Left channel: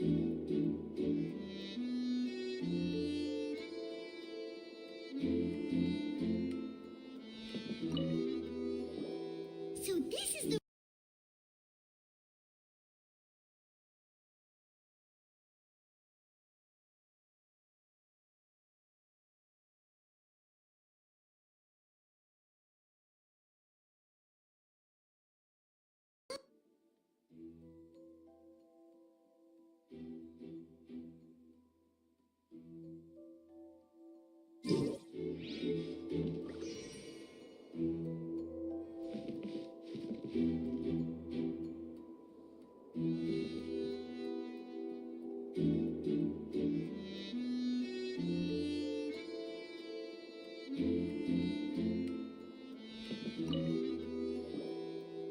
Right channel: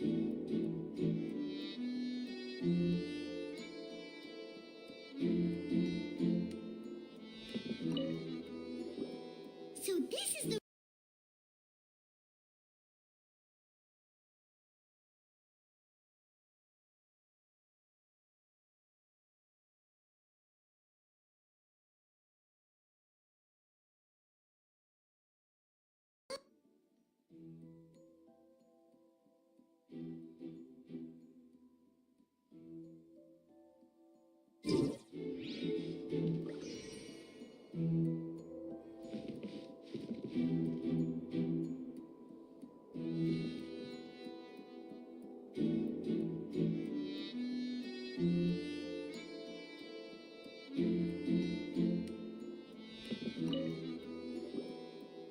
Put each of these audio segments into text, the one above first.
So this is the...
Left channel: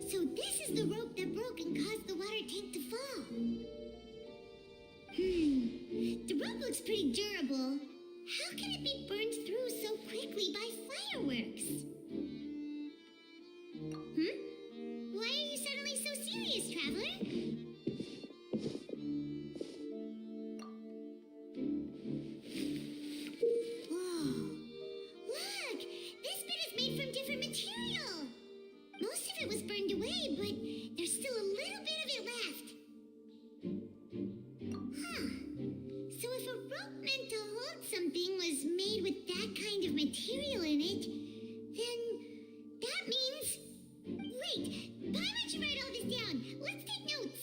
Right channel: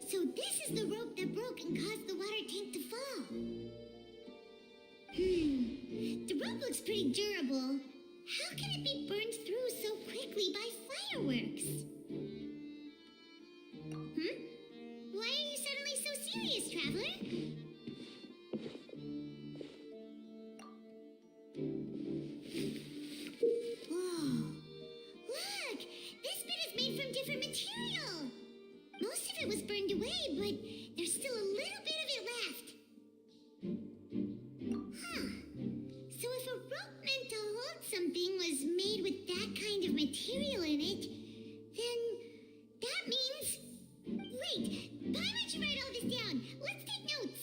So this is the rope that broke and caused the water tank to fall. The rope looks pretty durable. How can it be burned through so quickly by fireworks? Why are you suddenly so serious, traveler? Whoa. Look! This bit is made from different material. Most of it was burned away, but there's still a little bit of it left. Huh. So if a rope meant to hold something was made with that kind of material in it, then that means... Wait, why don't you write all this down? Let's take notes.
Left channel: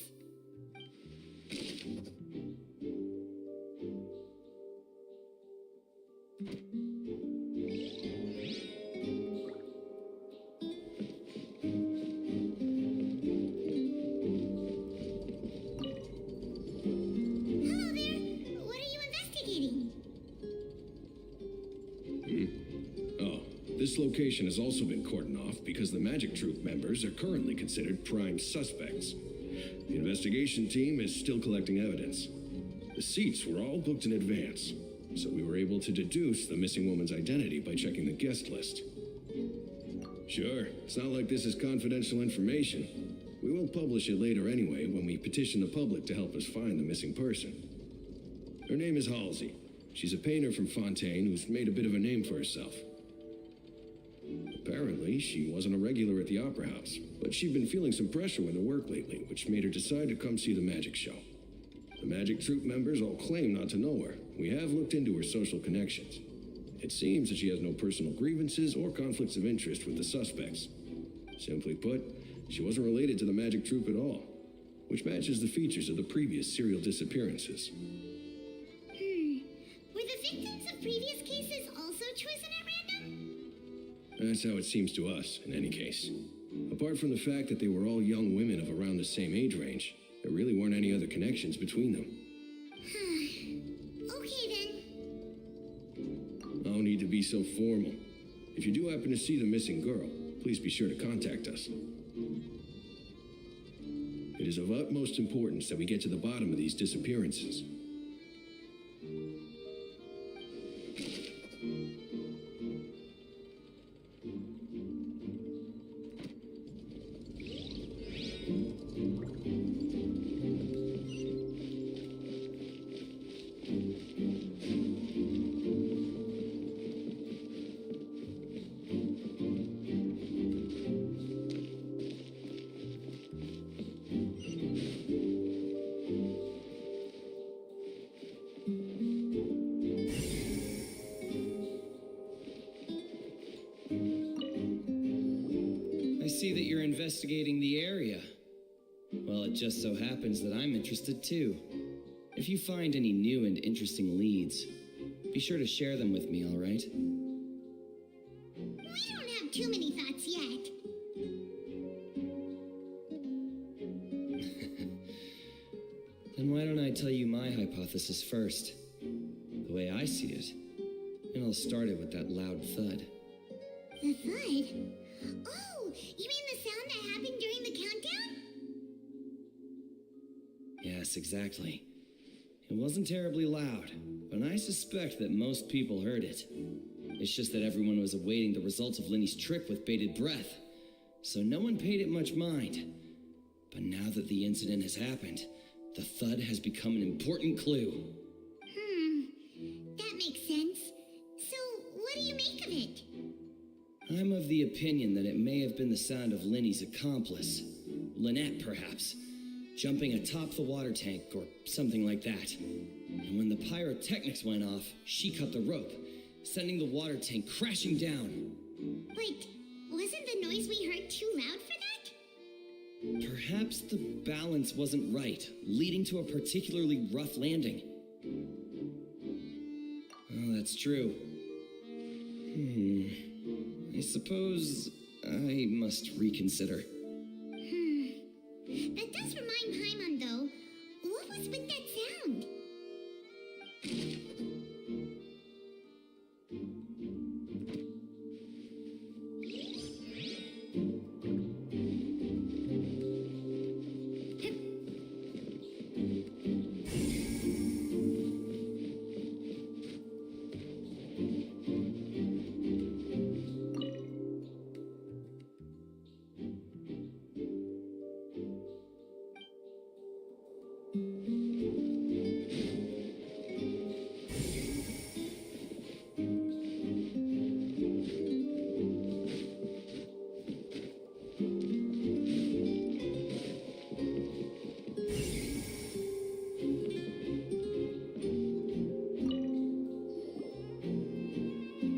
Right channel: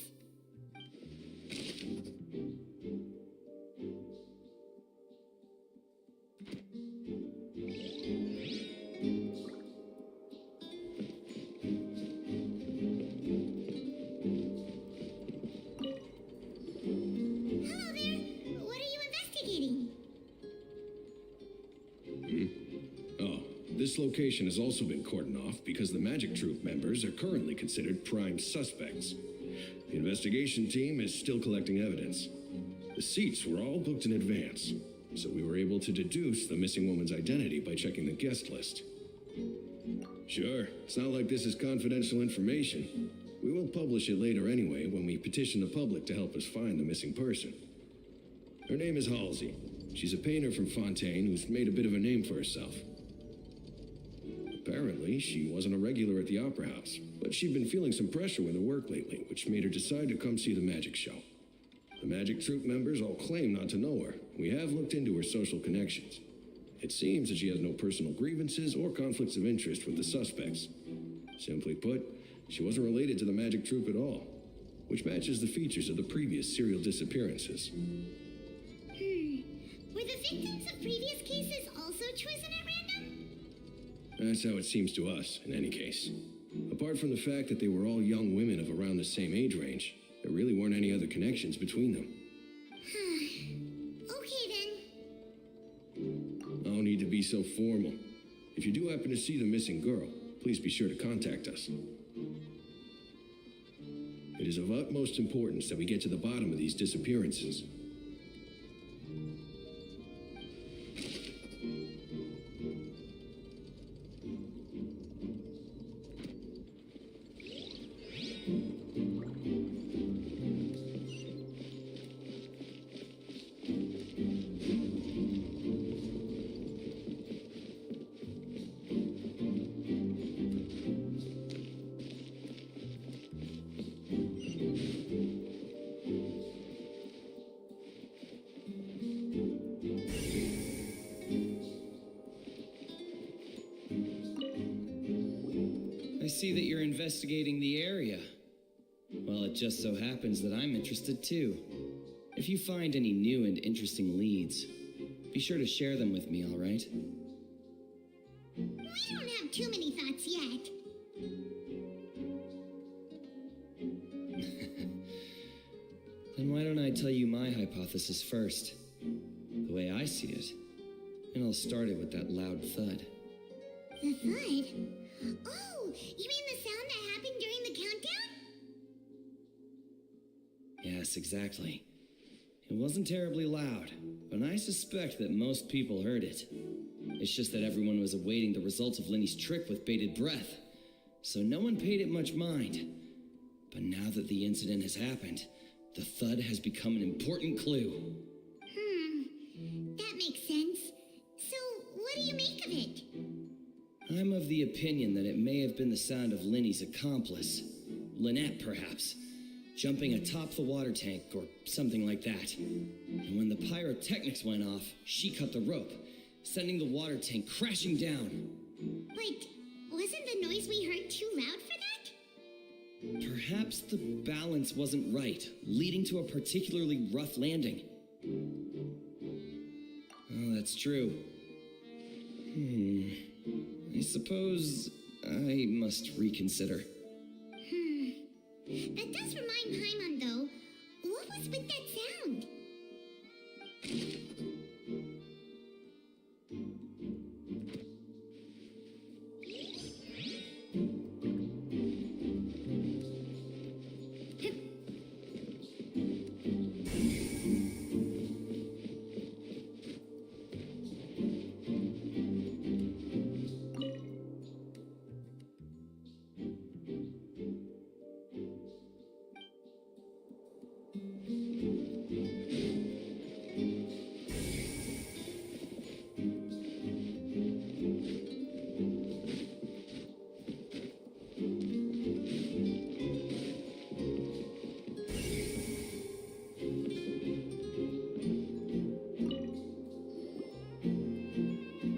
Hello there. What are you investigating? Oh, this location has also been cordoned off because the Magic Troupe members are currently considered prime suspects. The investigation team is still collecting evidence. The seats were all booked in advance, so we were able to deduce the missing woman's identity by checking the guest list. Sure, it's not like this is confidential information. We will publish it later anyway when we petition the public to help us find the missing person. Her name is Halsey. She's a painter from Fontaine who's made a bit of a name for herself. Apparently, she wasn't a regular at the Opera House, but she'd been feeling some pressure with her work lately, which made her decide to come see the magic show. The Magic Troupe members all claim not to know her. We have looked into her social connections. It seems that she has no personal grievances or conflicts of interest with the suspects. Simply put, she wasn't related to the Magic Troupe at all, which matches the features of the previous serial disappearances. Were the victims of previous cases also chosen at random? That's how it seems to us, in any case. Apart from the fact that they were all young women of around the same age range, there really weren't any other connections between them. Okay then. No need to be so formal. If you do happen to see the missing girl, please be sure to contact us. It is of utmost importance that we get to the bottom of these disappearances. I see that you're investigating the area. Well, it just so happens that I'm interested too. If you find any new and interesting leads, be sure to share them with me, all right? We don't have too many thoughts yet. Then why don't I tell you my hypothesis first? The way I see it. And I'll start it with that loud thud. The thud? Oh, you mean the sound that happened during the countdown? Yes, exactly. It wasn't terribly loud, but I suspect that most people heard it. It's just that everyone was awaiting the results of Lenny's trick with bated breath, so no one paid it much mind. But now that the incident has happened, The thud has become an important clue. That makes sense. So, what do you make of it? I'm of the opinion that it may have been the sound of Linny's accomplice. Lynette, perhaps. Jumping atop the water tank or something like that. And when the pyrotechnics went off, she cut the rope, sending the water tank crashing down. But wasn't the noise we heard too loud for that? Perhaps the balance wasn't right, leading to a particularly rough landing. Oh, that's true. I suppose I must reconsider. That does remind Paimon, though. What was with that sound?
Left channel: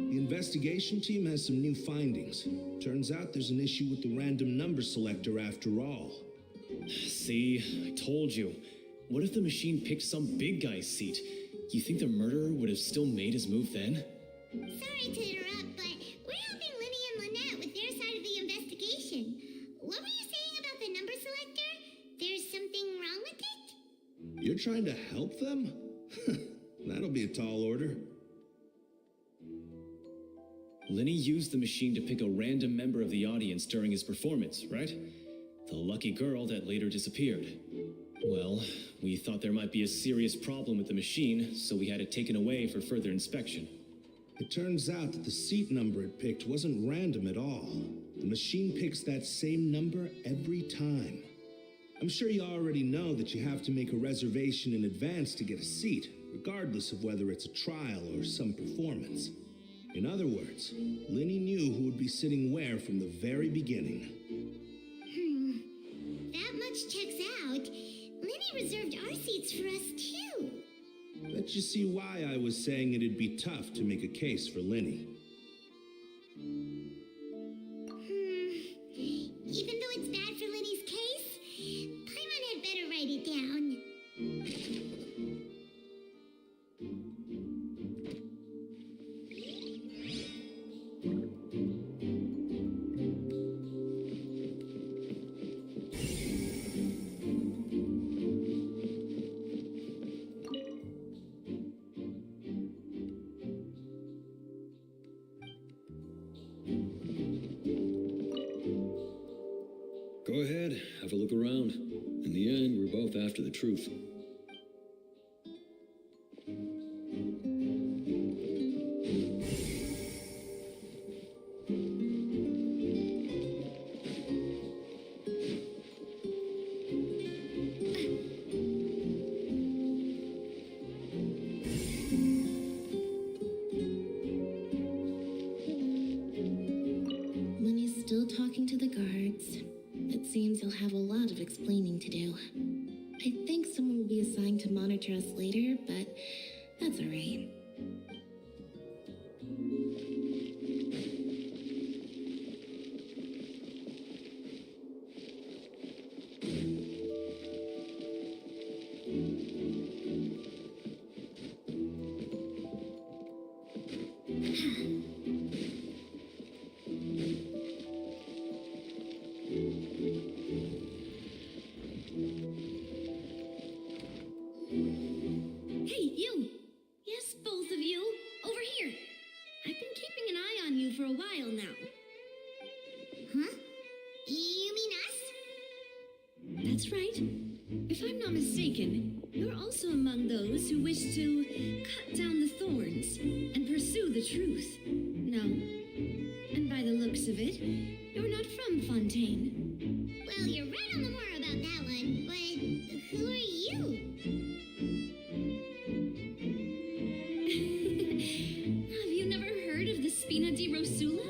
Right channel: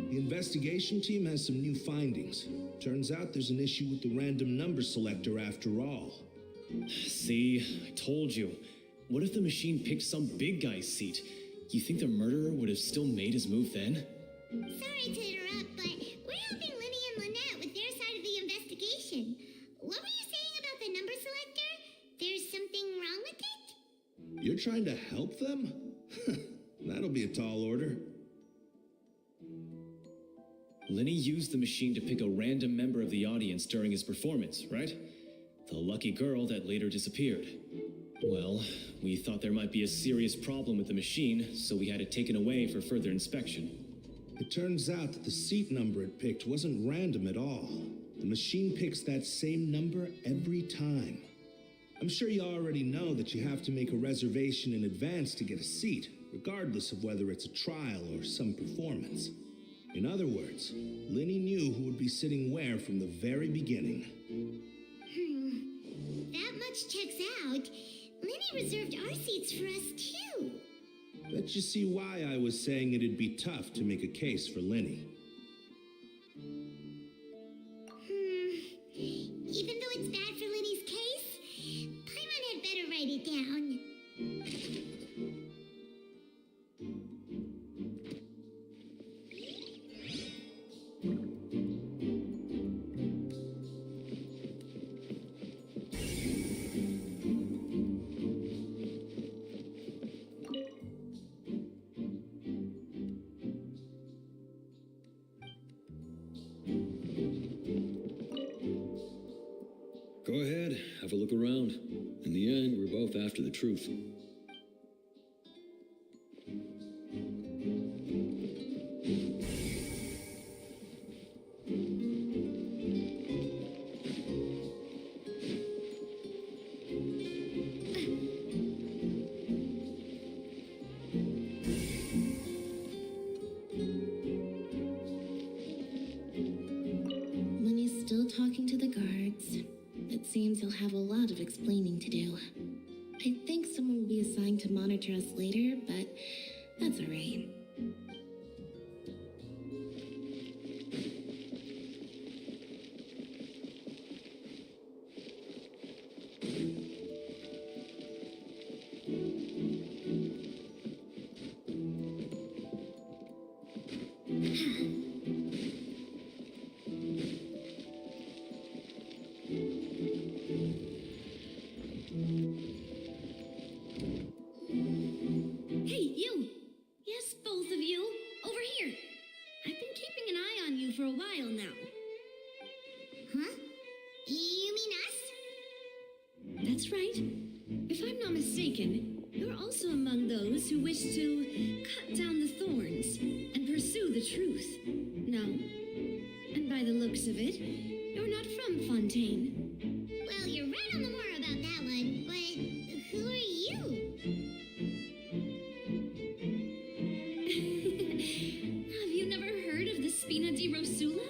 The investigation team has some new findings. Turns out there's an issue with the random number selector after all. See, I told you. What if the machine picked some big guy's seat? You think the murderer would have still made his move then? Sorry to interrupt, but we're helping Linny and Lynette with their side of the investigation. What were you saying about the number selector? There's something wrong with it? You're trying to help them? That'll be a tall order. Linny used the machine to pick a random member of the audience during his performance, right? The lucky girl that later disappeared. Well, we thought there might be a serious problem with the machine, so we had it taken away for further inspection. It turns out that the seat number it picked wasn't random at all. The machine picks that same number every time. I'm sure you already know that you have to make a reservation in advance to get a seat, regardless of whether it's a trial or some performance. In other words, Linny knew who would be sitting where from the very beginning. That much checks out. Linny reserved our seats for us, too. Bet you see why I was saying it'd be tough to make a case for Linny. Even though it's bad for Linny's case, Paimon had better write it down. Go ahead, have a look around. In the end, we're both after the truth. Linny's still talking to the guards. It seems he'll have a lot of explaining to do. I think someone will be assigned to monitor us later, but that's all right. Hey, you! Yes, both of you. Over here. I've been keeping an eye on you for a while now. Huh? You mean us? That's right. If I'm not mistaken, you're also among those who wish to cut down the thorns and pursue the truth. No? And by the looks of it, you're not from Fontaine. Well, you're right on the moor about that one, but who are you? Rosula?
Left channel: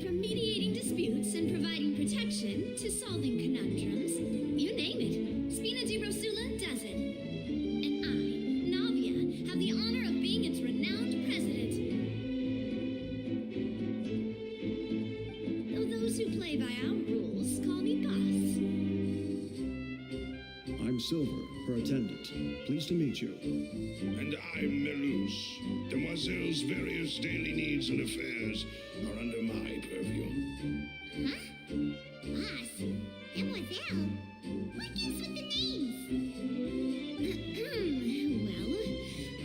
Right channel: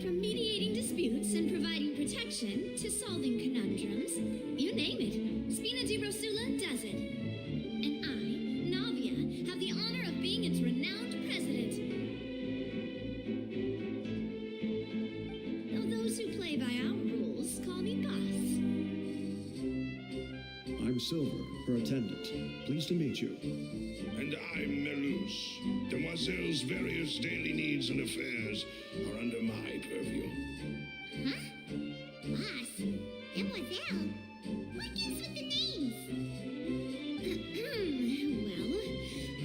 From mediating disputes and providing protection to solving conundrums, you name it, Spina di Rosula does it. And I, Navia, have the honor of being its renowned president. Though those who play by our rules call me boss. I'm Silver, her attendant. Pleased to meet you. And I'm Melus. Demoiselle's various daily needs and affairs are under my purview. Huh? Boss? Demoiselle? What gives with the names? Well,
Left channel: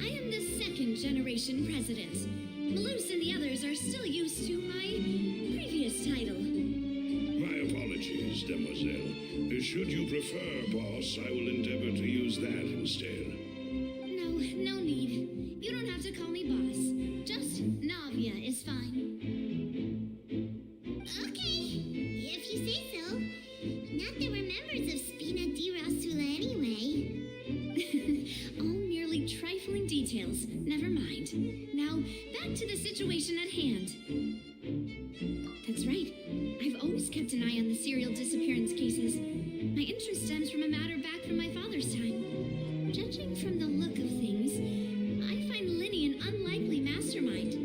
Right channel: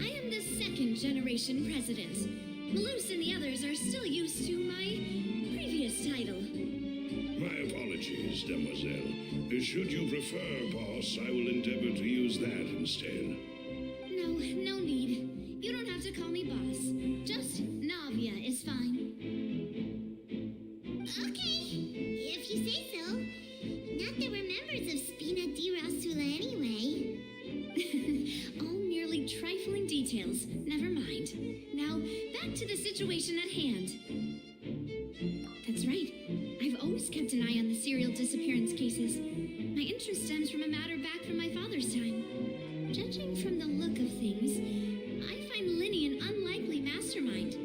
I am the second generation president. Melus and the others are still used to my previous title. My apologies, Demoiselle. Should you prefer, boss, I will endeavor to use that instead. No need. You don't have to call me boss. Just Navia is fine. Okay, if you say so. Not that we're members of Spina di Rosula anyway. All merely trifling details. Never mind. Now, back to the situation at hand. That's right. I've always kept an eye on the serial disappearance cases. My interest stems from a matter back from my father's time. Judging from the look of things, I find Linny an unlikely mastermind.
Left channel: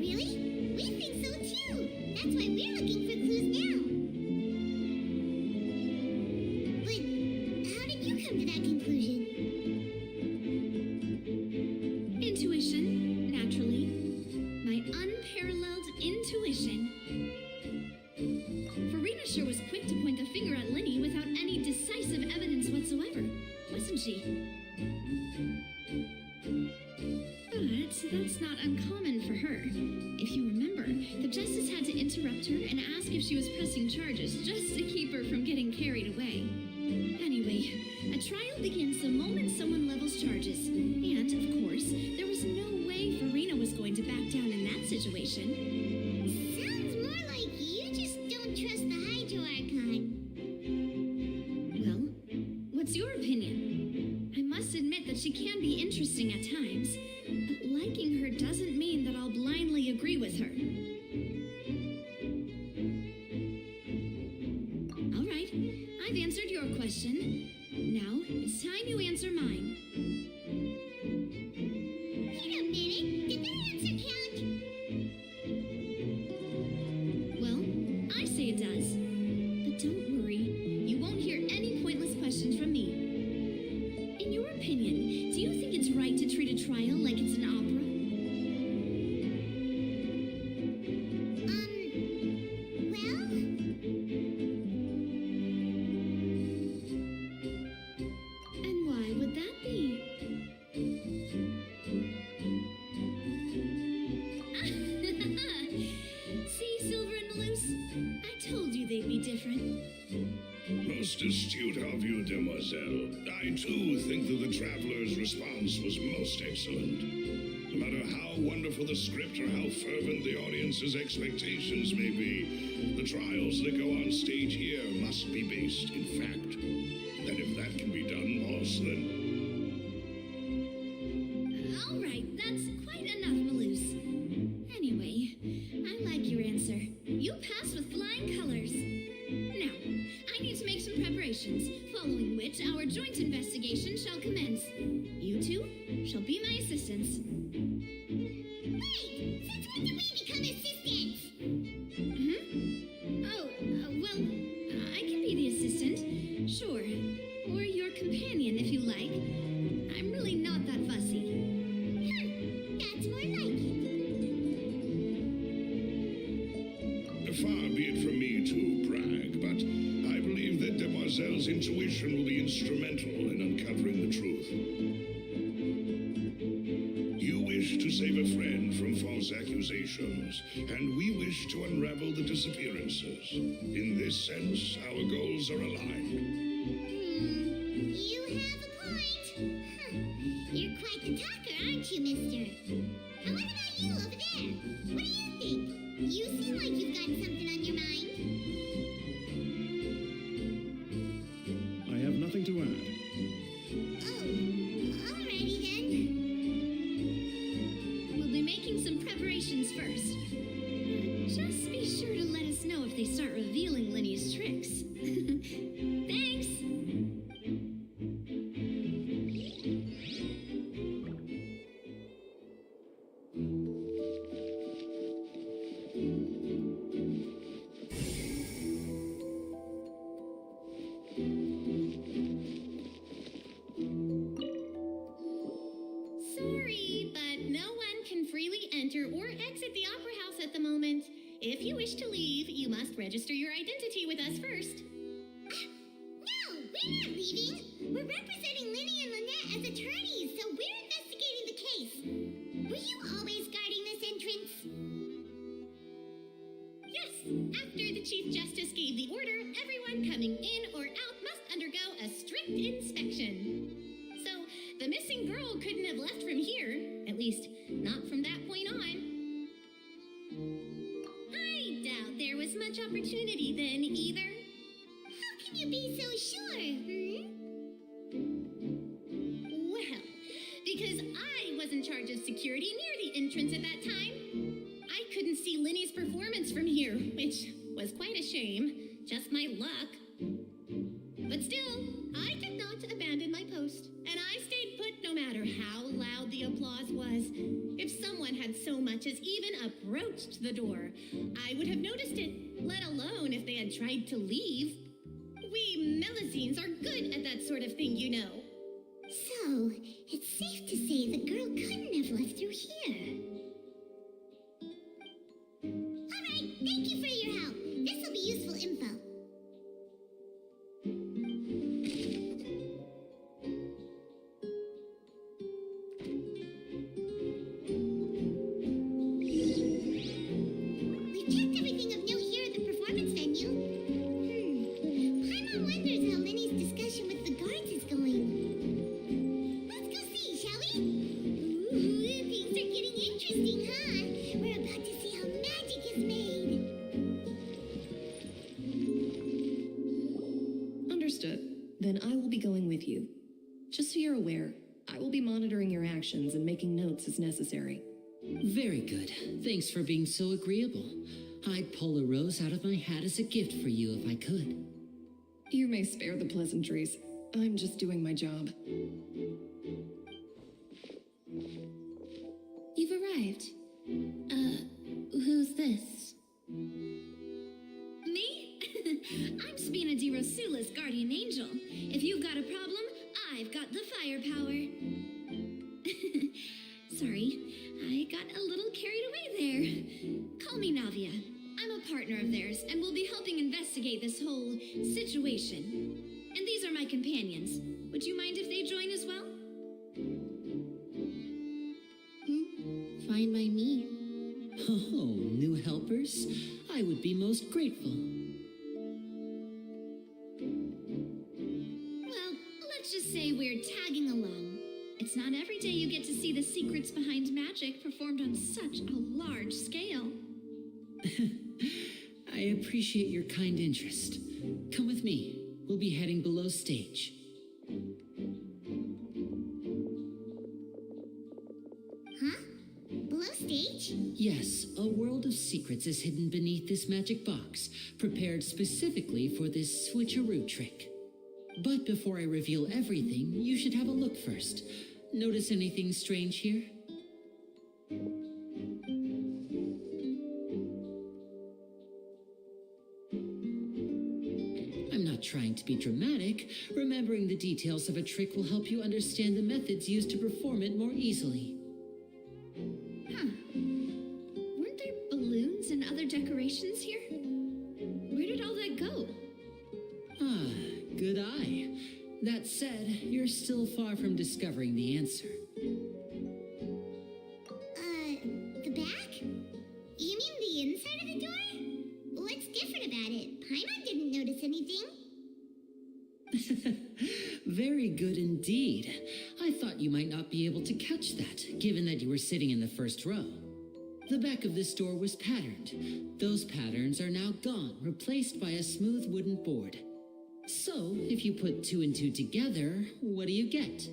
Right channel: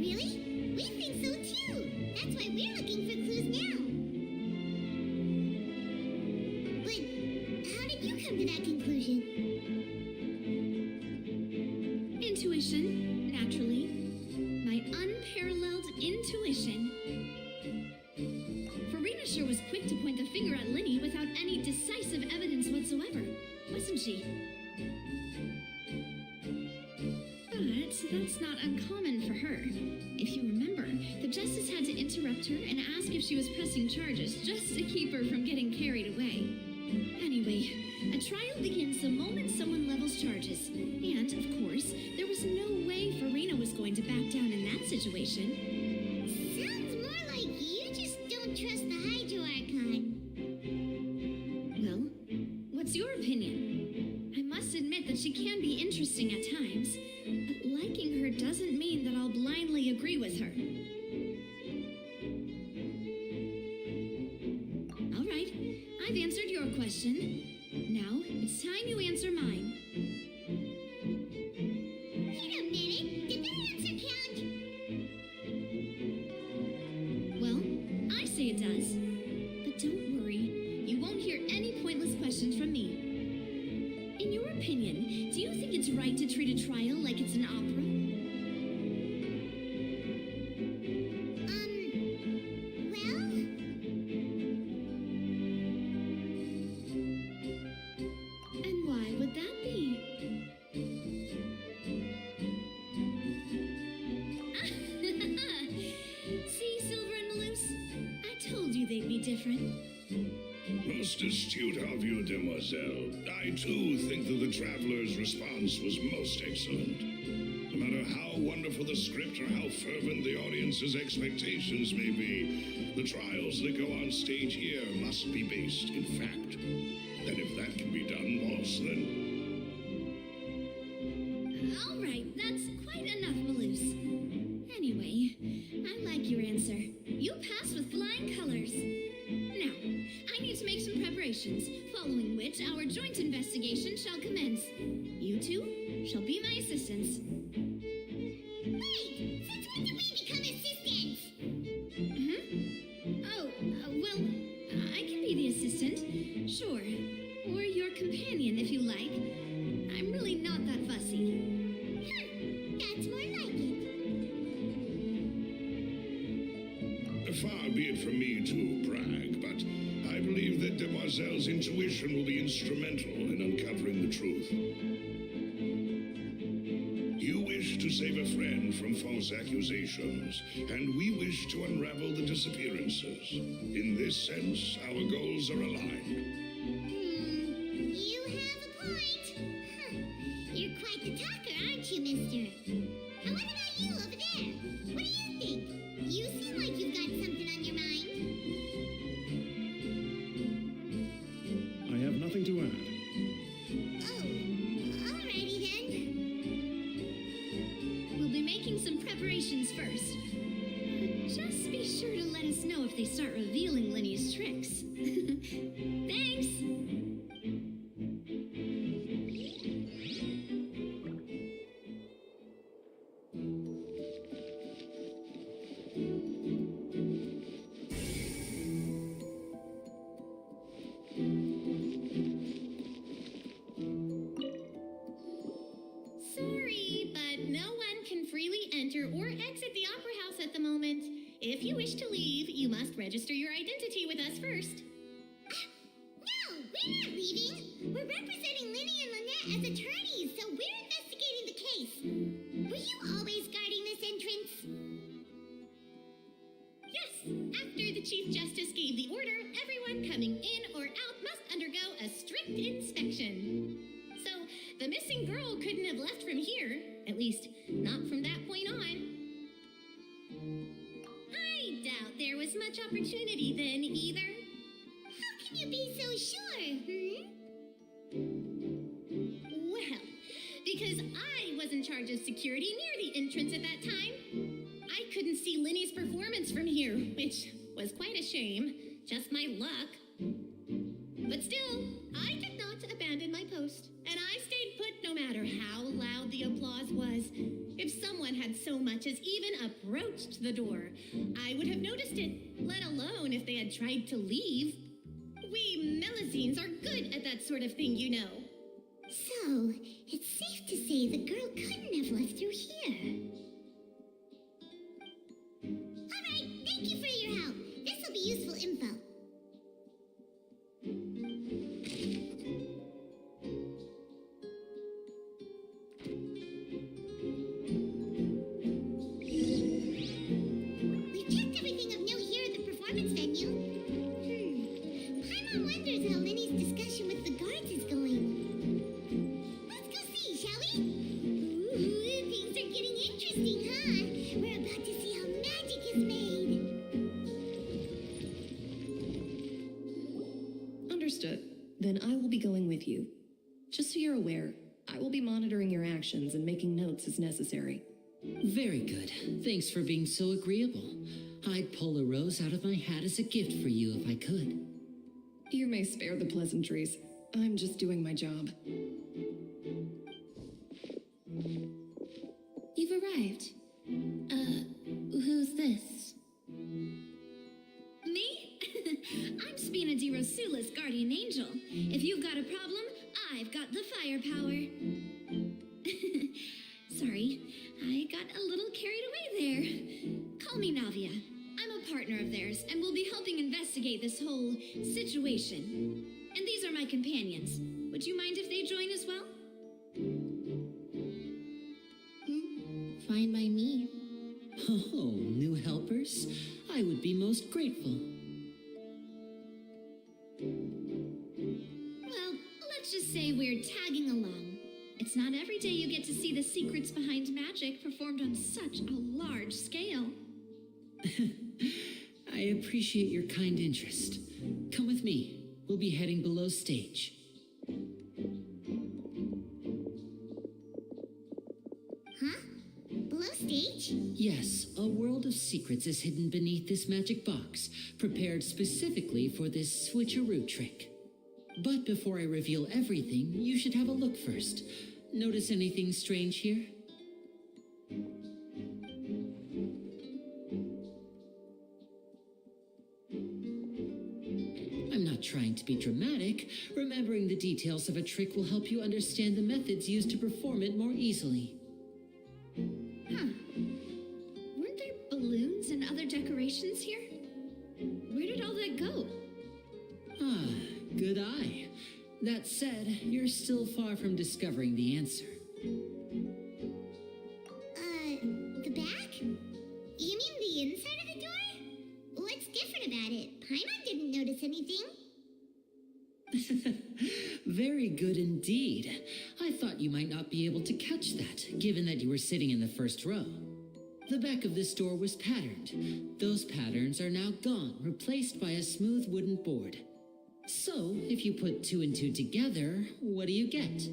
Really? We think so too. That's why we're looking for clues now. But how did you come to that conclusion? Intuition, naturally. My unparalleled intuition. Farina sure was quick to point the finger at Linny without any decisive evidence whatsoever, wasn't she? But that's not uncommon for her. If you remember, the justice had to interrupt her and ask if she was pressing charges just to keep her from getting carried away. Anyway, a trial begins the moment someone levels charges. And, of course, there was no way Farina was going to back down in that situation. Sounds more like you just don't trust the Hydro Archon. Well, what's your opinion? I must admit that she can be interesting at times, but liking her doesn't mean that I'll blindly agree with her. All right, I've answered your question. Now, it's time you answer mine. Wait a minute, did that answer count? Well, I say it does. But don't worry, you won't hear any pointless questions from me. In your opinion, do you think it's right to treat a trial like it's an opera? Well? And why would that be? See, Silver and Melus? I told you they'd be different. Most astute of you, Demoiselle. I, too, think that the Traveler's response was most excellent. No matter how wonderful the script or how fervent the audience's expectations may be, the trials that go on stage here must be based in fact. And if that can be done, boss, then... All right, that's quite enough, Melus. Anyway, I like your answer. You passed with flying colors. Now, I need to make some preparations, following which our joint investigation shall commence. You two shall be my assistants. Wait, since when did we become assistants? Well, I can be the assistant, sure. Or your companion, if you like. I'm really not that fussy. That's more like it. Far be it from me to brag, but I believe that Demoiselle's intuition will be instrumental in uncovering the truth. You wish to save a friend from false accusations, and we wish to unravel the disappearances. In this sense, our goals are aligned. You have a point. You're quite the talker, aren't you, mister? And what about you over there? What do you think? You seem like you've got something on your mind. I have nothing to add. Oh, alrighty then. We'll be making some preparations first. Just be sure to let us know if they start revealing Linny's tricks. Thanks! Sorry, but no one can freely enter or exit the Opera House at the moment. If you wish to leave, you must register your identity with us first. No, we're not leaving. We're representing Linny and Lynette as attorneys, so we're investigating the case. Were you always guarding this entrance? Yes. After the Chief Justice gave the order, everyone coming in or out must undergo a strict inspection. So, the missing girl couldn't have left from here. At least, not from that point on. I doubt there was much opportunity then, either. How can you be so sure, Well, because I was in charge of security near the entrance at that time. I couldn't see Linny's performance from here, which was quite a shame. Just my luck. But still, I did not abandon my post, and I stayed put no matter how loud the applause was. If someone had so much as even approached the door, I would have noticed it, let alone if they had tried to leave. We Melusines are good at that sort of thing, you know. So, it's safe to say the girl couldn't have left through here. All right, thank you for your help. This will be useful info. We've checked everything of note here at the performance venue. Paimon wonders how Linny's discussion with the guards is going. Let's go see, shall we? Ooh, things are getting interesting, huh? We're about to see how magic is made. Understood. Then I will be going with you. Just so you're aware, I will be monitoring your actions and making notes as necessary. Very good. Thanks for being so agreeable. I'd pull a rose out of my hat as a gift for you if I could. You may spare the pleasantries. I'm just doing my job. You've arrived. Who's this? Me? I'm Spina di Rosula's guardian angel. If you've got a problem, I've got the firepower. Sorry, I got a little carried away there. Call me Navia. I'm a partner of theirs, and we'll be helping investigate this whole situation. And these are my companions. Would you mind if they join as well? Fine by me. Oh, new helpers? I would be most grateful. Well, let's just say we're tagging along. It's not every day you get to see the secrets behind magic performed on such a large scale. I appreciate your kind interest. Come with me. We'll be heading below stage. Huh? Below stage? Yes, a world of secrets is hidden beneath this magic box, prepared specifically for this switcheroo trick. But before I reveal everything, you should have a look first. Notice anything strange here? I'm not trying to be dramatic. Remembering the details of a trick will help you understand the methods used to perform it more easily. Huh. Weren't there balloons and other decorations here? Where did all that go? Ah, good eye. That said, you're still far from discovering the answer. The back? You mean the inside of the door? What's different about it? Paimon didn't notice anything. Very good indeed. I thought you might not be able to catch that, given that you were sitting in the first row. The back of this door was patterned. Those patterns are now gone, replaced by a smooth wooden board. So, if you put 2 and 2 together, what do you get?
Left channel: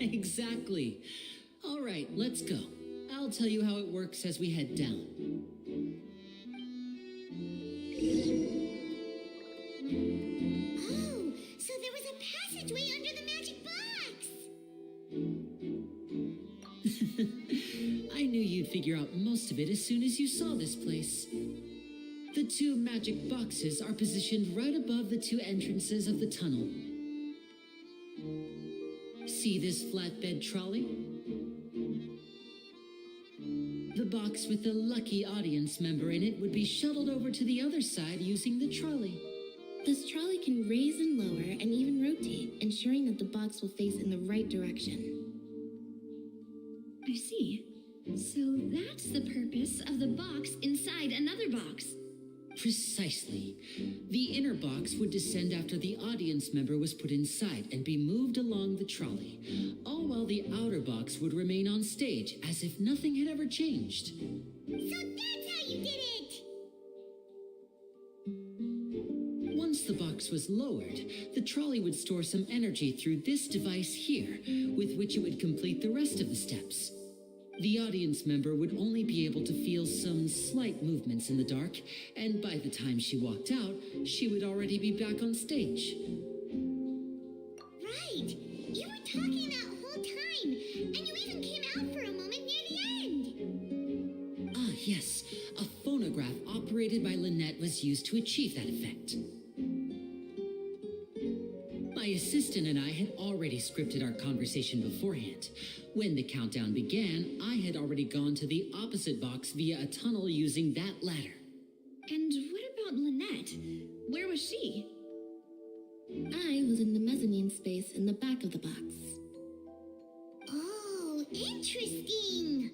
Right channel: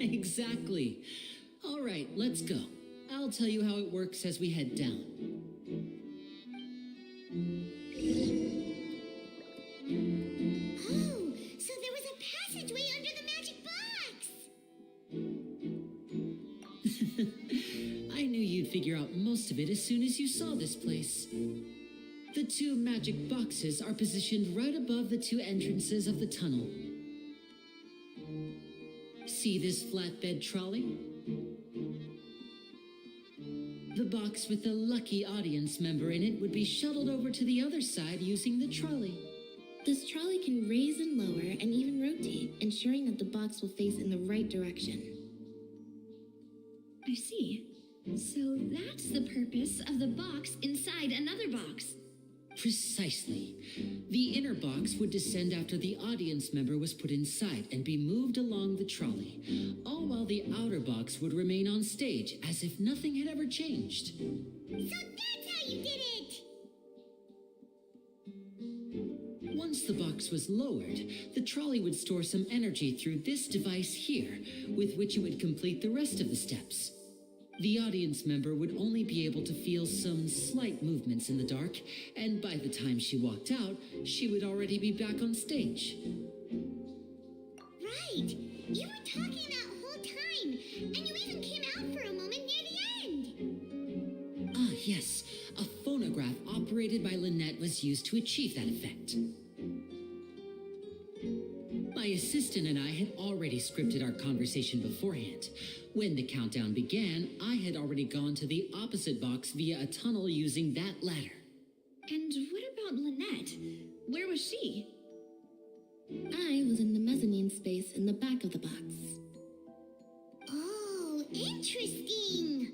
Exactly. All right, let's go. I'll tell you how it works as we head down. Oh, so there was a passageway under the magic box. I knew you'd figure out most of it as soon as you saw this place. The two magic boxes are positioned right above the two entrances of the tunnel. See this flatbed trolley? The box with the lucky audience member in it would be shuttled over to the other side using the trolley. This trolley can raise and lower and even rotate, ensuring that the box will face in the right direction. I see. So that's the purpose of the box inside another box. Precisely. The inner box would descend after the audience member was put inside and be moved along the trolley, all while the outer box would remain on stage as if nothing had ever changed. So that's how you did it! Once the box was lowered, the trolley would store some energy through this device here, with which it would complete the rest of the steps. The audience member would only be able to feel some slight movements in the dark, and by the time she walked out, she would already be back on stage. Right! You were talking that whole time, and you even came out for a moment near the end! Ah, yes. A phonograph operated by Lynette was used to achieve that effect. My assistant and I had already scripted our conversation beforehand. When the countdown began, I had already gone to the opposite box via a tunnel using that ladder. And what about Lynette? Where was she? I was in the mezzanine space in the back of the box. Oh, interesting!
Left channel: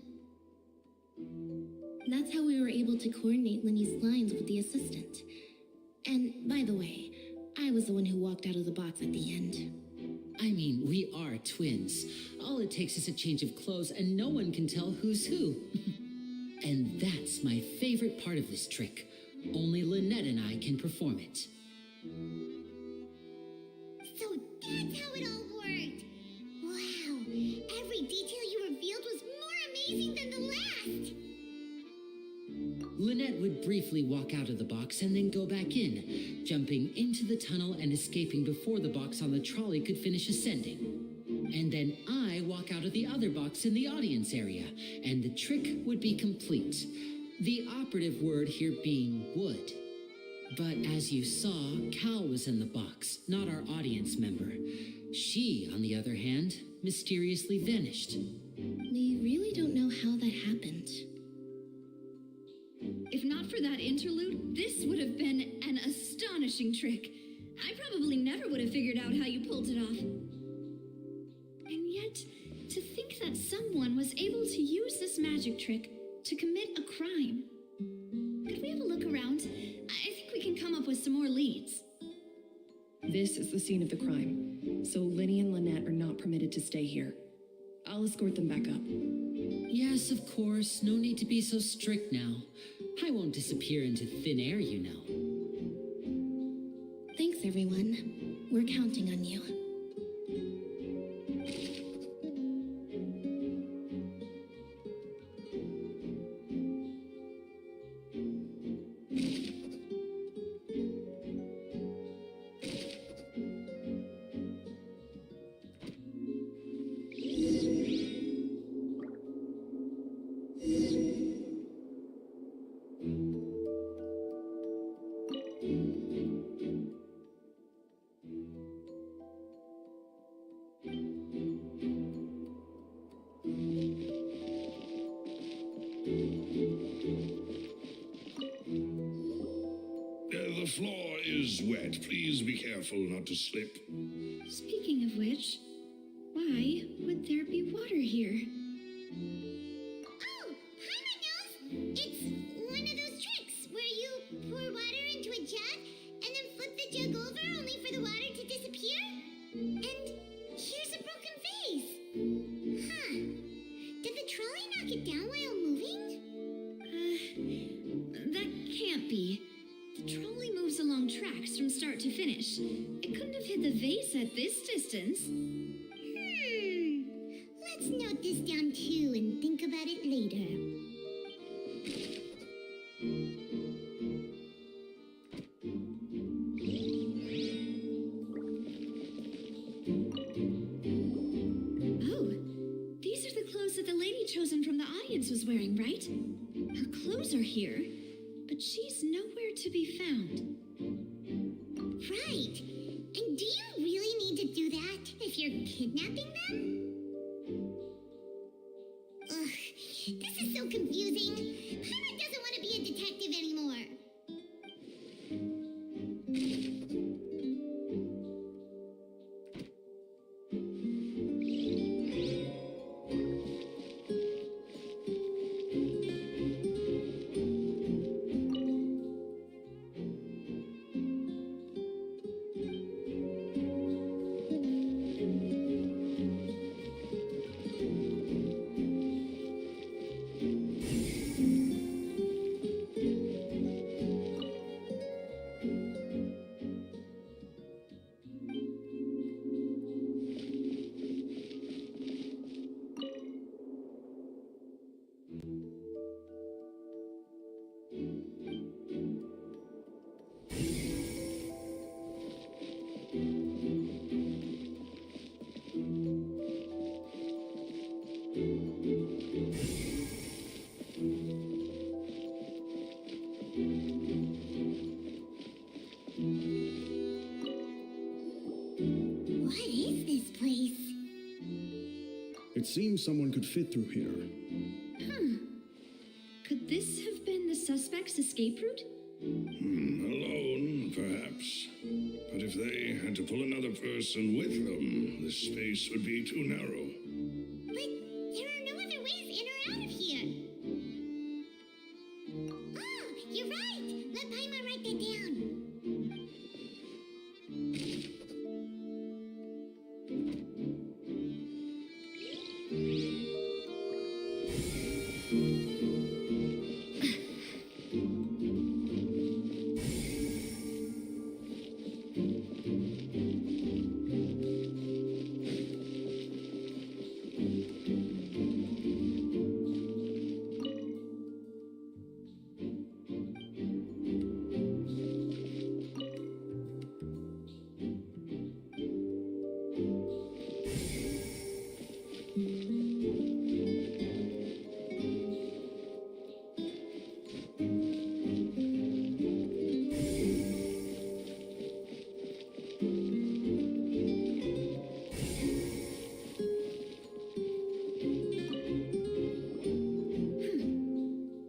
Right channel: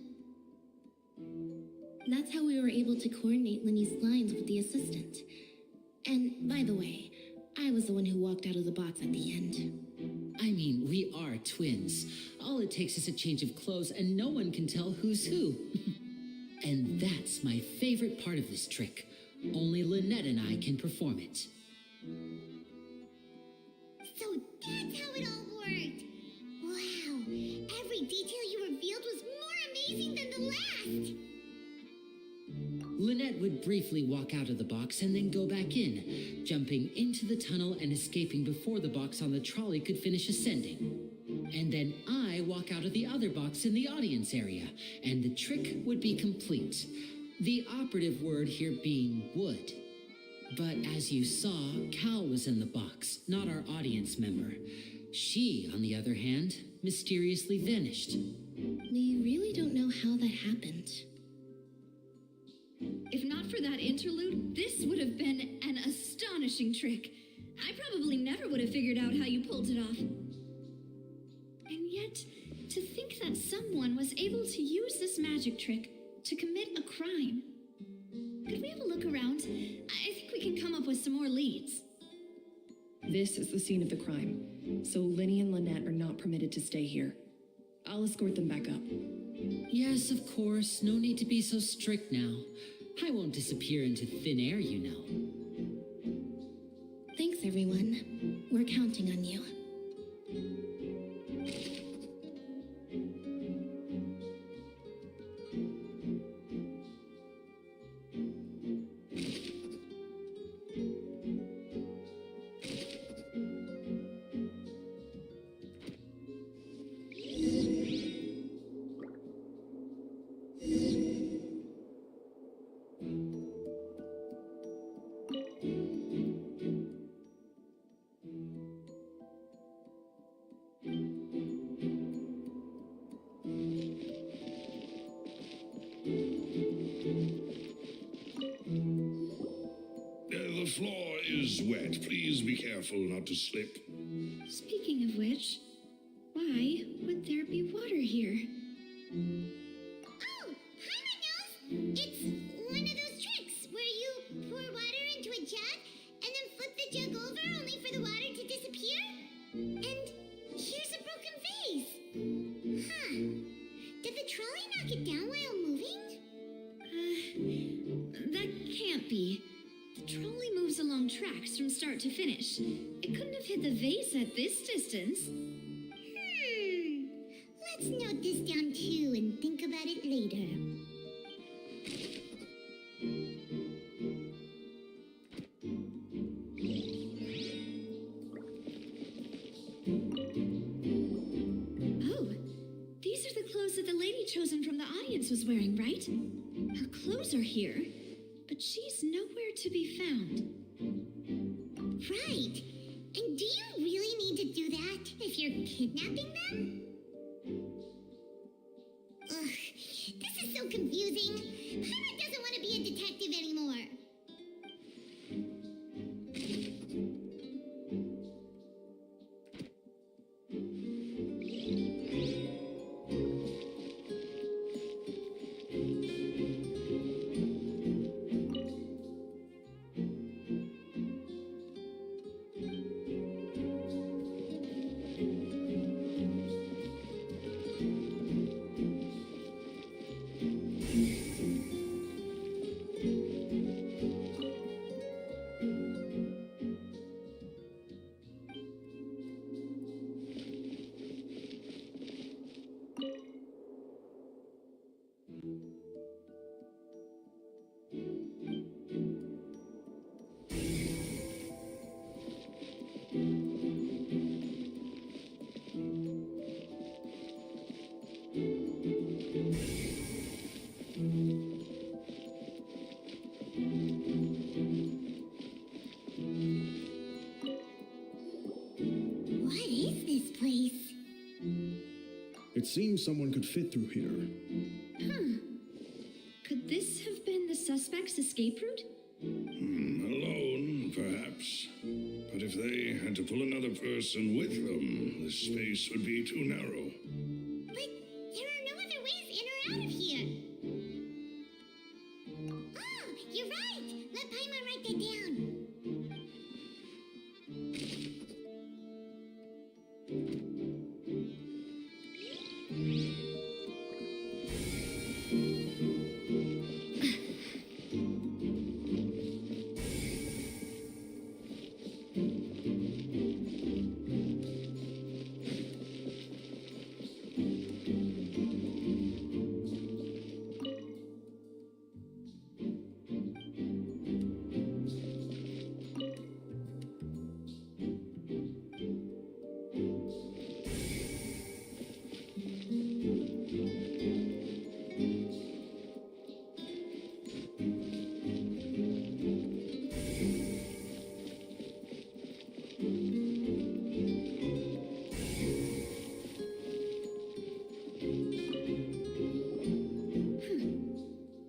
That's how we were able to coordinate Linny's lines with the assistant. And, by the way, I was the one who walked out of the box at the end. I mean, we are twins. All it takes is a change of clothes and no one can tell who's who. And that's my favorite part of this trick. Only Lynette and I can perform it. So that's how it all worked! Wow, every detail you revealed was more amazing than the last! Lynette would briefly walk out of the box and then go back in, jumping into the tunnel and escaping before the box on the trolley could finish ascending. And then I walk out of the other box in the audience area, and the trick would be complete. The operative word here being would. But as you saw, Cal was in the box, not our audience member. She, on the other hand, mysteriously vanished. We really don't know how that happened. If not for that interlude, this would have been an astonishing trick. I probably never would have figured out how you pulled it off. And yet, to think that someone was able to use this magic trick to commit a crime. Could we have a look around? I think we can come up with some more leads. This is the scene of the crime, so Linny and Lynette are not permitted to stay here. I'll escort them back up. Yes, of course. No need to be so strict now. I won't disappear into thin air, you know. Thanks, everyone. We're counting on you. The floor is wet. Please be careful not to slip. Speaking of which, why would there be water here? Oh, Paimon knows! It's one of those tricks where you pour water into a jug and then flip the jug over only for the water to disappear. And here's a broken vase. Huh. Did the trolley knock it down while moving? That can't be. The trolley moves along tracks from start to finish. It couldn't have hit the vase at this distance. Let's Let's note this down too and think about it later. Oh, these are the clothes that the lady chosen from the audience was wearing, right? Her clothes are here, but she's nowhere to be found. Right. And do you really need to do that if you're kidnapping them? Ugh, this is so confusing. Paimon doesn't want to be a detective anymore. What is this place? It seems someone could fit through here. Could this have been the suspect's escape route? Alone, perhaps. But if they had to pull another person with them, the space would be too narrow. But there are no other ways in or out of here. Oh, you're right. Let Paimon write that down.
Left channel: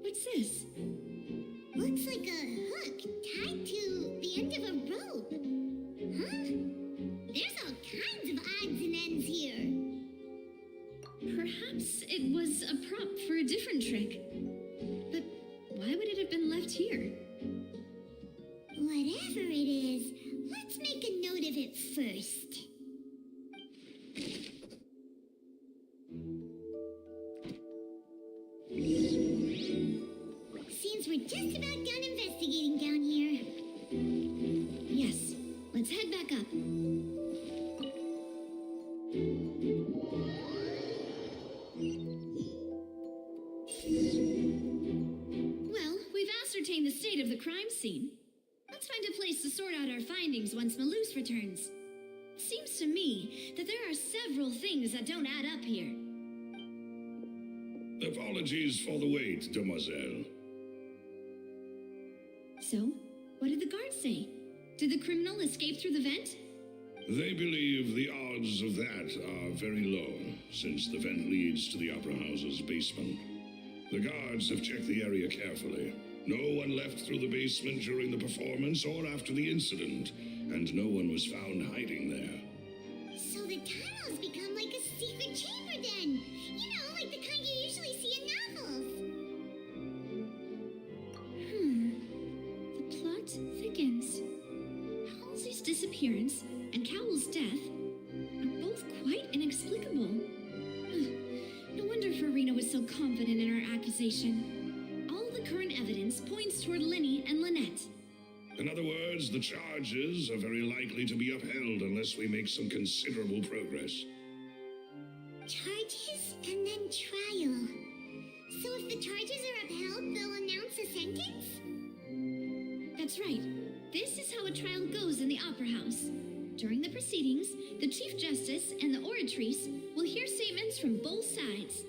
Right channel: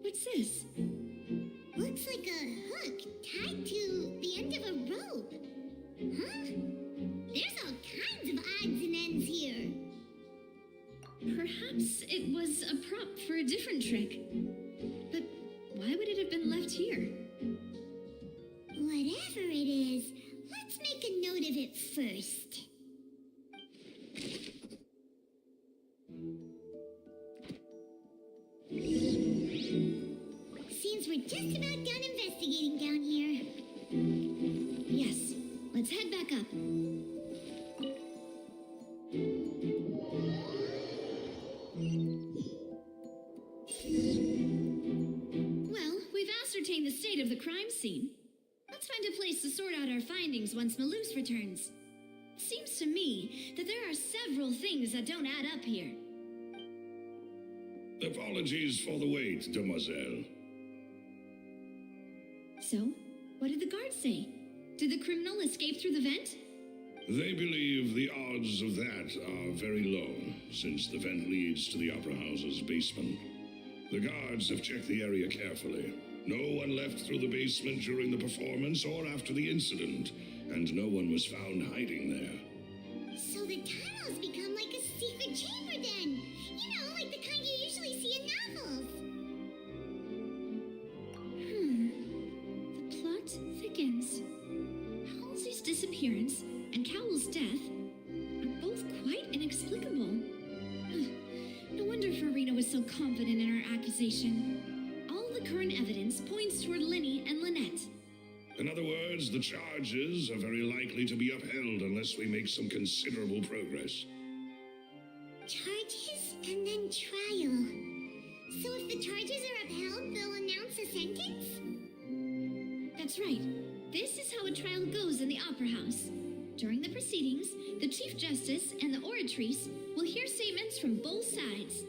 What's this? Looks like a hook tied to the end of a rope. Huh? There's all kinds of odds and ends here. Perhaps it was a prop for a different trick. But why would it have been left here? Whatever it is, let's make a note of it first. Seems we're just about done investigating down here. Yes, let's head back up. Well, we've ascertained the state of the crime scene. Let's find a place to sort out our findings once Malus returns. Seems to me that there are several things that don't add up here. Apologies for the wait, demoiselle. So, what did the guards say? Did the criminal escape through the vent? They believe the odds of that are very low, since the vent leads to the Opera House's basement. The guards have checked the area carefully. No one left through the basement during the performance or after the incident, and no one was found hiding there. So the tunnels become like a secret chamber then. You know, like the kind you usually see in novels. The plot thickens. Halsey's disappearance and Cowell's death are both quite inexplicable. No wonder Farina was so confident in her accusation. All the current evidence points toward Lenny and Lynette. In other words, the charges are very likely to be upheld unless we make some considerable progress. Charges and then trial. So if the charges are upheld, they'll announce a sentence? That's right. This is how a trial goes in the Opera House. During the proceedings, the Chief Justice and the oratrice will hear statements from both sides.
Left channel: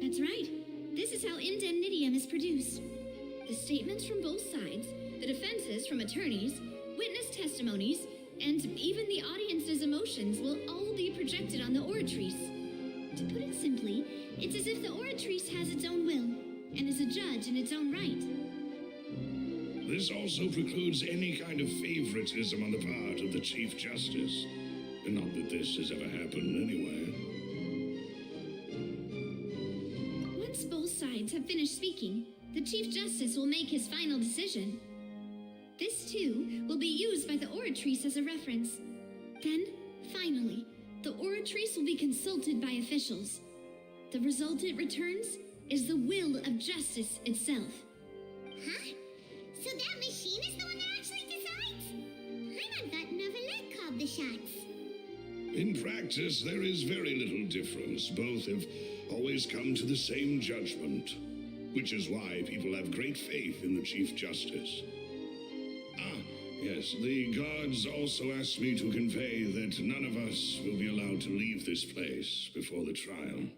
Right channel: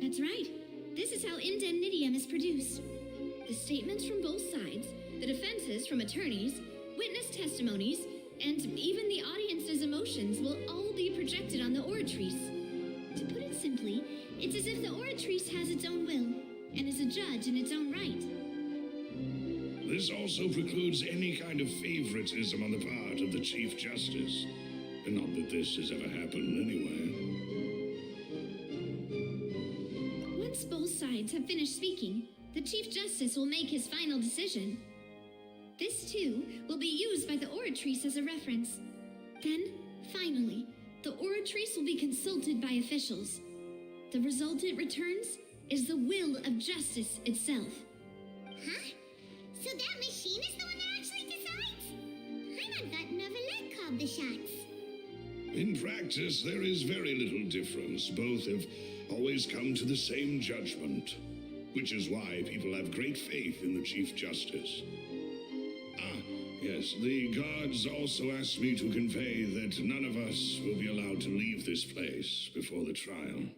That's right. This is how indemnitium is produced. The statements from both sides, the defenses from attorneys, witness testimonies, and even the audience's emotions will all be projected on the oratrice. To put it simply, it's as if the oratrice has its own will and is a judge in its own right. This also precludes any kind of favoritism on the part of the Chief Justice. Not that this has ever happened anyway. Once both sides have finished speaking, the Chief Justice will make his final decision. This, too, will be used by the oratrice as a reference. Then, finally, the oratrice will be consulted by officials. The result it returns is the will of justice itself. Huh? So that machine is the one that actually decides? Paimon thought Novelet called the shots. In practice, there is very little difference. Both have always come to the same judgment, which is why people have great faith in the Chief Justice. Ah, yes, the guards also asked me to convey that none of us will be allowed to leave this place before the trial.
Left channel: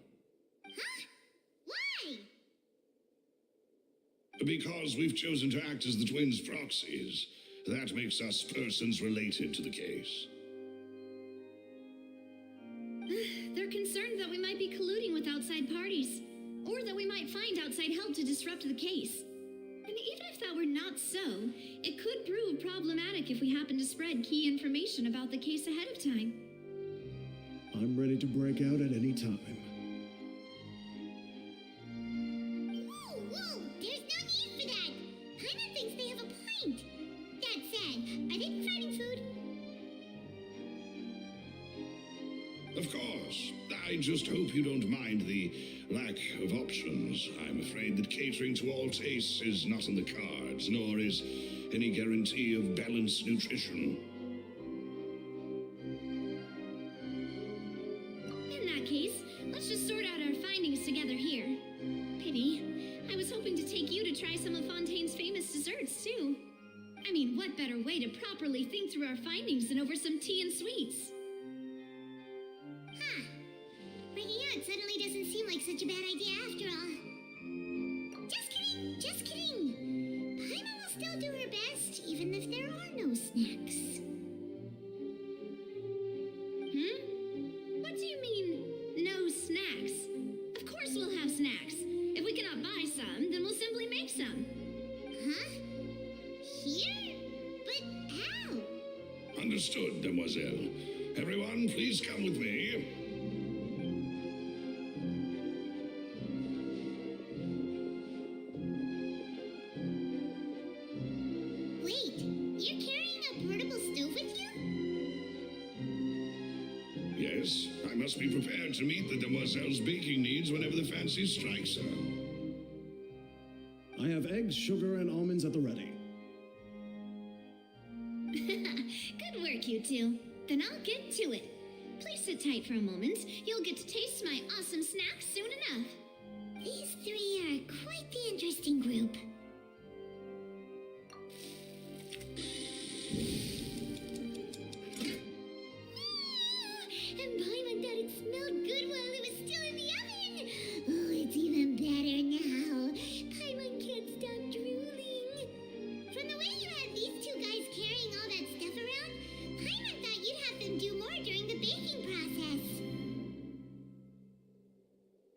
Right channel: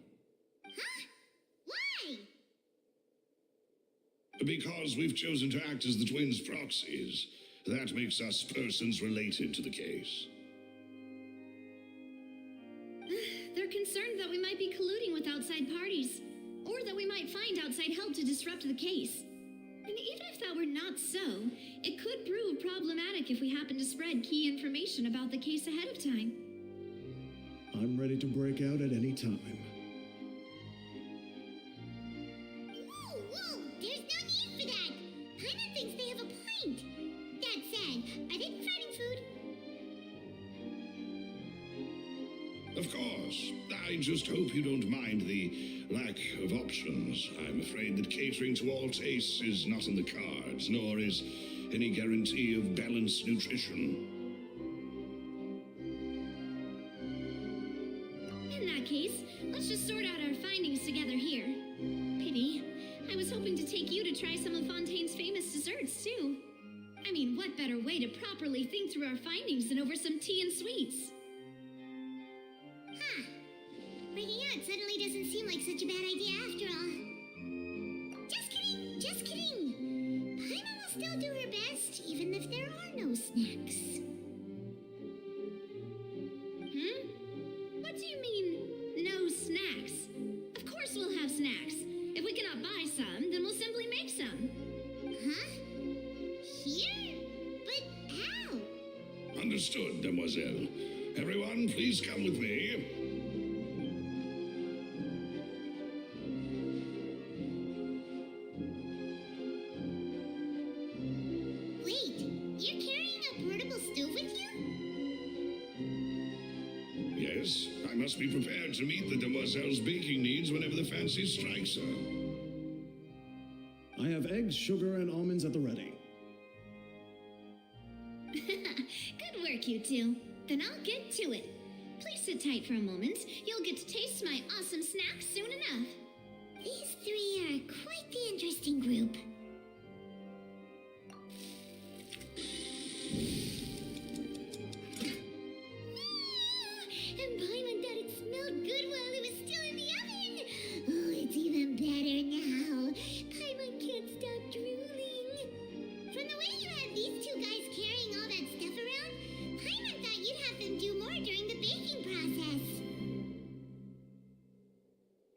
Huh? Why? Because we've chosen to act as the twins' proxies. That makes us persons related to the case. They're concerned that we might be colluding with outside parties, or that we might find outside help to disrupt the case. And even if that were not so, it could prove problematic if we happen to spread key information about the case ahead of time. I'm ready to break out at any time. Whoa, there's no need for that. Paimon thinks they have a point. That said, are they providing food? Of course. I just hope you don't mind the lack of options. I'm afraid that catering to all tastes is not in the cards, nor is any guarantee of balanced nutrition. In that case, let's just sort out our findings together here. Pity. I was hoping to take you to try some of Fontaine's famous desserts, too. I mean, what better way to properly think through our findings than over some tea and sweets? Huh. Breaking out suddenly doesn't seem like such a bad idea after all. Just kidding. Paimon will still do her best, even if there are no snacks. What do you mean, no snacks? Of course we'll have snacks. If we cannot buy some, then we'll simply make some. Huh? Here? But how? Understood, demoiselle. Everyone, please come with me. Wait, you're carrying a portable stove with you? Yes, I must be prepared to meet the demoiselle's baking needs whenever the fancy strikes her. I have eggs, sugar, and almonds at the ready. Good work, you two. Then I'll get to it. Please sit tight for a moment. You'll get to taste my awesome snacks soon enough. These three are quite the interesting group. And Paimon thought it smelled good while it was still in the oven. Oh, it's even better now. Paimon can't stop drooling. From the way you had these two guys carrying all that stuff around, Paimon thought you'd have them do more during the baking process.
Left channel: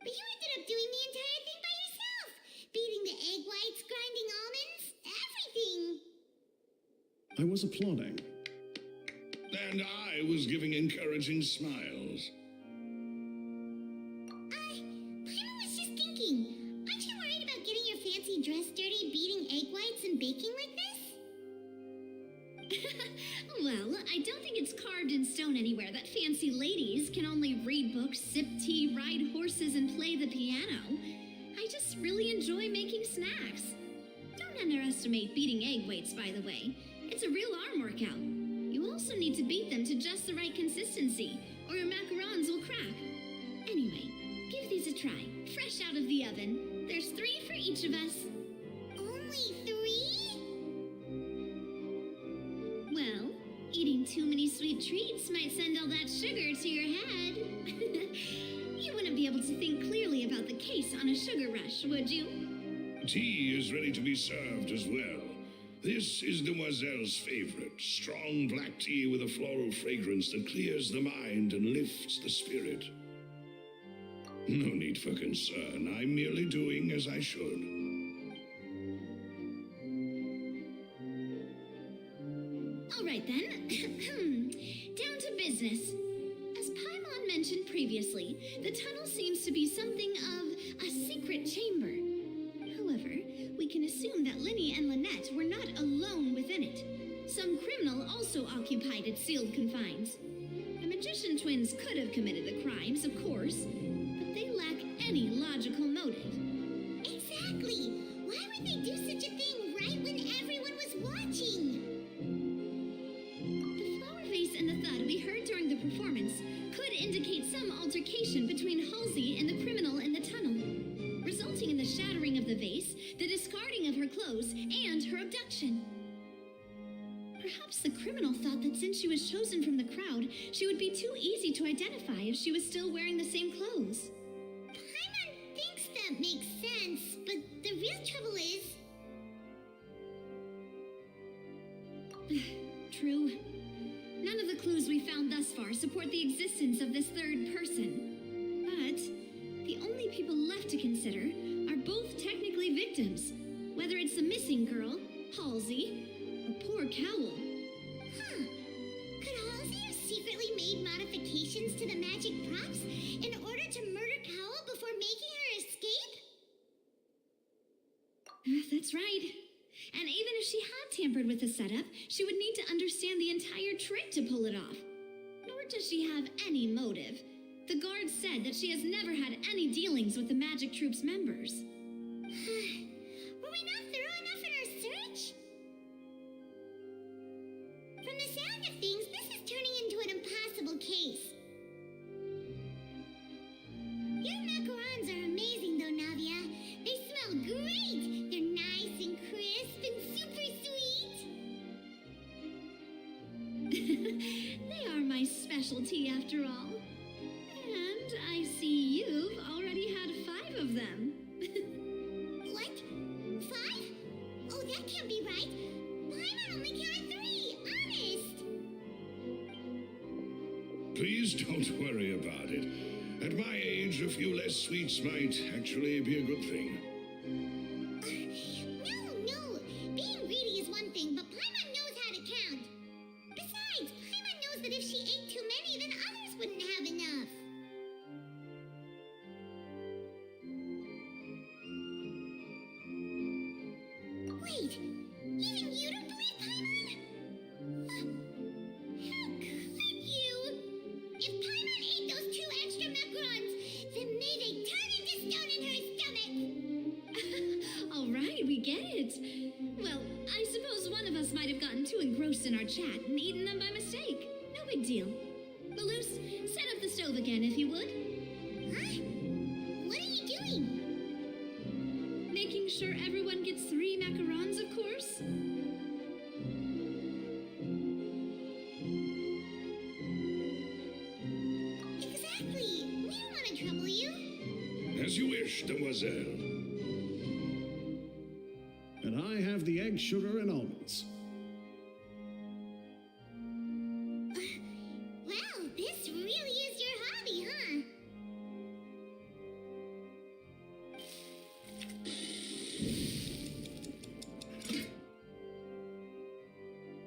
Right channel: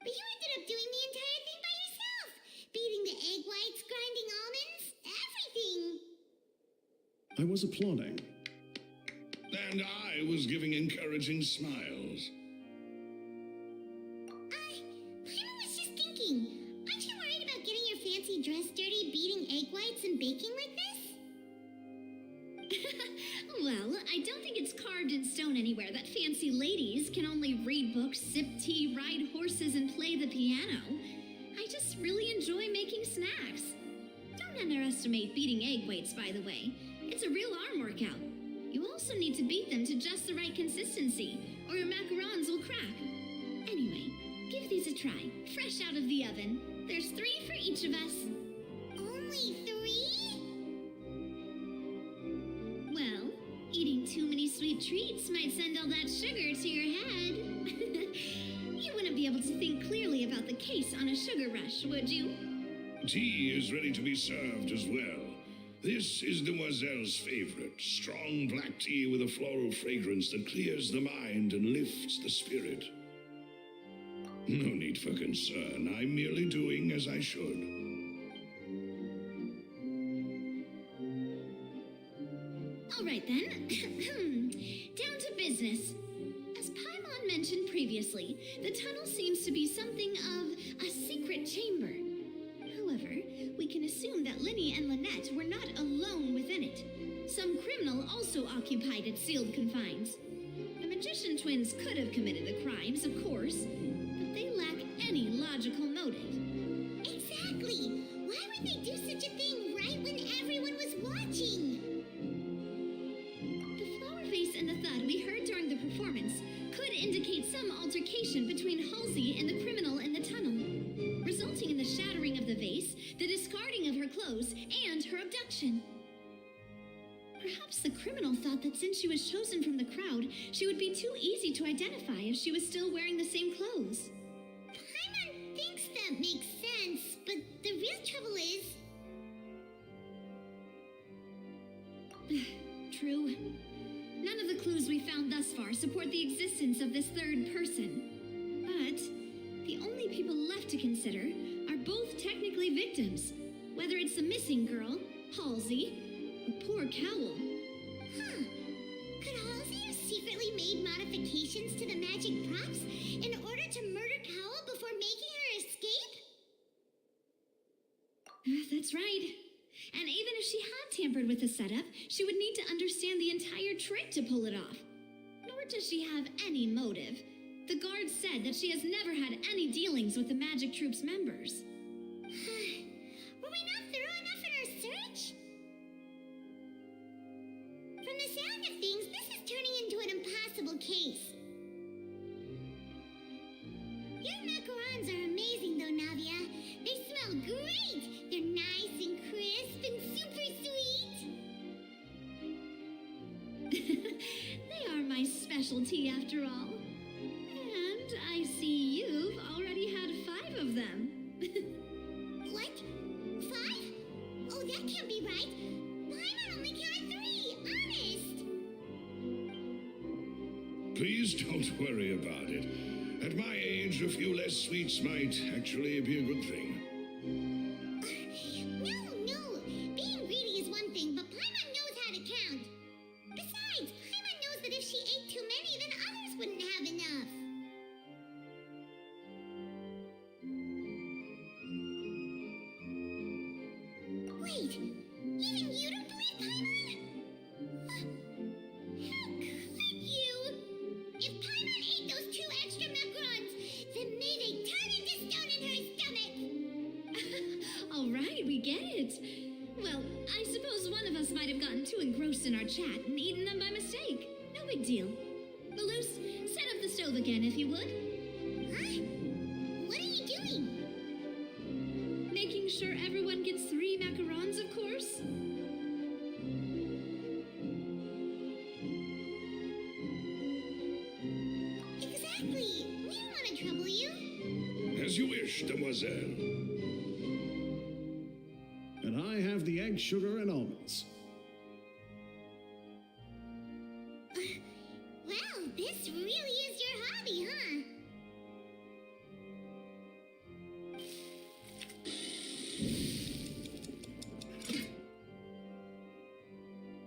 But you ended up doing the entire thing by yourself. Beating the egg whites, grinding almonds, everything. I was applauding. And I was giving encouraging smiles. Paimon was just thinking, aren't you worried about getting your fancy dress dirty beating egg whites and baking like this? Well, I don't think it's carved in stone anywhere that fancy ladies can only read books, sip tea, ride horses, and play the piano. I just really enjoy making snacks. Don't underestimate beating egg weights, by the way. It's a real arm workout. You also need to beat them to just the right consistency, or your macarons will crack. Anyway, give these a try, fresh out of the oven. There's 3 for each of us. Only 3? Well, eating too many sweet treats might send all that sugar to your head. You wouldn't be able to think clearly about the case on a sugar rush, would you? Tea is ready to be served as well. This is Demoiselle's favorite, strong black tea with a floral fragrance that clears the mind and lifts the spirit. No need for concern. I'm merely doing as I should. All right, then. Down to business. As Paimon mentioned previously, the tunnel seems to be something of a secret chamber. However, we can assume that Linny and Lynette were not alone within it. Some criminal also occupied its sealed confines. The magician twins could have committed the crimes, of course, but they lack any logical motive. Exactly! Why would they do such a thing right when everyone was watching? The flower vase and the thud we heard during the performance could indicate some altercation between Halsey and the criminal in the tunnel, resulting in the shattering of the vase, the discarding of her clothes, and her abduction. Perhaps the criminal thought that since she was chosen from the crowd, she would be too easy to identify if she was still wearing the same clothes. Paimon thinks that makes sense, but the real trouble is... True. None of the clues we found thus far support the existence of this third person. But the only people left to consider are both technically victims, whether it's the missing girl, Halsey, or poor Cowl. Huh. Could Halsey have secretly made modifications to the magic props in order to murder Cowl before making her escape? That's right. And even if she had tampered with the setup, she would need to understand the entire trick to pull it off. Nor does she have any motive. The guard said that she has never had any dealings with the magic troop's members. Were we not thorough enough in our search? From the sound of things, this is turning into an impossible case. Your macarons are amazing, though, Navia. They smell great. They're nice and crisp and super sweet. They are my specialty, after all. And I see you've already had 5 of them. What? 5? Oh, that can't be right. Paimon only counted 3, honest. Please don't worry about it. At my age, a few less sweets might actually be a good thing. No. Being greedy is one thing, but Paimon knows how to count. Besides, Paimon knows that if she ate too many, then others wouldn't have enough. Wait, even you don't believe Paimon? How could you? If Paimon ate those 2 extra macarons, then may they turn into stone in her stomach! All right, we get it. Well, I suppose one of us might have gotten too engrossed in our chat and eaten them by mistake. No big deal. Maloose, set up the stove again, if you would. Huh? What are you doing? Making sure everyone gets 3 macarons, of course. Exactly. We don't want to trouble you. As you wish, Demoiselle. And I have the egg, sugar, and almonds. Well, this really is your hobby, huh?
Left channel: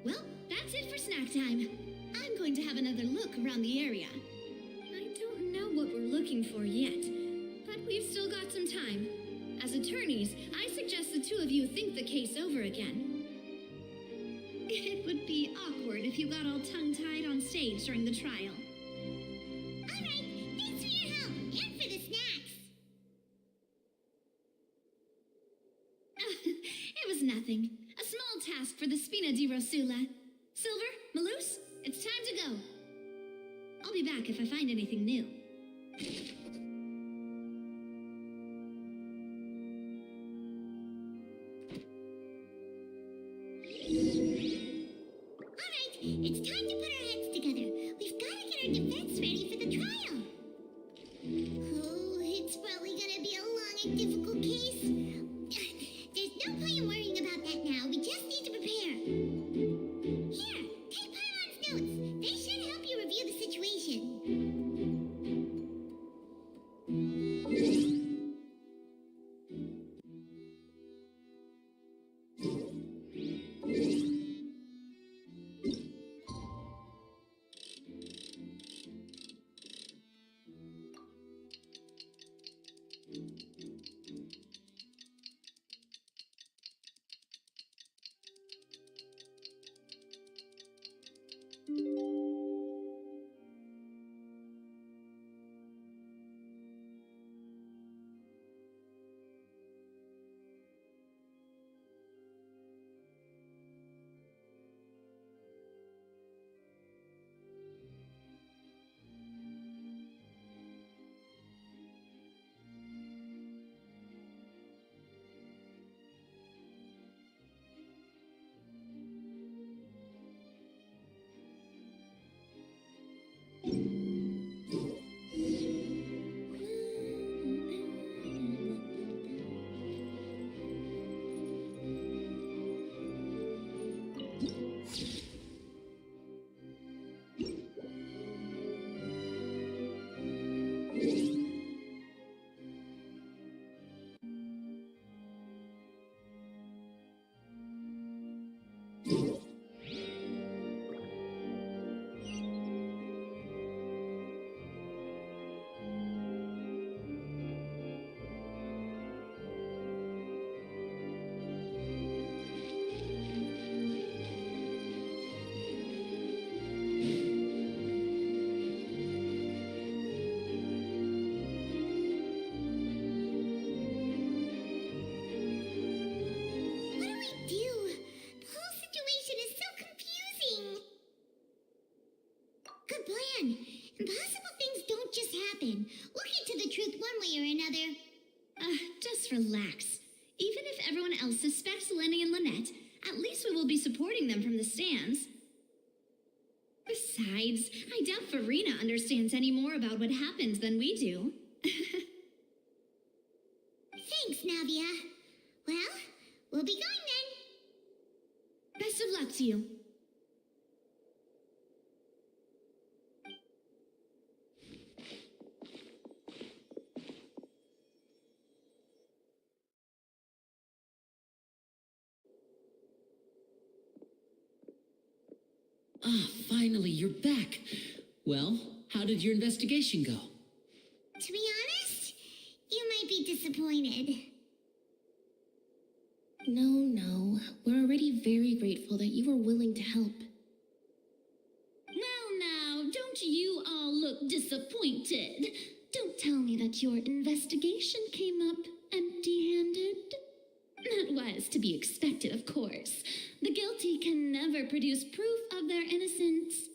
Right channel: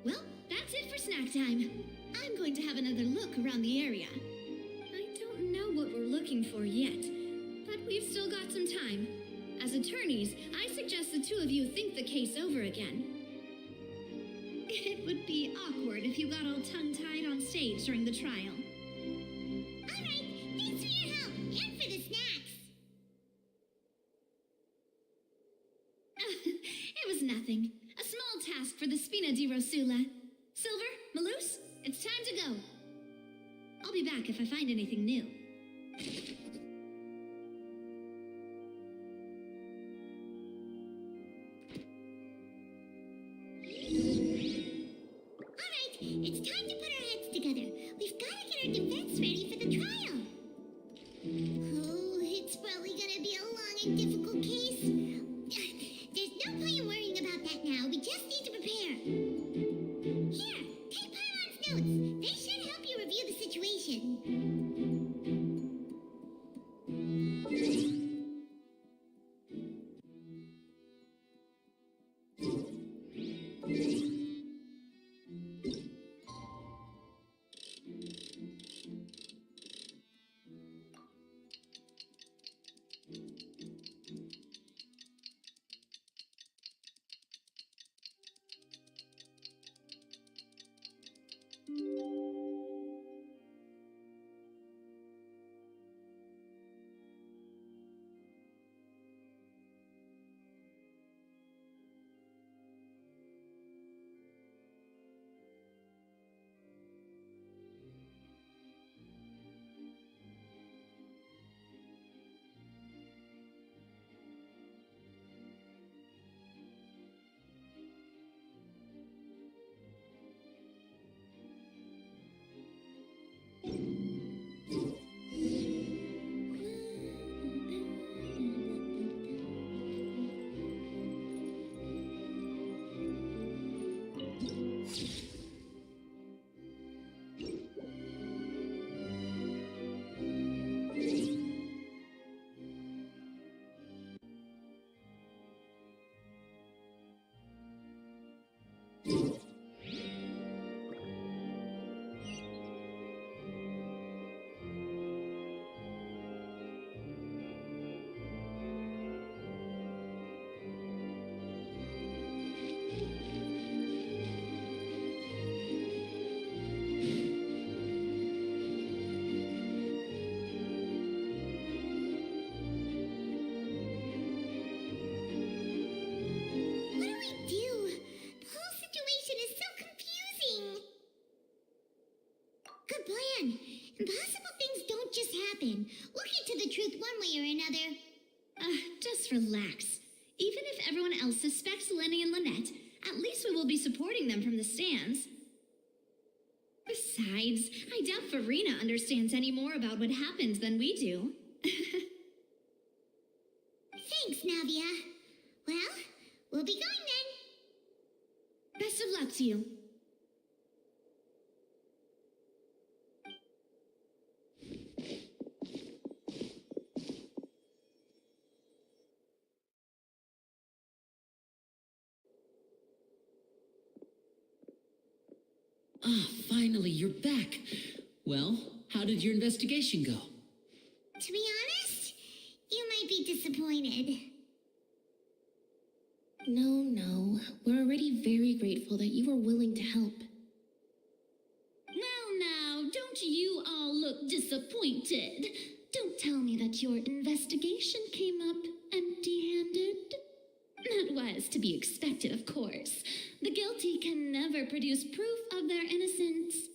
Well, that's it for snack time. I'm going to have another look around the area. I don't know what we're looking for yet, but we've still got some time. As attorneys, I suggest the 2 of you think the case over again. It would be awkward if you got all tongue-tied on stage during the trial. All right, thanks for your help and for the snacks. It was nothing. A small task for the Spina di Rosula. Silver, Maloose, time to go. I'll be back if I find anything new. Alright, it's time to put our heads together. We've got to get our defense ready for the trial. Oh, it's probably gonna be a long and difficult case. There's no point in worrying about that now. We just need to prepare. Here, take Paimon's notes. They should help you review the situation. Good plan. Impossible things don't just happen. We'll get to the truth one way or another. Just relax. Even if everyone else suspects Lenny and Lynette, at least we will be supporting them from the stands. Besides, I doubt Farina understands any more about what happened than we do. Thanks, Navia. Well, we'll be going then. Best of luck to you. Ah, finally, you're back. Well, how did your investigation go? To be honest, you might be disappointed. No. We're already very grateful that you were willing to help. Now, don't you all look disappointed. Don't tell me that your investigation came up empty-handed. That was to be expected, of course. The guilty can never produce proof of their innocence.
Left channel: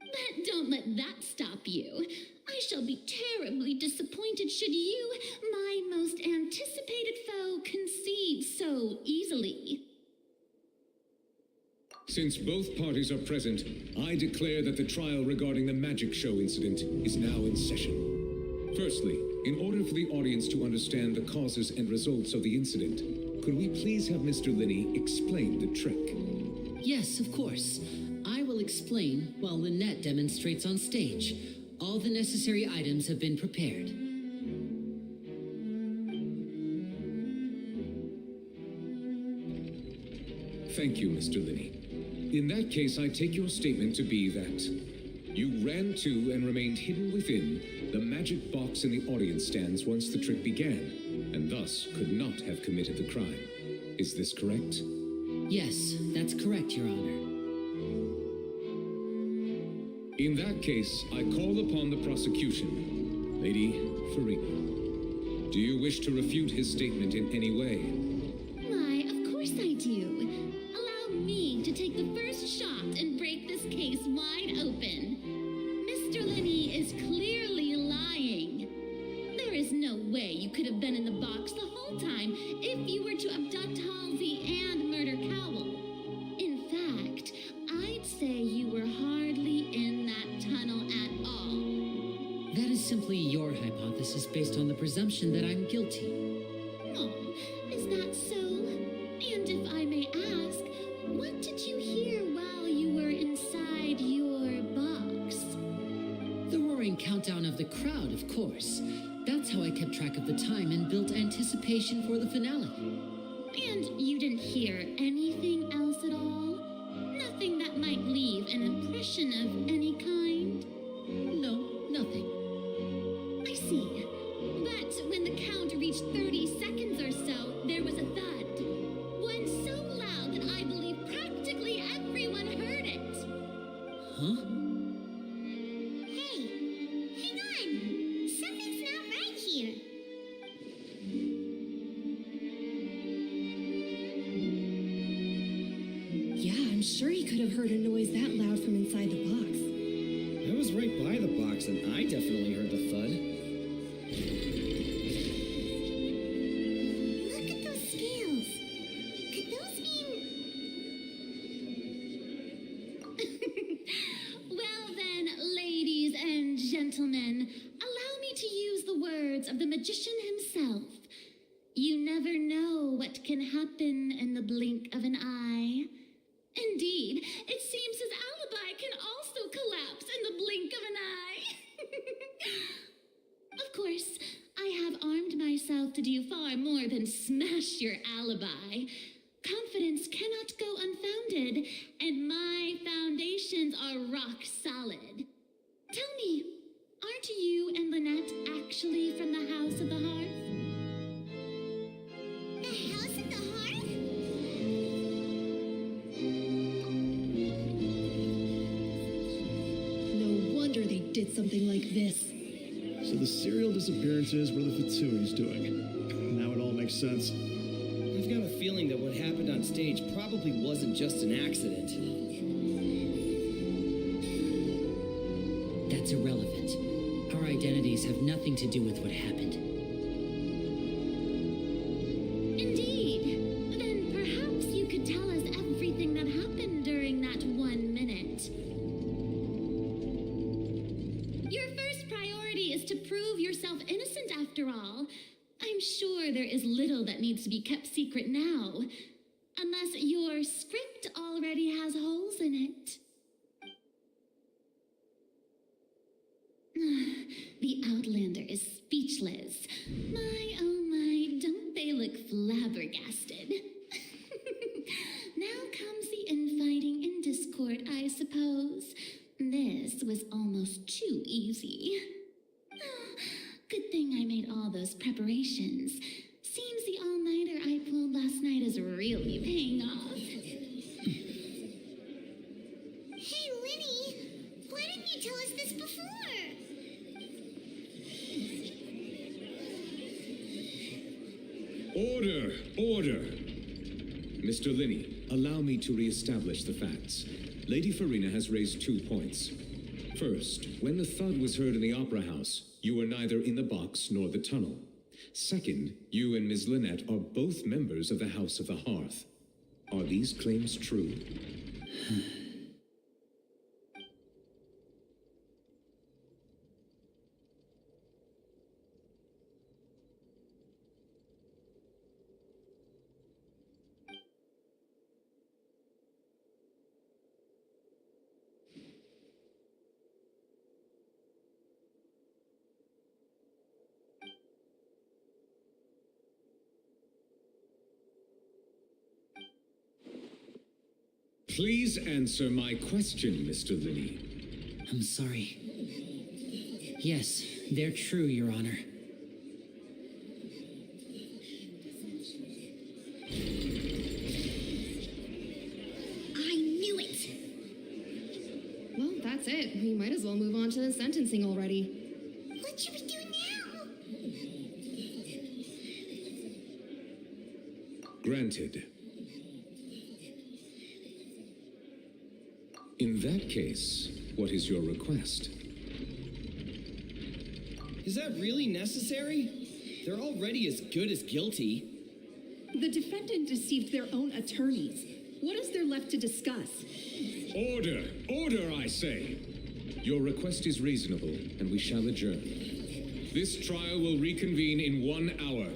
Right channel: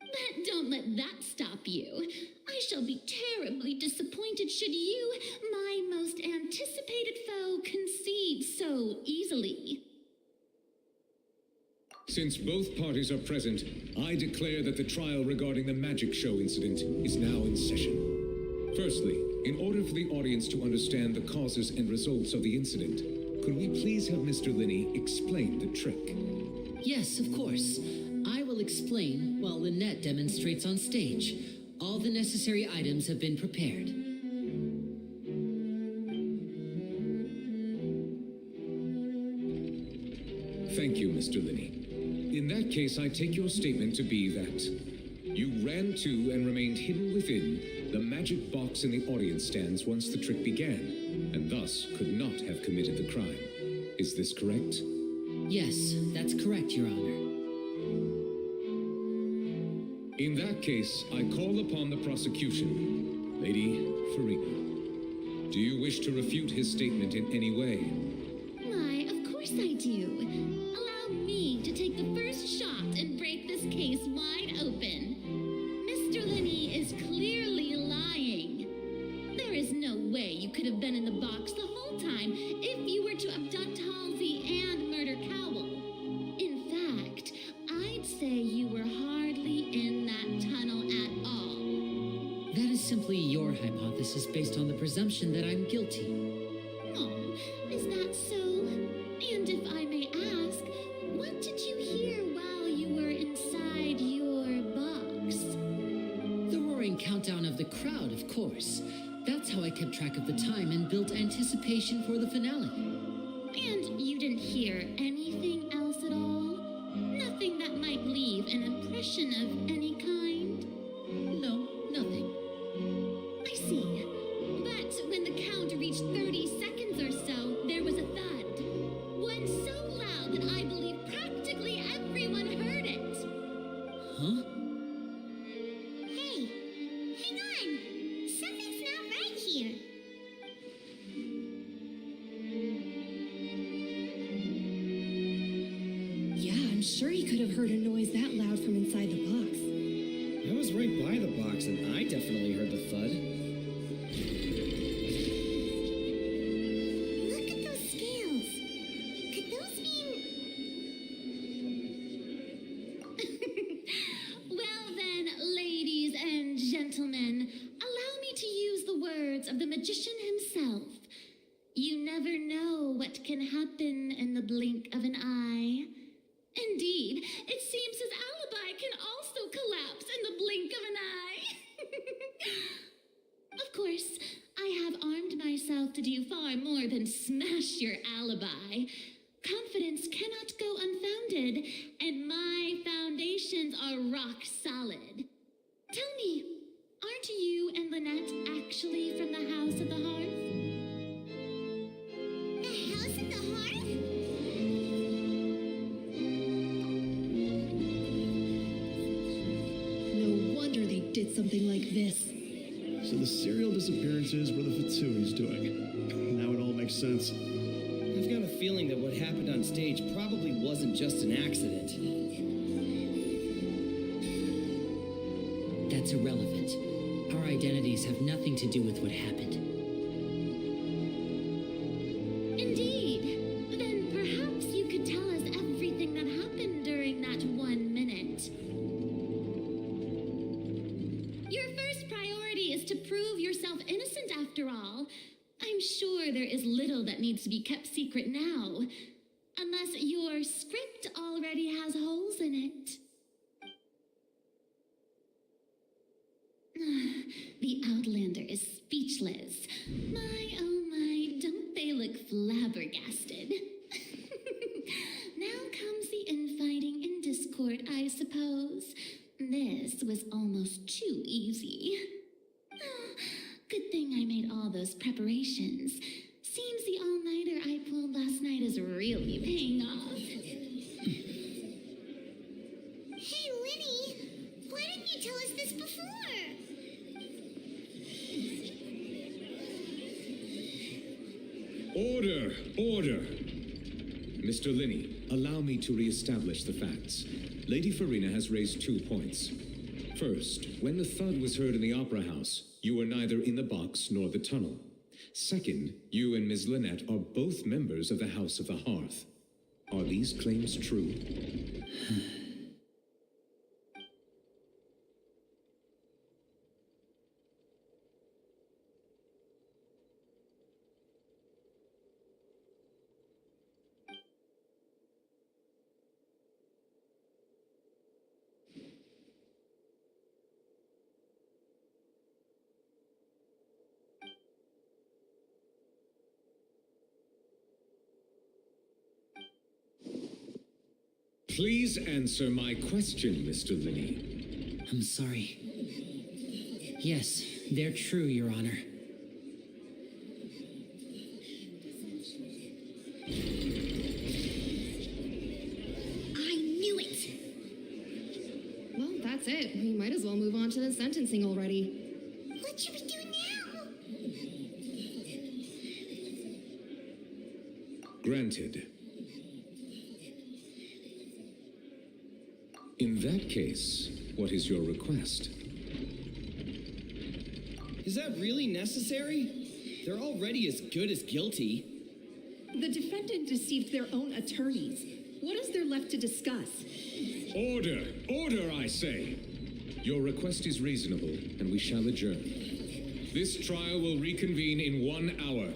But don't let that stop you. I shall be terribly disappointed should you, my most anticipated foe, concede so easily. Since both parties are present, I declare that the trial regarding the magic show incident is now in session. Firstly, in order for the audience to understand the causes and results of the incident, could we please have Mr. Linney explain the trick? Yes, of course. I will explain while Lynette demonstrates on stage. All the necessary items have been prepared. Thank you, Mr. Linney. In that case, I take your statement to be that you ran to and remained hidden within the magic box in the audience stands once the trick began, and thus could not have committed the crime. Is this correct? Yes, that's correct, Your Honor. In that case, I call upon the prosecution, Lady Farina. Do you wish to refute his statement in any way? Why, of course I do. Allow me to take the first shot and break this case wide open. Mr. Linney is clearly lying. There is no way you could have been in the box the whole time if you were to abduct Halsey and murder Cowell. In fact, I'd say you were hardly in that tunnel at all. That is simply your hypothesis based on the presumption that I'm guilty. Oh, is that so? And if I may ask, what did you hear while you were inside your box? The roaring countdown of the crowd, of course. That's how I kept track of the time and built anticipation for the finale. And you didn't hear anything else at all? Nothing that might leave an impression of any kind? No, nothing. I see. But when the count reached 30 seconds or so, there was a thud. One so loud that I believe practically everyone heard it. Huh? Hey, hang on. Something's not right here. Yeah, I'm sure he could have heard a noise that loud from inside the box. I was right by the box, and I definitely heard the thud. Look at those scales. Could those mean... Well then, ladies and gentlemen, allow me to use the words of the magician himself. You never know what can happen in the blink of an eye. Indeed, it seems his alibi can also collapse in the blink of an eye. Of course, I have armed myself to do far more than smash your alibi. Confidence cannot go unfounded, and my foundations are rock solid. Tell me, aren't you and Lynette actually from the House of the Hearth? The House of the Hearth? No wonder they did something like this. So the serial disappearances were the Fatsui's doing. Now it all makes sense. I've got a feeling that what happened on stage probably wasn't just an accident. That's irrelevant. Our identities have nothing to do with what happened. Indeed. Then perhaps you could tell us everything that happened during that 1 minute. Your first priority is to prove yourself innocent after all. I'm sure there is little that needs to be kept secret now. Unless your script already has holes in it. The Outlander is speechless. My, oh my, don't they look flabbergasted? Now comes the infighting and discord, I suppose. This was almost too easy. Good thing I made all those preparations. Seems the all-nighter I pulled last night is really paying off. Hey, Linny, why didn't you tell us this before? Order! Order! Mr. Linney, allow me to re-establish the facts. Lady Farina has raised 2 points. First, when the thud was heard in the Opera House, you were neither in the box nor the tunnel. Second, you and Ms. Lynette are both members of the House of the Hearth. Are these claims true? Please answer my question, Mr. Linney. I'm sorry. Yes, they're true, Your Honor. I knew it! Well, that's it. We might as well move on to the sentencing already. What should we do now? Granted. In that case, what is your request? Is that really necessary? They're already as good as guilty. The defendant deceived their own attorneys. What is there left to discuss? Order! Order, I say! Your request is reasonable, and we shall adjourn. This trial will reconvene in 1 hour.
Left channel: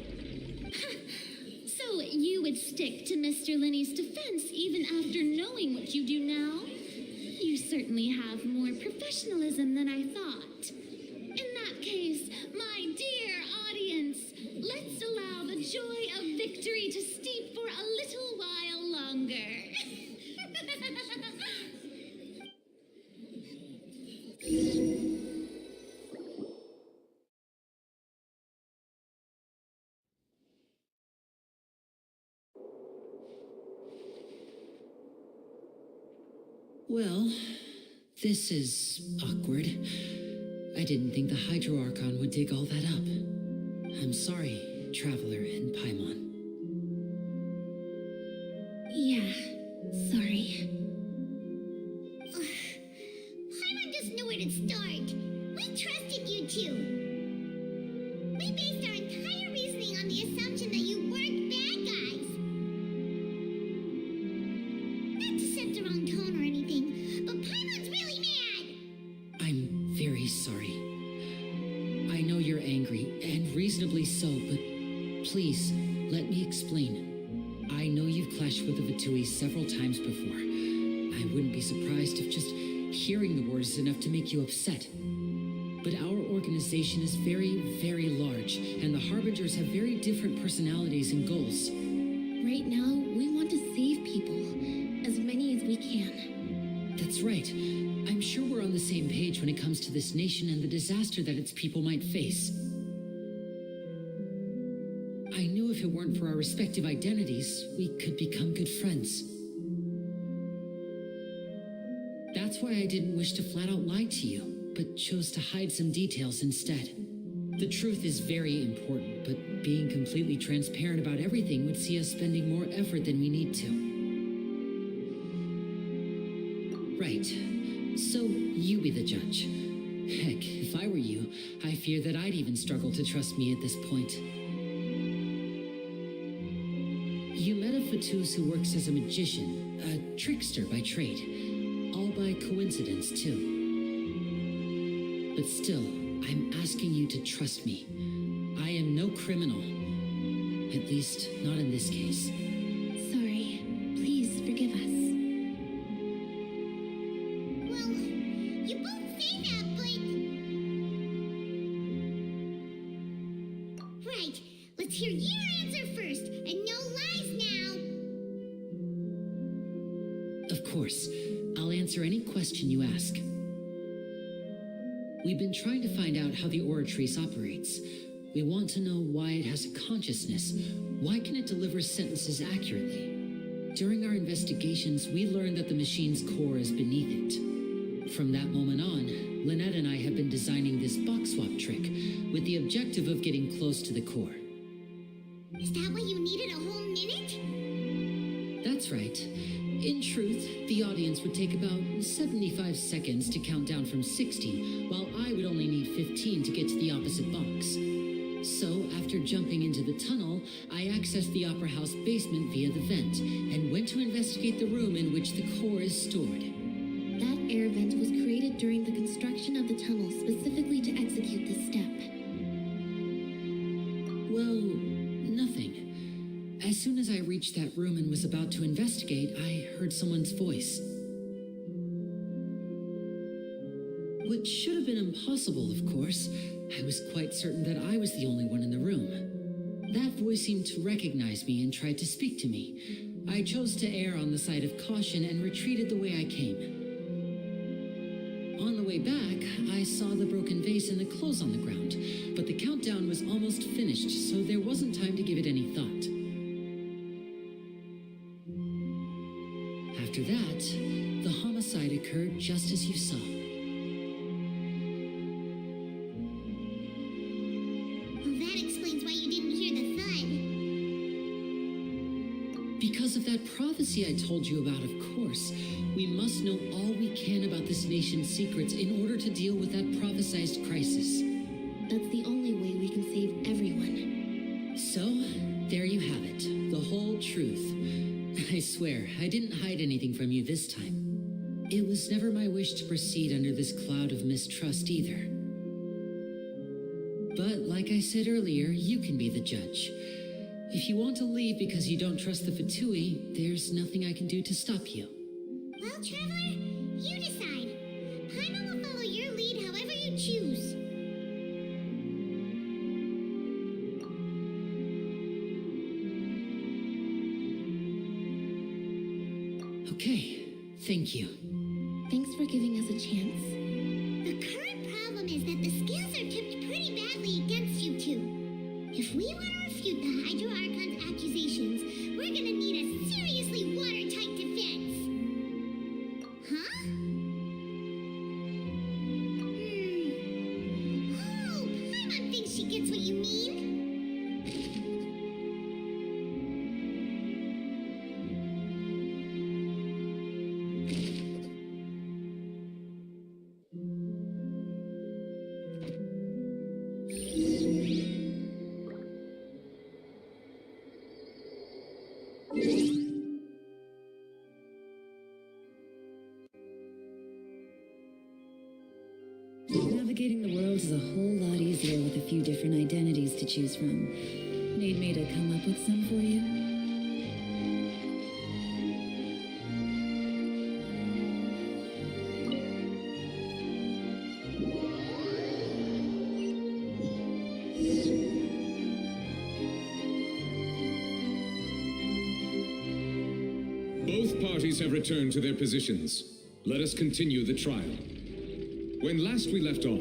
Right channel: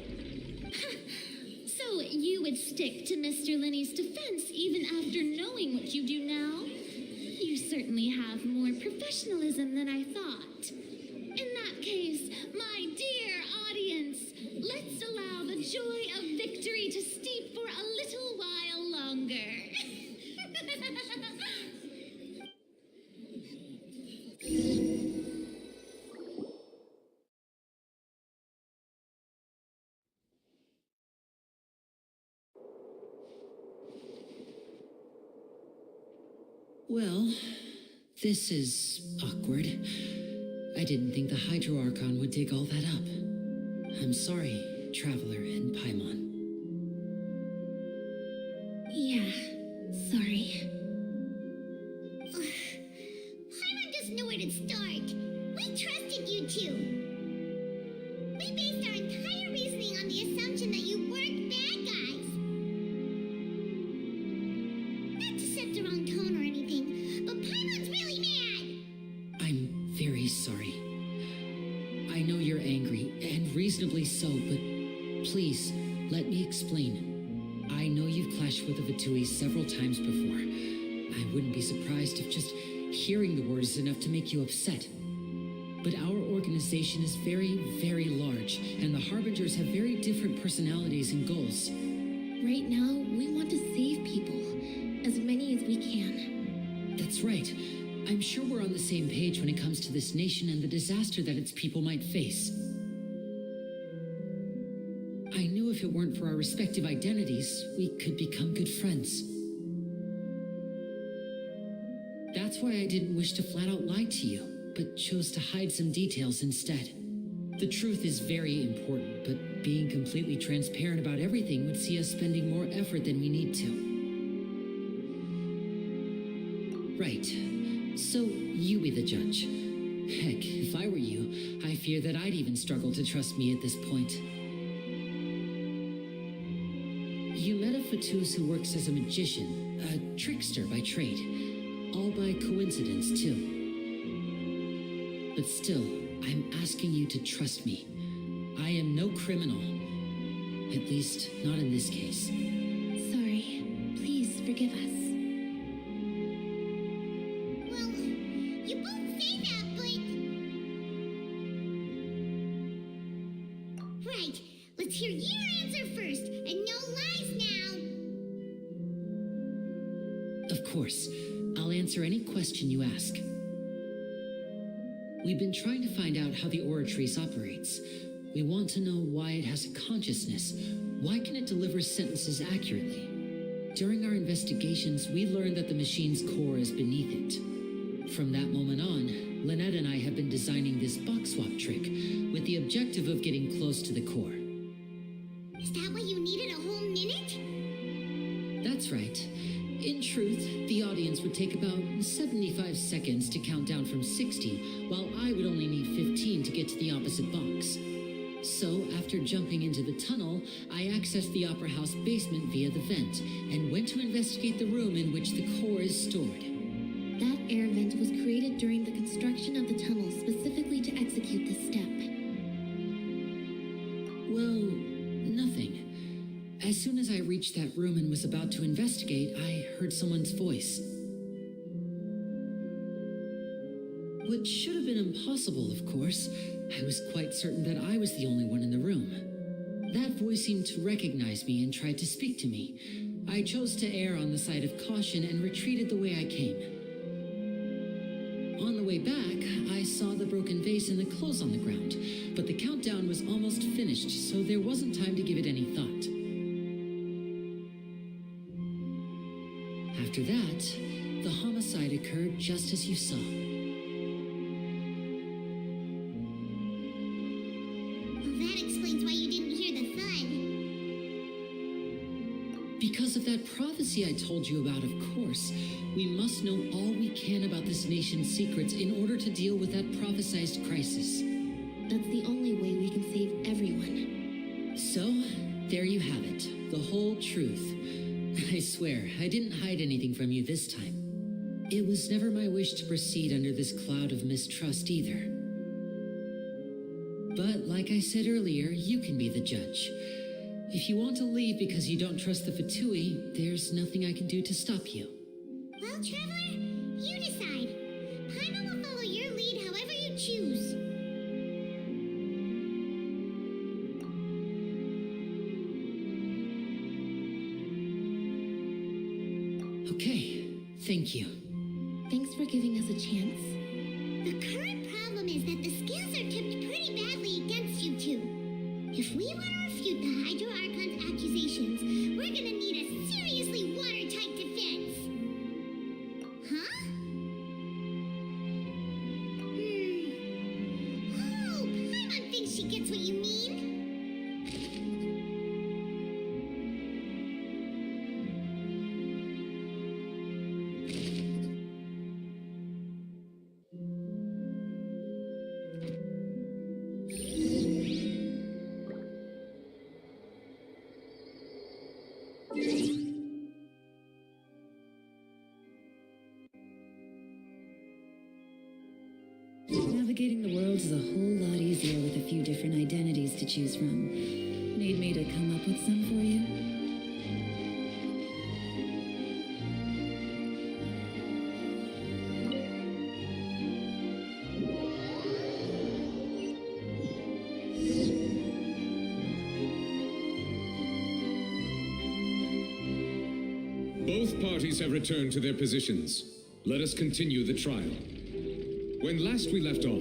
So you would stick to Mr. Linney's defense even after knowing what you do now? You certainly have more professionalism than I thought. In that case, my dear audience, let's allow the joy of victory to steep for a little while longer. Well, this is awkward. I didn't think the Hydro Archon would dig all that up. I'm sorry, Traveler and Paimon. Yeah, sorry. Paimon doesn't know where to start. We trusted you two. We based our entire reasoning on the assumption that you weren't bad guys. Not to set the wrong tone or anything, but Paimon's really mad. I'm very sorry. I know you're angry, and reasonably so, but please, let me explain. I know you've clashed with the Vitui several times before. I wouldn't be surprised if just hearing the word is enough to make you upset. But our organization is very, very large, and the Harbingers have very different personalities and goals. Right now, we want to save people, as many as we can. That's right. I'm sure we're on the same page when it comes to this nation and the disaster that its people might face. I knew if it weren't for our respective identities, we could become good friends. That's why I didn't wish to flat out lie to you, but chose to hide some details instead. The truth is very important, but being completely transparent about everything would see us spending more effort than we need to. Right. So you be the judge. Heck, if I were you, I fear that I'd even struggle to trust me at this point. You met a Fatus who works as a magician, a trickster by trade. All by coincidence, too. But still, I'm asking you to trust me. I am no criminal. At least, not in this case. Sorry. Please forgive us. Well, you both say that, but... Right. Let's hear your answer first, and no lies now. Of course. I'll answer any question you ask. We've been trying to find out how the Oratrice operates. We want to know why it has a consciousness. Why can it deliver sentences accurately? During our investigations, we learned that the machine's core is beneath it. From that moment on, Lynette and I have been designing this box swap trick with the objective of getting close to the core. Is that why you needed a whole minute? That's right. In truth, the audience would take about 75 seconds to count down from 60, while I would only need 15 to get to the opposite box. So, after jumping into the tunnel, I accessed the Opera House basement via the vent, and went to investigate the room in which the core is stored. That air vent was created during the construction of the tunnel specifically to execute this step. Well, nothing. As soon as I reached that room and was about to investigate, I heard someone's voice. Which should have been impossible, of course. I was quite certain that I was the only one in the room. That voice seemed to recognize me and tried to speak to me. I chose to err on the side of caution and retreated the way I came. On the way back, I saw the broken vase and the clothes on the ground, but the countdown was almost finished, so there wasn't time to give it any thought. After that, the homicide occurred just as you saw. Well, that explains why you didn't hear the thud. Because of that prophecy I told you about, of course. We must know all we can about this nation's secrets in order to deal with that prophesized crisis. That's the only way we can save everyone. So, there you have it. The whole truth. I swear, I didn't hide anything from you this time. It was never my wish to proceed under this cloud of mistrust either. But like I said earlier, you can be the judge. If you want to leave because you don't trust the Fatui, there's nothing I can do to stop you. Well, Traveler, you decide. Paimon will follow your lead however you choose. Okay, thank you. Thanks for giving us a chance. The current problem is that the scales are tipped pretty badly against you two. If we want to refute the Hydro Archon's accusations, we're gonna need a seriously watertight defense. Huh? Oh, Paimon thinks she gets what you mean. Navigating the world is a whole lot easier with a few different identities to choose from. Need me to come up with some for you? Both parties have returned to their positions. Let us continue the trial. When last we left off,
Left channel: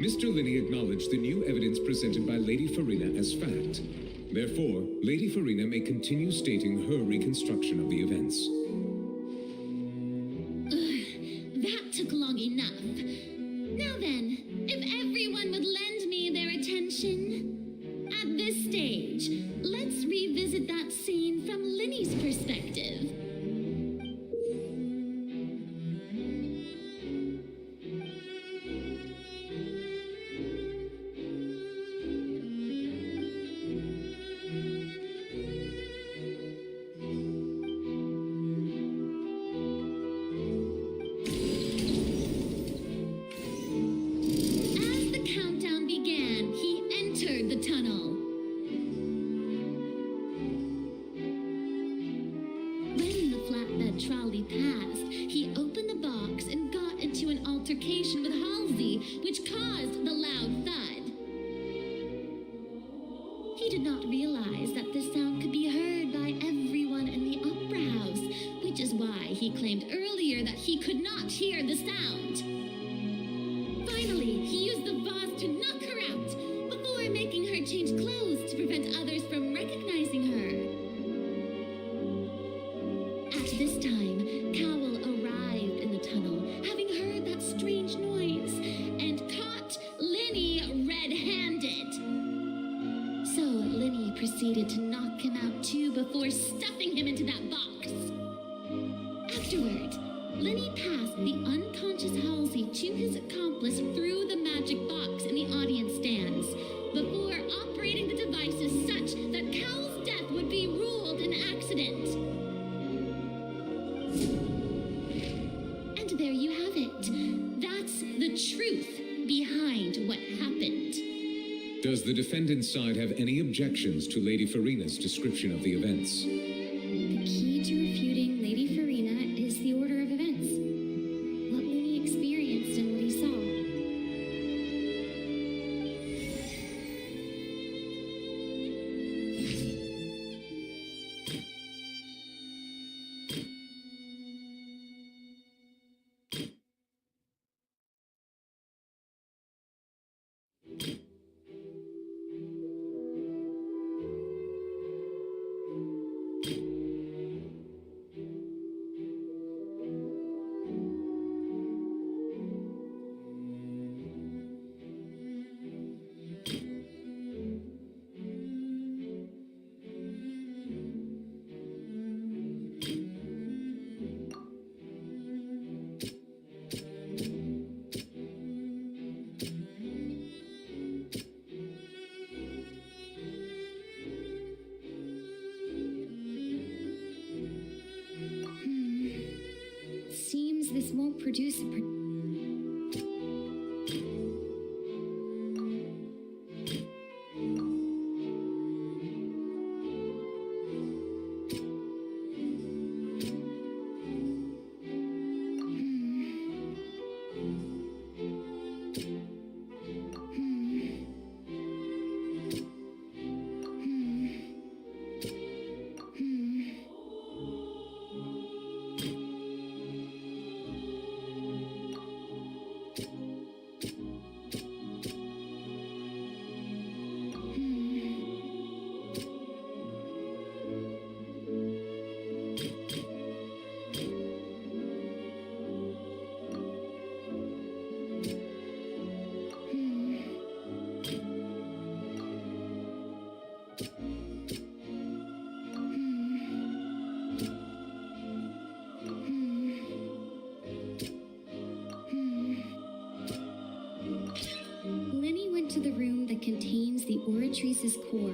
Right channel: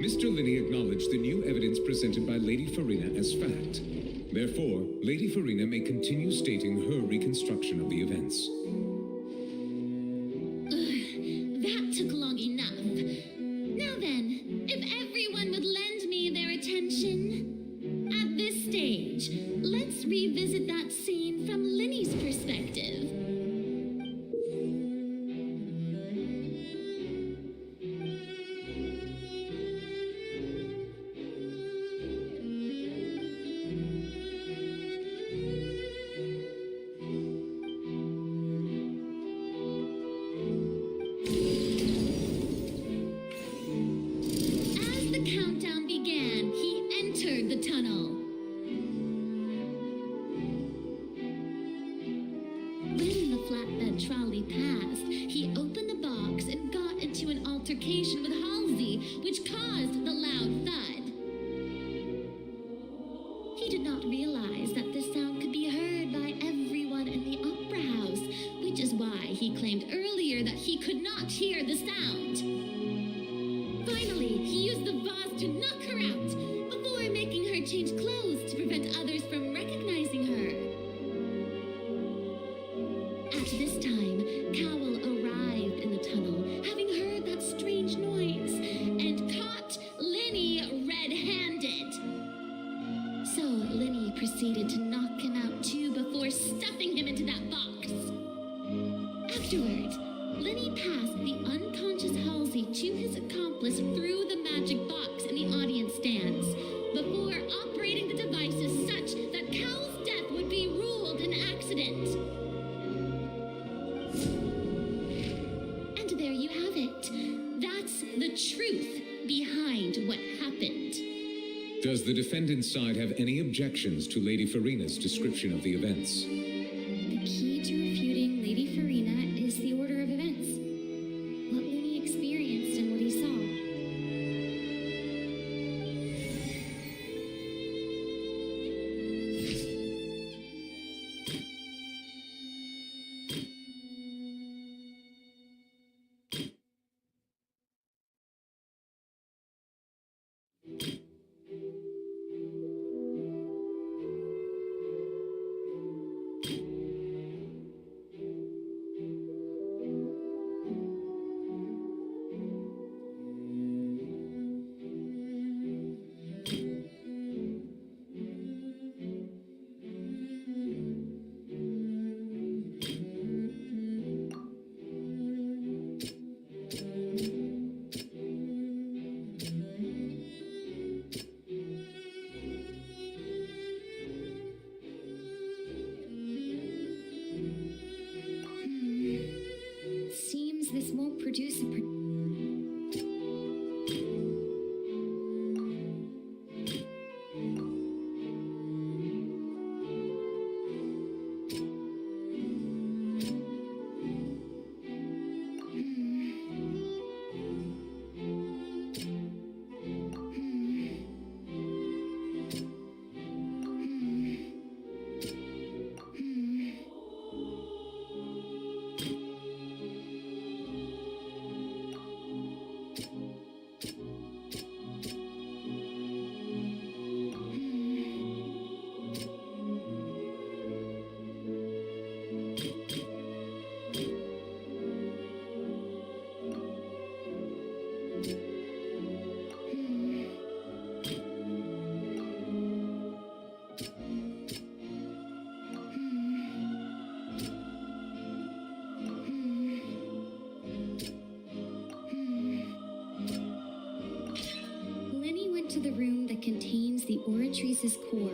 Mr. Linney acknowledged the new evidence presented by Lady Farina as fact. Therefore, Lady Farina may continue stating her reconstruction of the events. That took long enough. Now then, if everyone would lend me their attention. At this stage, let's revisit that scene from Linney's perspective. Countdown began, he entered the tunnel. When the flatbed trolley passed, he opened the box and got into an altercation with Halsey, which caused the loud thud. He did not realize that this sound could be heard by everyone in the opera house, which is why he claimed earlier that he could not hear the sound. Finally, he used the vase to knock her out before making her change clothes to prevent others from recognizing her. At this time, Cowell arrived in the tunnel, having heard that strange noise, and caught Linney red-handed. So Linney proceeded to knock him out too before stuffing him into that box. Afterward, Linney passed the unconscious Halsey to his accomplice through the magic box in the audience stands, before operating the devices such that Cowell's death would be ruled an accident. And there you have it. That's the truth behind what happened. Does the defendant's side have any objections to Lady Farina's description of the events? The key to refuting Lady Farina is the order of events. What Linney experienced and what he saw. this won't produce a Lenny went to the room that contains the Oratrice's core.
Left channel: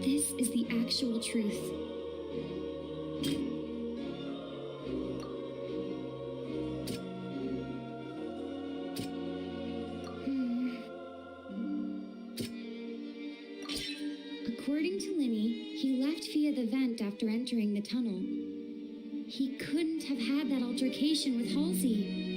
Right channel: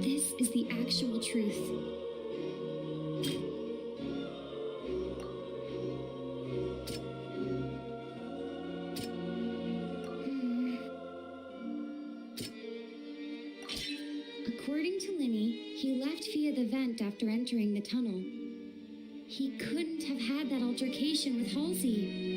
This is the actual truth. According to Lenny, he left via the vent after entering the tunnel. He couldn't have had that altercation with Halsey.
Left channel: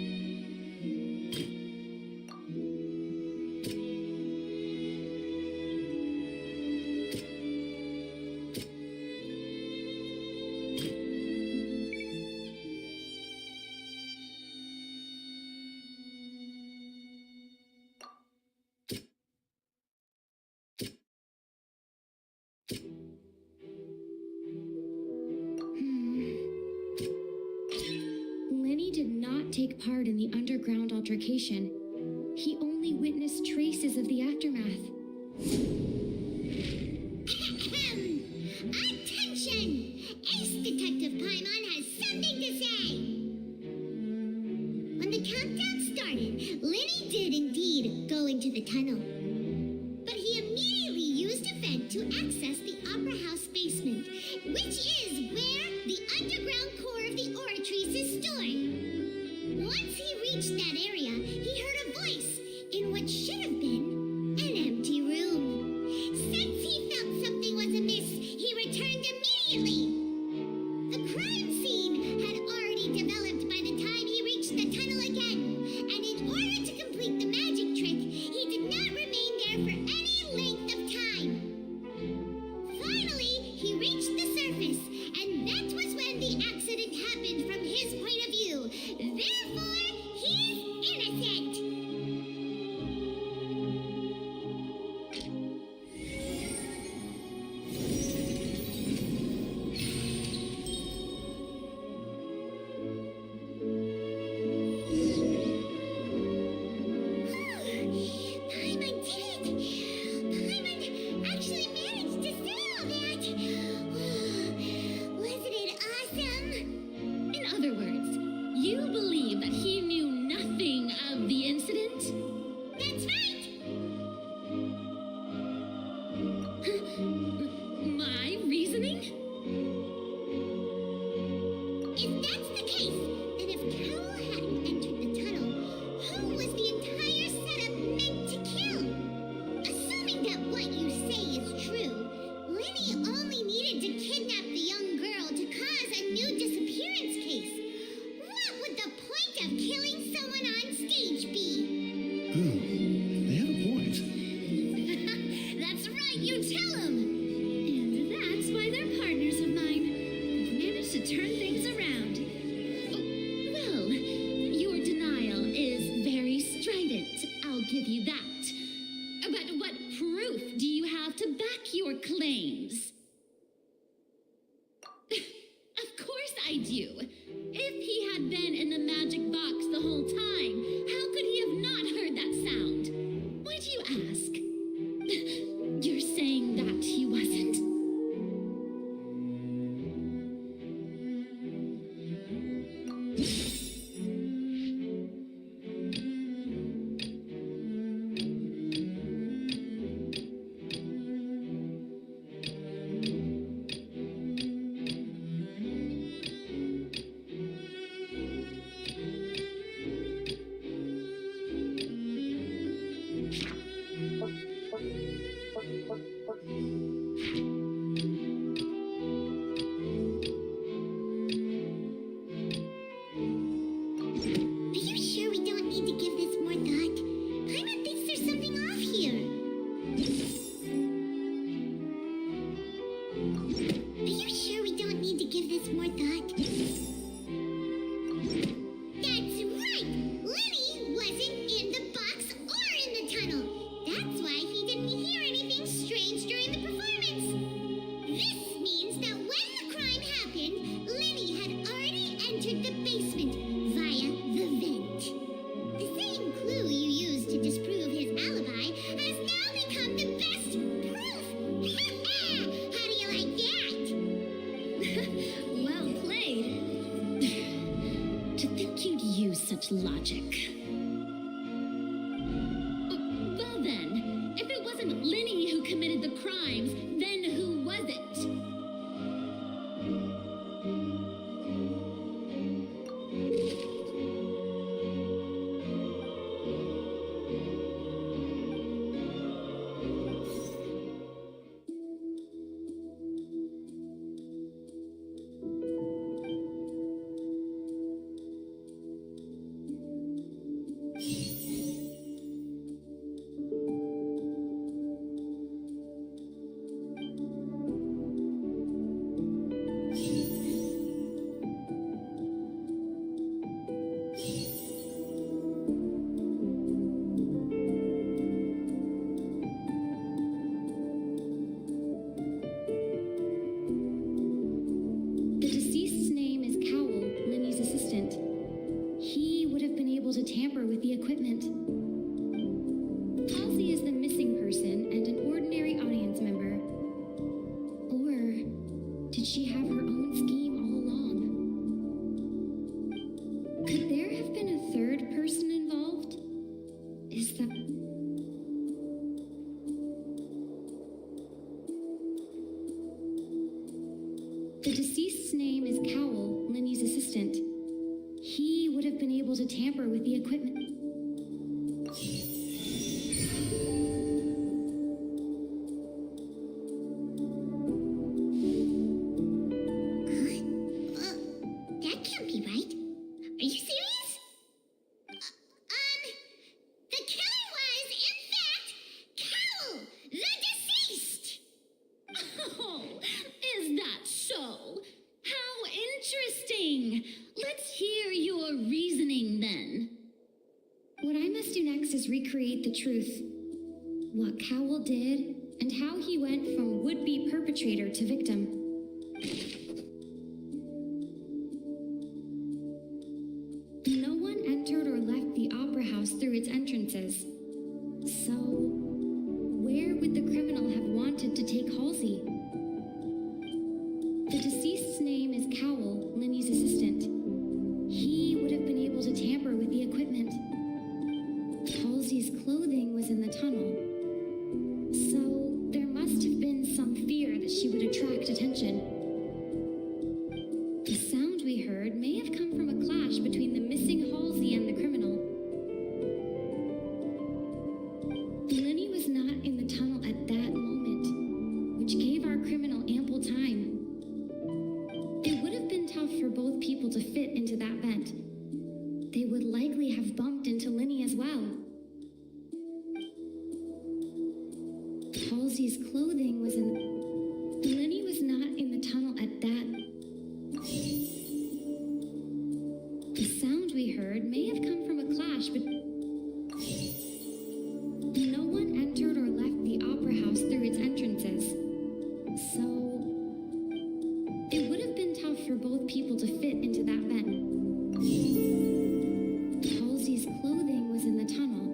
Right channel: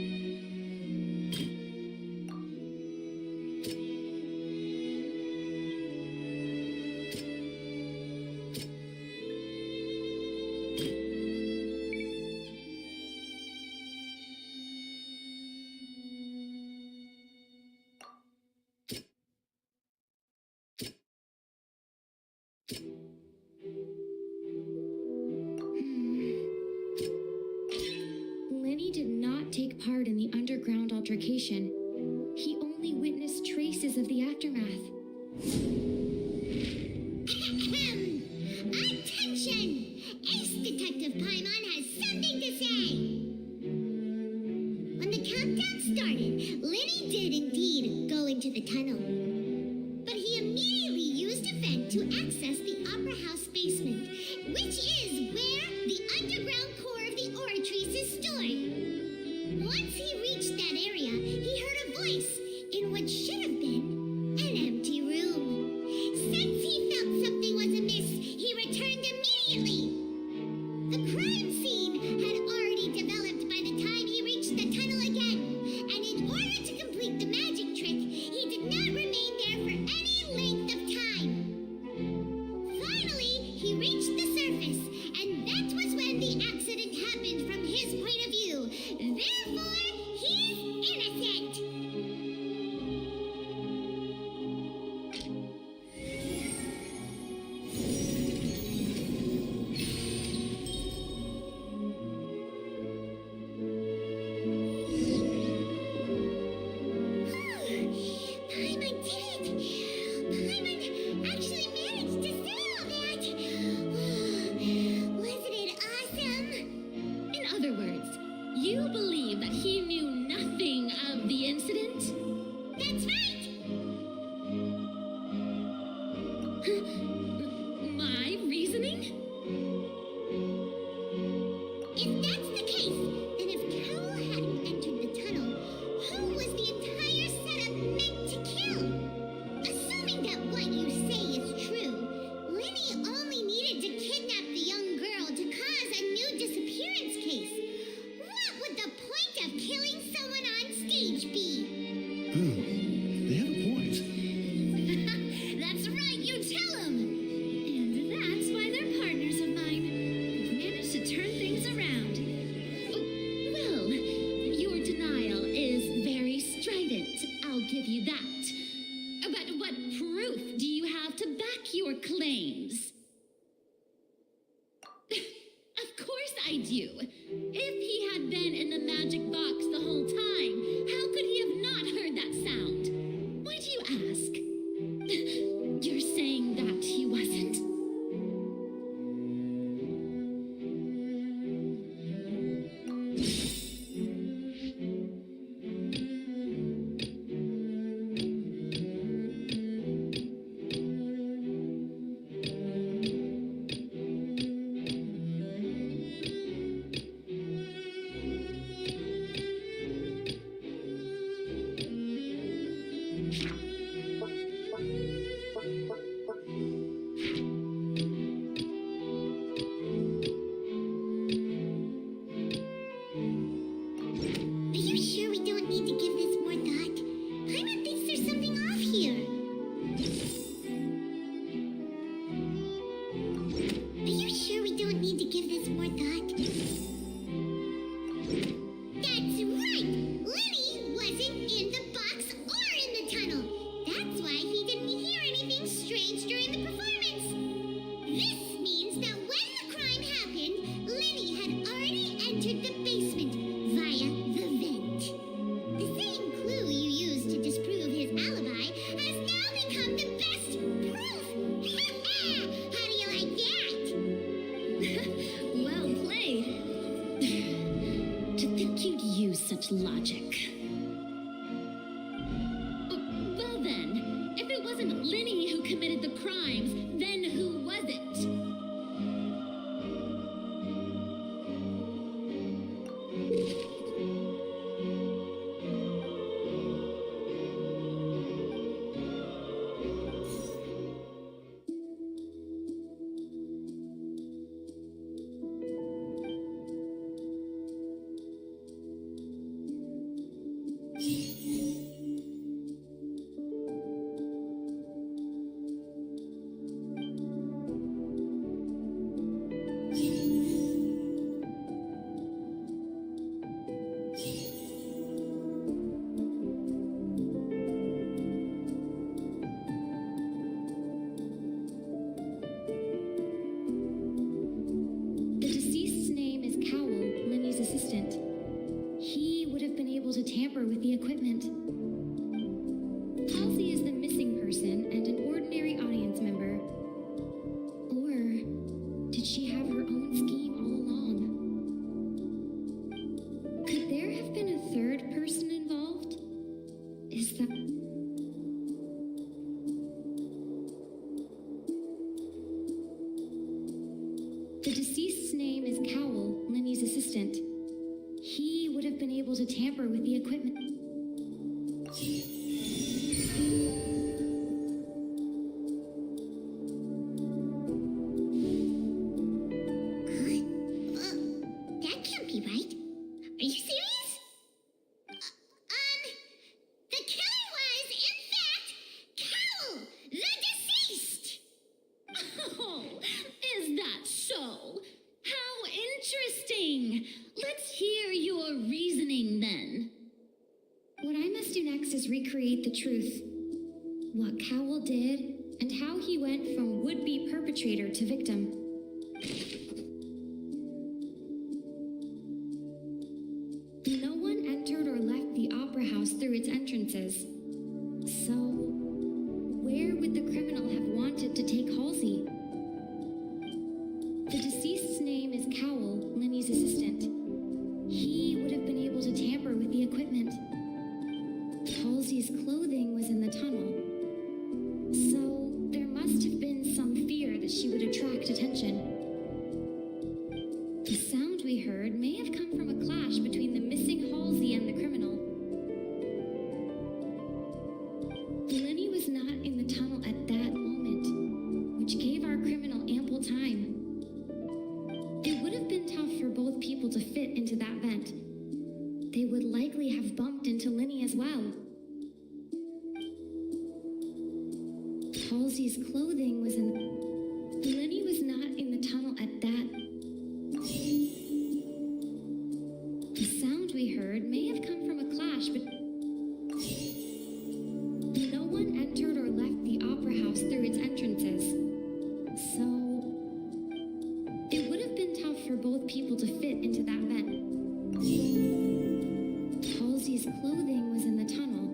Lenny did not take part in the underground altercation. He only witnessed traces of the aftermath. Attention! Ace Detective Paimon has something to say! When the countdown started, Lenny did indeed go into the tunnel. But he immediately used a vent to access the Opera House basement, which is where the underground core of the Oratrice is stored. Once he reached that area, he heard a voice in what should have been an empty room. Since he felt something was amiss, he returned immediately. The crime scene had already developed by the time he reached the tunnel again, and in order to complete the magic trick, he did not remain there for any length of time. Finally, he reached the surface, and that was when the accident happened from his point of view. Therefore, he's innocent. Paimon did it! Paimon actually managed to say all that! Wasn't it awesome? In other words, you believe that he knew nothing of the incident? That's right! My reasoning? If that's the case, then if Carol hadn't entered the tunnel, who was the entire setup meant to kill? Assuming that what you say is true, Lenny only needed to kidnap the young girl to cause a new disappearance case. What would the point of killing someone on stage be? Oh, they have a point. That's right, you tell him! And that's why they're partners of mine. We've managed to turn things around. Oh, well, your denial is very strident, I'll give you that. But what proof do you have to back your claims? Of course I do. If he had been in the magic box the whole time, how could he have not heard that sound? Why do you ask? You're saying that he wasn't? his alibi has now become the best proof. How do you like that? Well played. To think you'd use such logic. Well then, if it wasn't Linny who committed the crimes, then who was it? The deceased's name is Cowell, Linny's assistant. He would have been able to tamper with the equipment. Halsey is the missing person and an ordinary audience member. Or did she have her own scheme all along? Could there have been a third person involved? Is that... The deceased's name is Cowell, Linny's assistant. He would have been able to tamper with the equipment. That can't be right. Are you serious? The killer was, in fact, Cowell, the deceased! Oh, is that so? How interesting! Let's hear your reasoning then. What I must do next is recreate the truth. What Cowell did, and how he went from would-be perpetrator to victim. No one entered or left the opera house through its entrances. So, where would the criminal have wanted to take Halsey? The deceased's name is Cowell, Linny's assistant. He would have been able to tamper with the equipment. Halsey's clothing was in the tunnel. So, there must have been some fear that she would attract attention. The sound we heard may have come from a clash between the missing Halsey and the criminal. Linny was not in the tunnel at that moment, which gave our criminal ample time. It would have been tough for both people to fit into that vent. They would likely have bumped into Linny as well. Halsey's clothing was in... Linny was not in the tunnel at that... The sound we heard may have come from a clash, but... No one entered or left the opera house through its entrances. So... It would have been tough for both people to fit into that vent. Halsey's clothing was in the tunnel.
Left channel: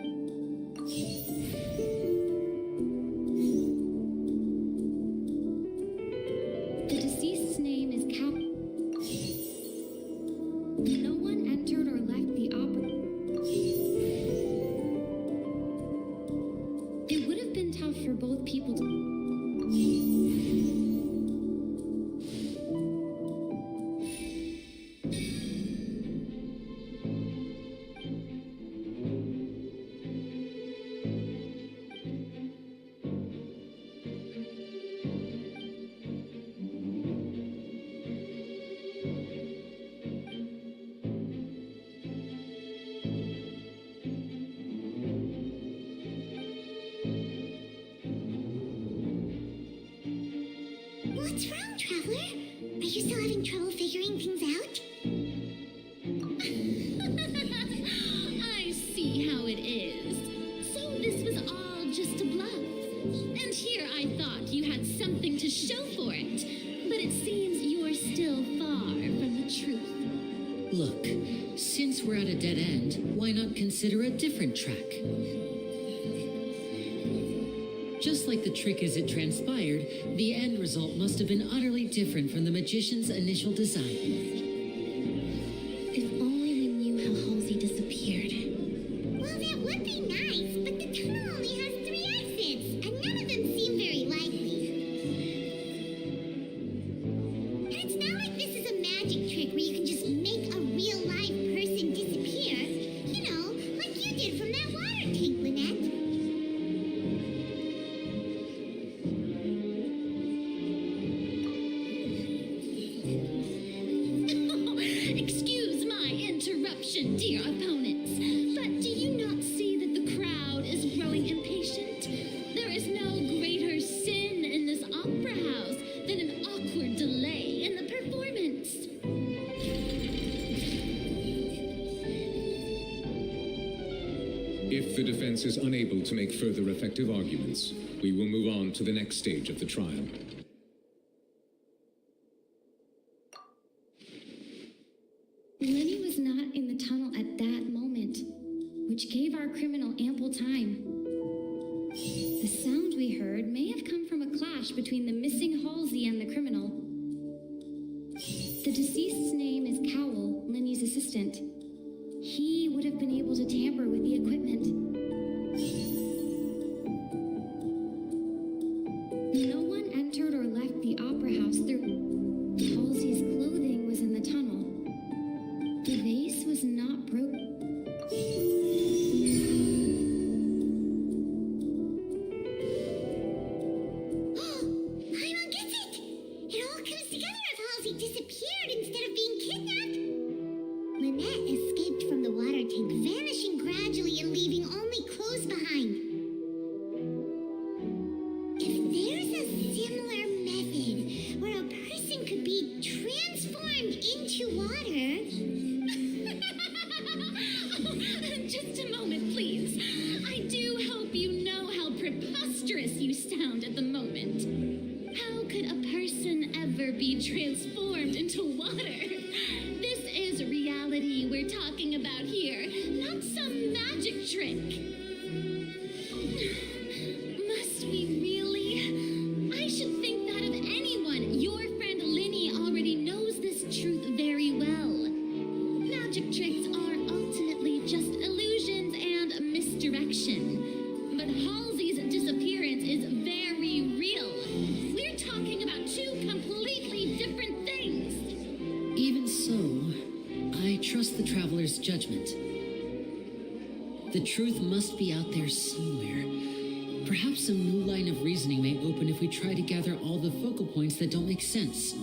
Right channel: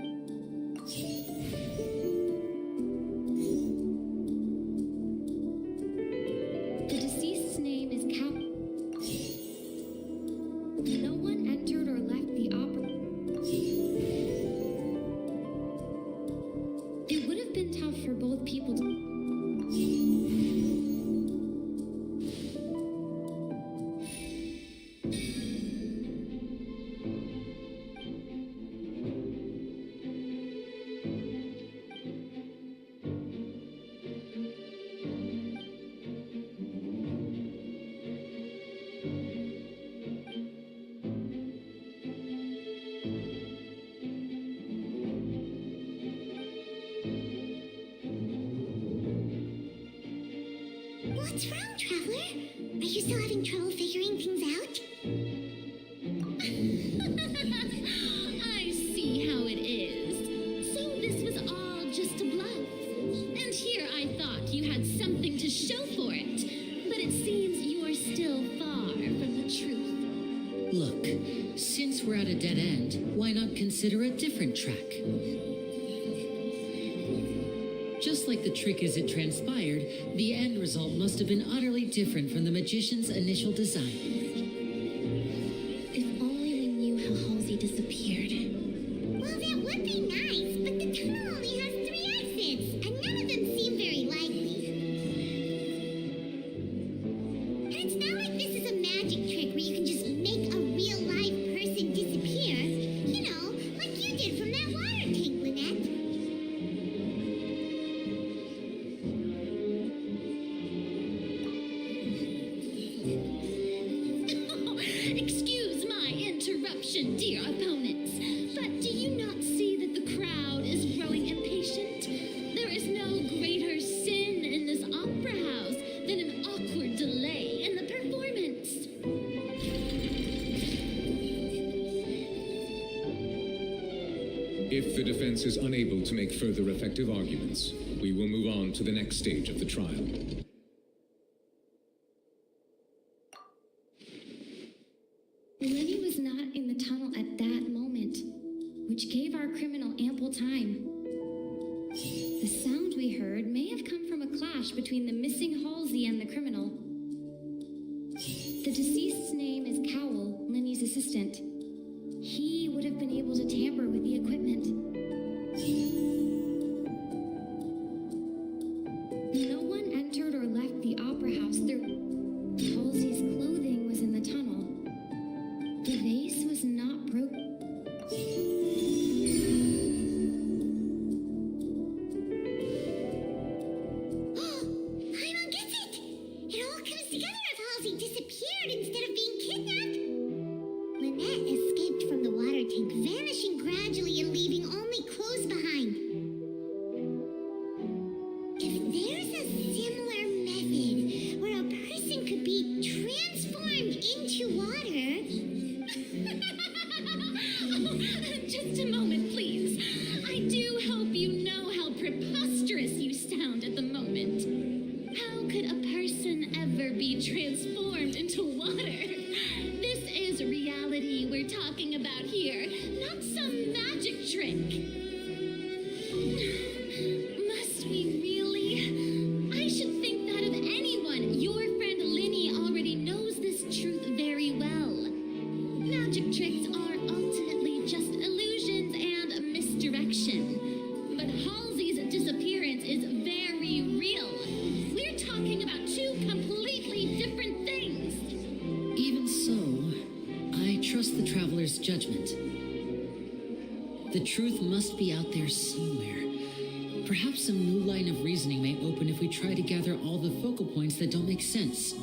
The deceased's name is Cap. No one entered or left the opera. It would have been tough for both people to... What's wrong, Traveler? Are you still having trouble figuring things out? I see how it is. So this was all just a bluff. And here I thought you had something to show for it. But it seems you're still far from the truth. Look, since we're at a dead end, why not consider a different track? Just like the trick as it transpired, the end result must have been utterly different from the magician's initial design. If only we knew how Halsey disappeared. Well, that would be nice, but the tunnel only has 3 exits, and none of them seem very likely. And it's not like this is a magic trick where you can just make a real live person disappear. You know, like you did from that water tank, Lynette. Excuse my interruption, dear opponents, but do you not see that the crowd is growing impatient? There is no greater sin in this opera house than an awkward delay in the performance. If the defense is unable to make further effective arguments, we will move on to the next stage of the trial. Lenny was not in the tunnel at that moment, which gave our criminal ample time. The sound we heard may have come from a clash between the missing Halsey and the criminal. The deceased's name is Cowell, Lenny's assistant. He would have been able to tamper with the equipment. No one entered or left the opera house through... Halsey's clothing was in the tunnel. The vase was not broken. Paimon gets it! It all comes together if Halsey disappeared instead of being kidnapped. Lynette escaped from the water tank, vanishing gradually and leaving only clothes behind. If there's a similar method where a person could be transformed into water... Just a moment, please. I do hope you know how preposterous you sound at the moment. How could a person ever be transformed into water? This is reality we're talking about here, not some magic trick. Must we really? I should think that of anyone. Your friend Linny already knows this truth very well. Magic tricks are ultimately just illusions and misdirection. But Halsey's disappearance is very real. We're talking about 2 completely different things. Even so, I trust the traveler's judgment. The truth must be out there somewhere. Perhaps some new line of reasoning may open if we try to gather all the focal points that don't make sense.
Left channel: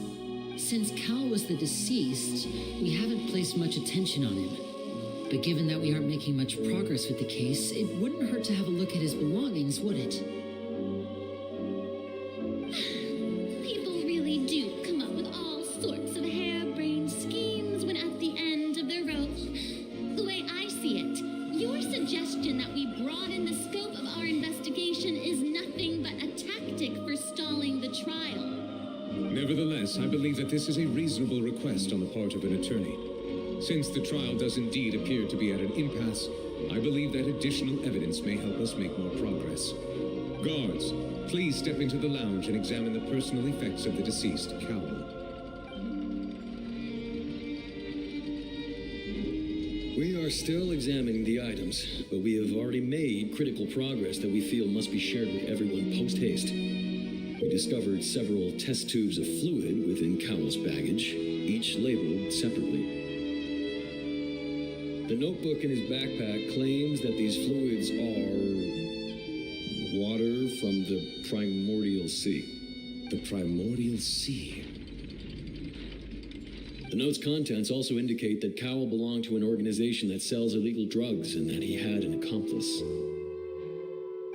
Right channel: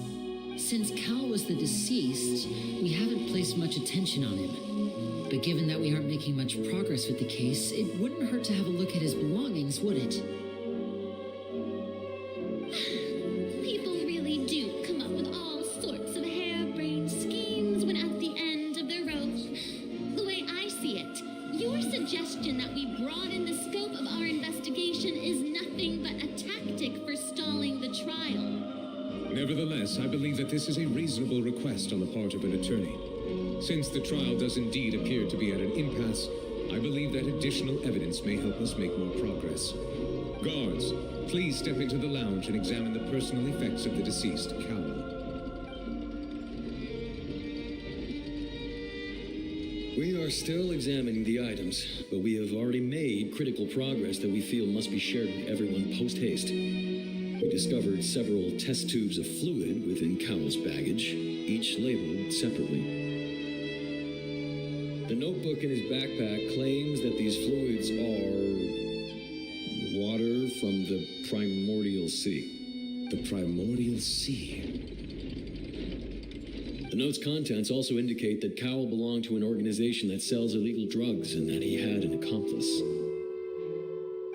Since Cal was the deceased, we haven't placed much attention on him. But given that we aren't making much progress with the case, it wouldn't hurt to have a look at his belongings, would it? People really do come up with all sorts of harebrained schemes when at the end of the rope. The way I see it, your suggestion that we broaden the scope of our investigation is nothing but a tactic for stalling the trial. Nevertheless, I believe that this is a reasonable request on the part of an attorney. Since the trial does indeed appear to be at an impasse, I believe that additional evidence may help us make more progress. Guards, please step into the lounge and examine the personal effects of the deceased, Cowell. We are still examining the items, but we have already made critical progress that we feel must be shared with everyone post-haste. We discovered several test tubes of fluid within Cowell's baggage, each labeled separately. The notebook in his backpack claims that these fluids are water from the primordial sea. The primordial sea. The note's contents also indicate that Cowell belonged to an organization that sells illegal drugs and that he had an accomplice.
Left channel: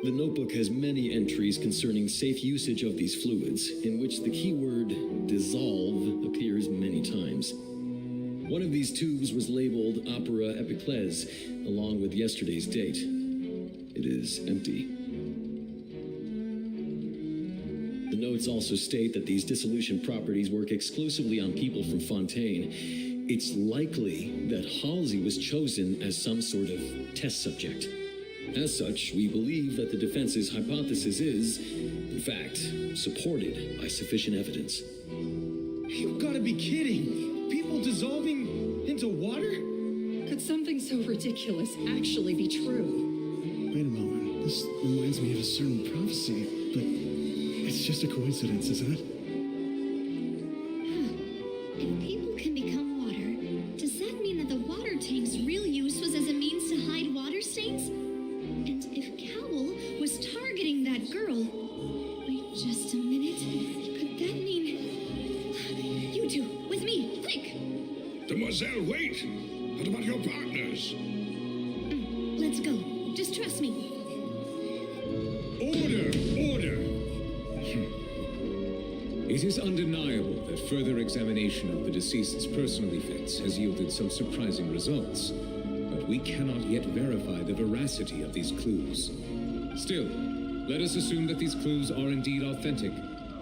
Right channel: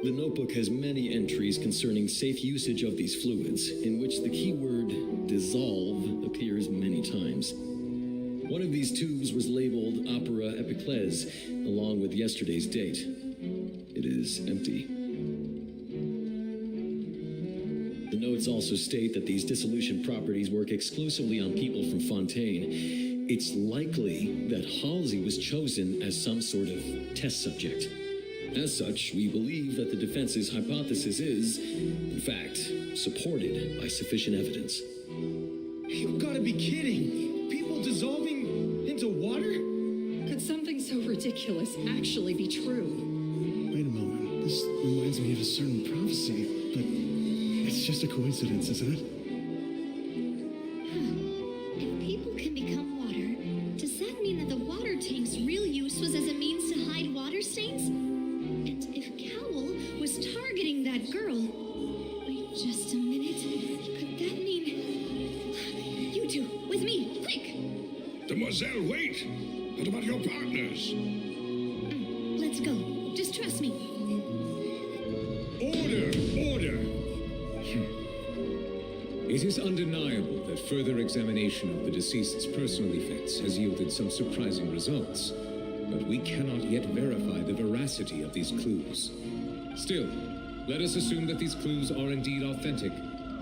The notebook has many entries concerning safe usage of these fluids, in which the keyword dissolve appears many times. One of these tubes was labeled Opera Epiclese, along with yesterday's date. It is empty. The notes also state that these dissolution properties work exclusively on people from Fontaine. It's likely that Halsey was chosen as some sort of test subject. As such, we believe that the defense's hypothesis is, in fact, supported by sufficient evidence. You've got to be kidding! People dissolving into water? Could something so ridiculous actually be true? Wait a moment. This reminds me of a certain prophecy, but it's just a coincidence, isn't it? If people can become water, does that mean that the water tank's real use was as a means to hide water stains? And if Cowl was targeting that girl... Wait just a minute. Could that mean... You two, with me, quick! Demoiselle, wait! What about your partners? Let's go. Just trust me. Order! Order! It is undeniable that further examination of the deceased's personal effects has yielded some surprising results, but we cannot yet verify the veracity of these clues. Still, let us assume that these clues are indeed authentic,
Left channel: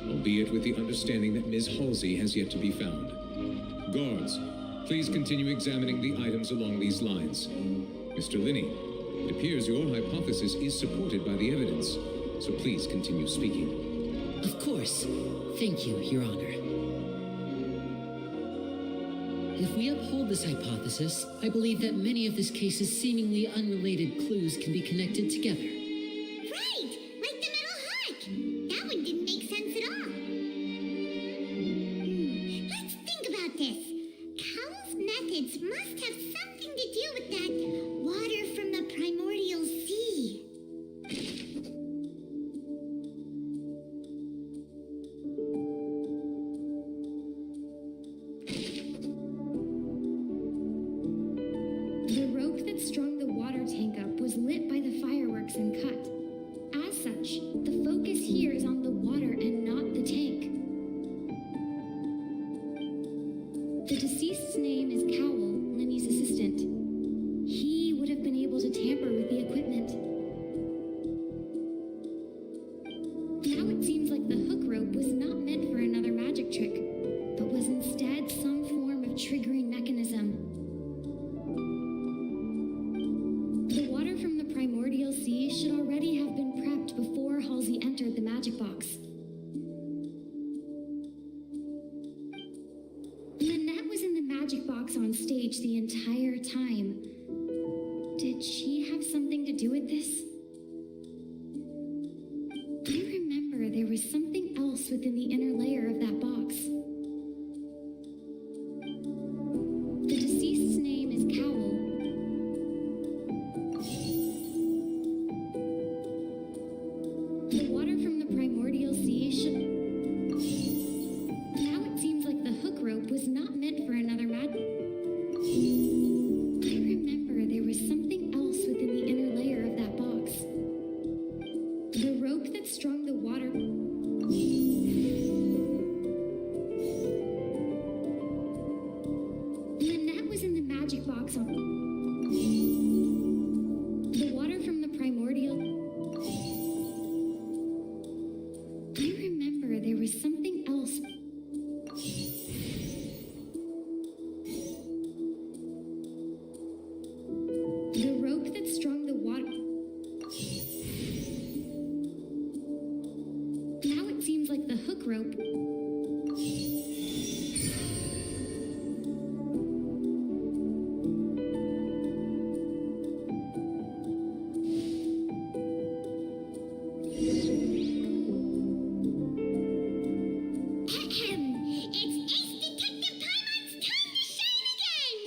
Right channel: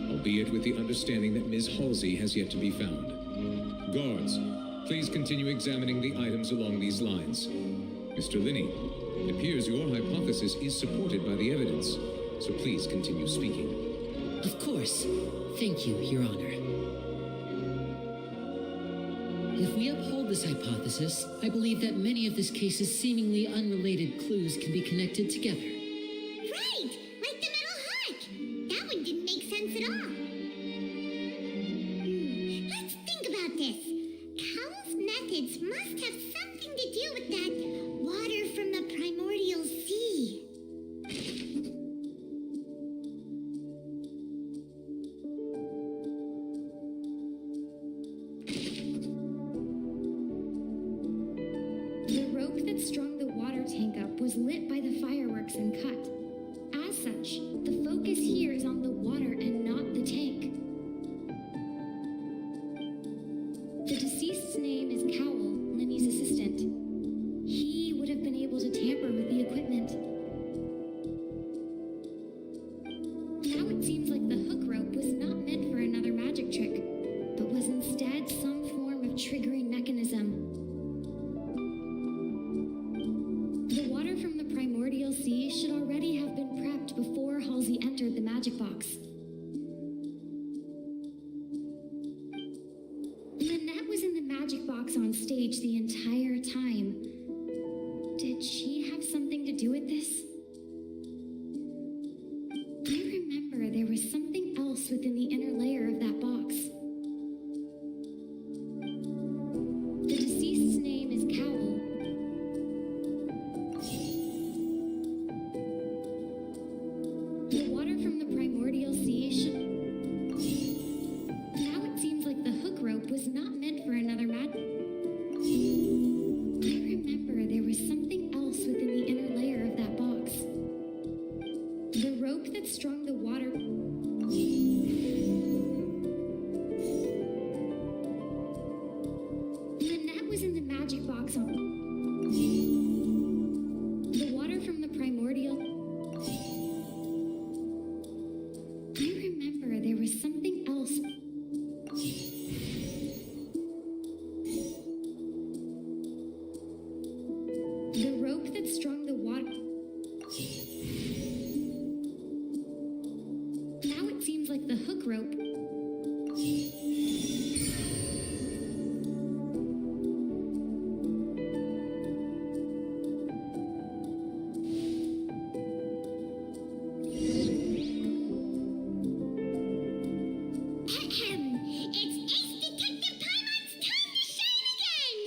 albeit with the understanding that Ms. Halsey has yet to be found. Guards, please continue examining the items along these lines. Mr. Linney, it appears your hypothesis is supported by the evidence, so please continue speaking. Of course. Thank you, Your Honor. If we uphold this hypothesis, I believe that many of this case's seemingly unrelated clues can be connected together. Right! Like the metal heart! That one didn't make sense at all. Let's think about this. Cowell's methods must have something to do with that water from the primordial sea. The rope that strung the water tank up was lit by the fireworks and cut. As such, the focus here is on the water and not the tank. The deceased's name is Cowell, Lenny's assistant. He would have been able to tamper with the equipment. Now it seems like the hook rope was not meant for another magic trick, but was instead some form of triggering mechanism. The water from the primordial sea should already have been prepped before Halsey entered the magic box. Lynette was in the magic box on stage the entire time. Did she have something to do with this? I remember there was something else within the inner layer of that box. The deceased's name is Cowell. The water from the primordial sea should... Now it seems like the hook rope was not meant for another I remember there was something else within the inner layer of that box. The rope that strung the water... Lynette was in the magic box on... The water from the primordial... I remember there was something else... The rope that strung the water... Now it seems like the hook rope... It's Ace Detective Paimon's time to shine again!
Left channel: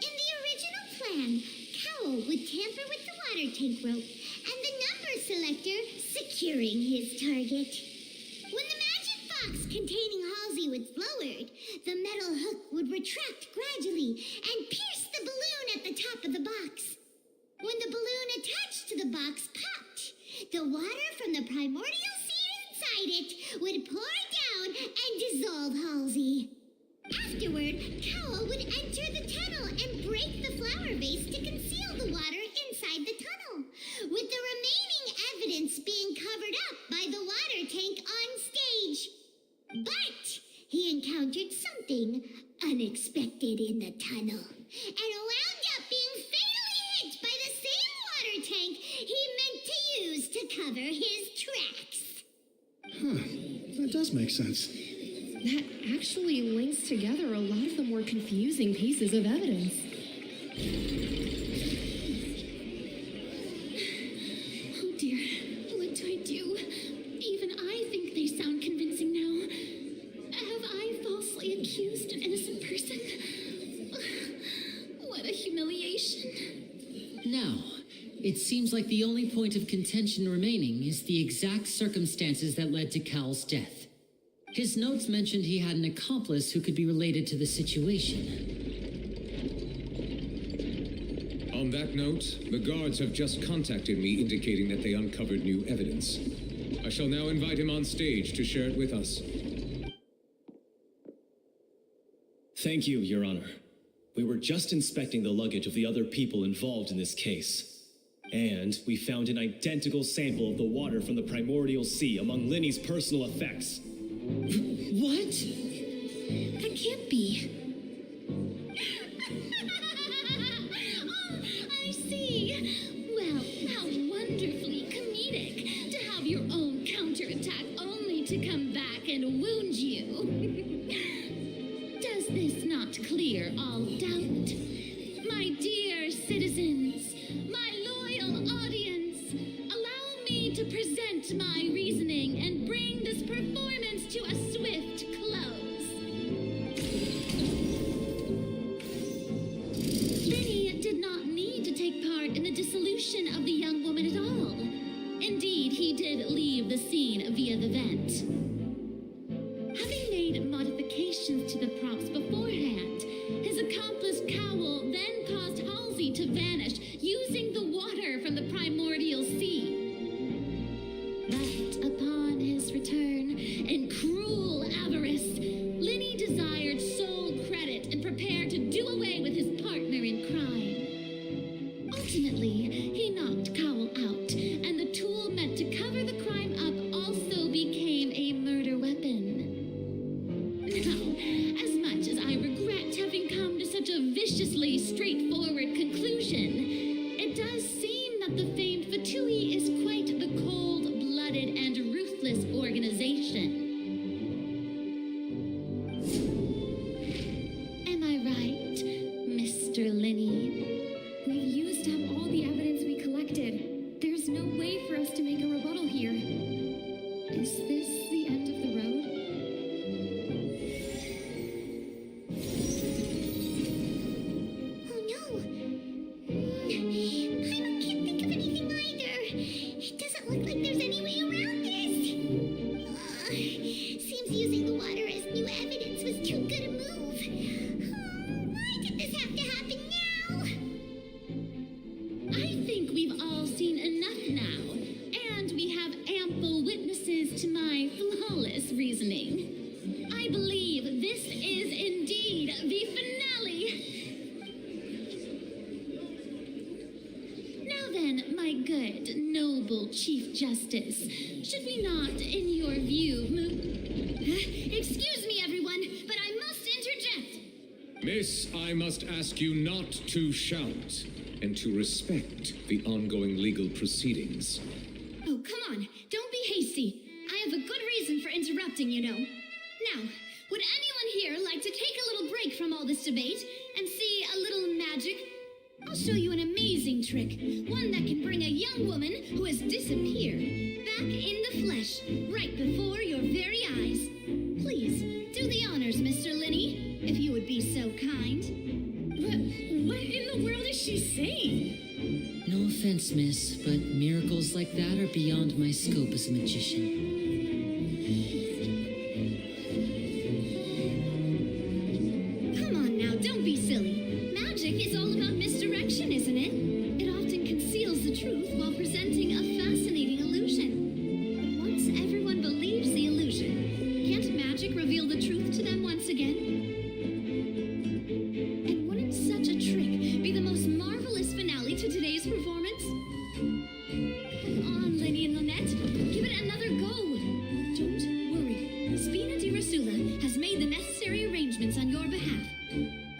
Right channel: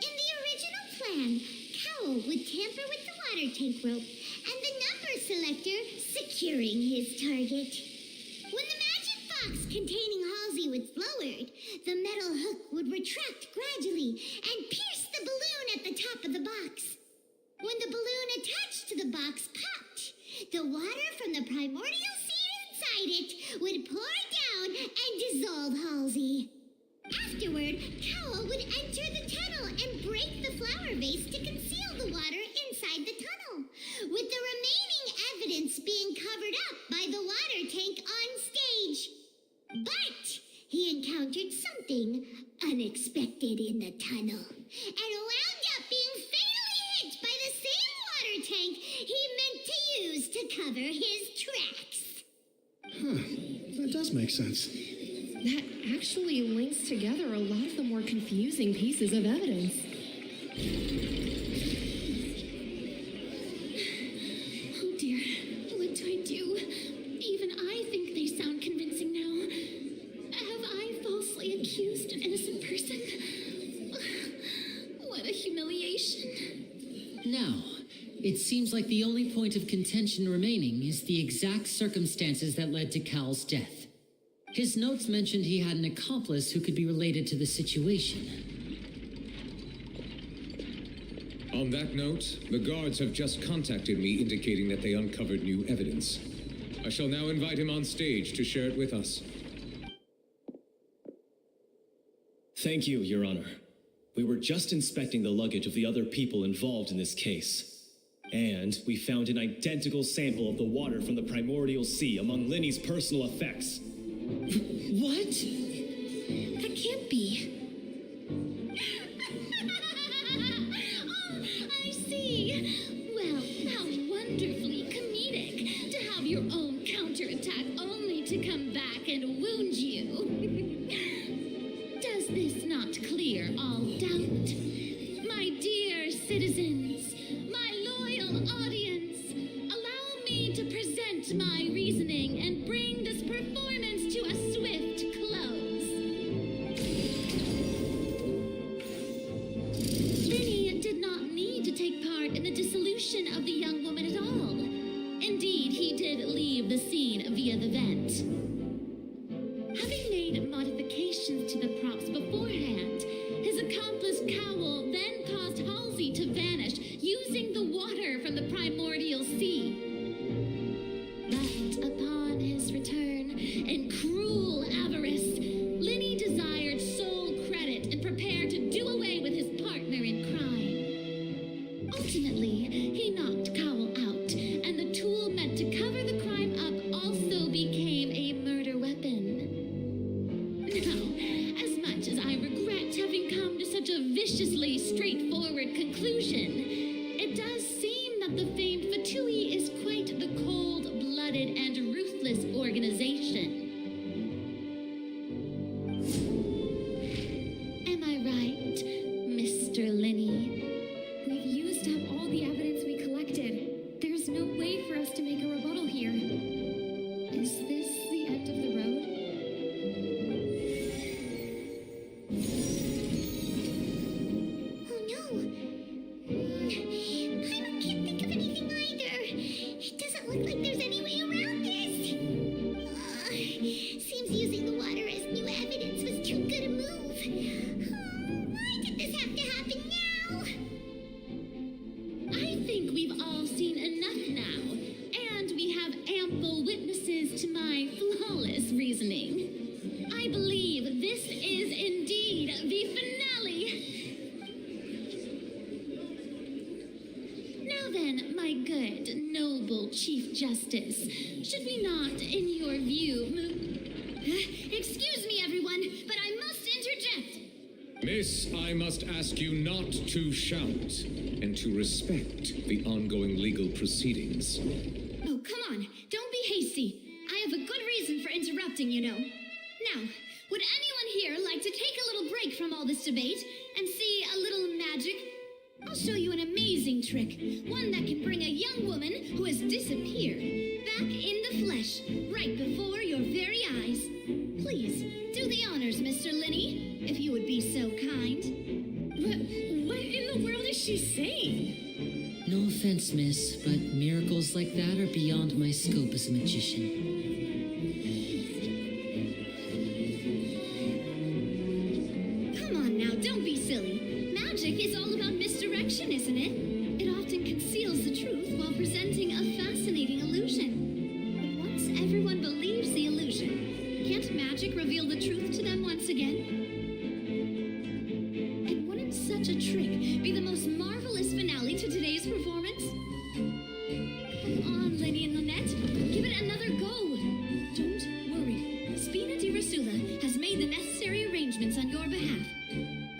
In the original plan, Cowell would tamper with the water tank rope and the number selector securing his target. When the magic box containing Halsey was lowered, the metal hook would retract gradually and pierce the balloon at the top of the box. When the balloon attached to the box popped, the water from the primordial sea inside it would pour down and dissolve Halsey. Afterward, Cowell would enter the tunnel and break the flower vase to conceal the water inside the tunnel, with the remaining evidence being covered up by the water tank on stage. But he encountered something unexpected in the tunnel and wound up being fatally hit by the same water tank he cover his tracks. Huh, that does make sense. That actually links together a lot of the more confusing pieces of evidence. Oh dear, what do I do? Even I think they sound convincing now. Have I falsely accused an innocent person? What a humiliation. Now, it seems like the only point of contention remaining is the exact circumstances that led to Cal's death. His notes mentioned he had an accomplice who could be related to the situation. On that note, the guards have just contacted me indicating that they uncovered new evidence. I shall now invite him on stage to share it with us. Thank you, Your Honor. We were just inspecting the luggage of the other people involved in this case. And we found an identical sample of the water from the primordial sea among Linny's personal effects. What? That can't be. Oh, I see. Well, how wonderfully comedic to have your own counterattack only to come back and wound you. Does this not clear all doubt? My dear citizens, my loyal audience, allow me to present my reasoning and bring this performance to a swift close. Linny did not need to take part in the dissolution of the young woman at all. Indeed, he did leave the scene via the vent. Having made modifications to the props beforehand, his accomplice Cowell then caused Halsey to vanish using the water from the primordial sea. But upon his return, in cruel avarice, Linny desired sole credit and prepared to do away with his partner in crime. Ultimately, he knocked Cowell out, and the tool meant to cover the crime up also became a murder weapon. Now, as much as I regret having come to such a viciously straightforward conclusion, it does seem that the famed Fatui is quite the cold-blooded and ruthless organization. Am I right, Mr. Linny? We've used up all the evidence we collected. There's no way for us to make a rebuttal here. Is this the end of the road? Oh no! Paimon can't think of anything either. It doesn't look like there's any way around this. Seems using the water as new evidence was too good a move. Why did this have to happen now? I think we've all seen enough now, and we have ample witnesses to my flawless reasoning. I believe this is indeed the finale. Now then, my good, noble Chief Justice, should we not, in your view, excuse me, everyone, but I must interject. Miss, I must ask you not to shout and to respect the ongoing legal proceedings. Oh, come on, don't be hasty. I have a good reason for interrupting, you know. Now, would anyone here like to take a little break from all this debate and see a little magic? I'll show you an amazing trick, one that can bring a young woman who has disappeared back in the flesh, right before your very eyes. Please, do the honors, Mr. Linny, if you would be so kind. What in the world is she saying? No offense, miss, but miracles like that are beyond my scope as a magician. Come on now, don't be silly. Magic is all about misdirection, isn't it? It often conceals the truth while presenting a fascinating illusion. But once everyone believes the illusion, can't magic reveal the truth to them once again? And wouldn't such a trick be the most marvelous finale to today's performance? Come on, Lenny and Lynette, give it another go. Don't worry, Spina di Rasula has made the necessary arrangements on your behalf.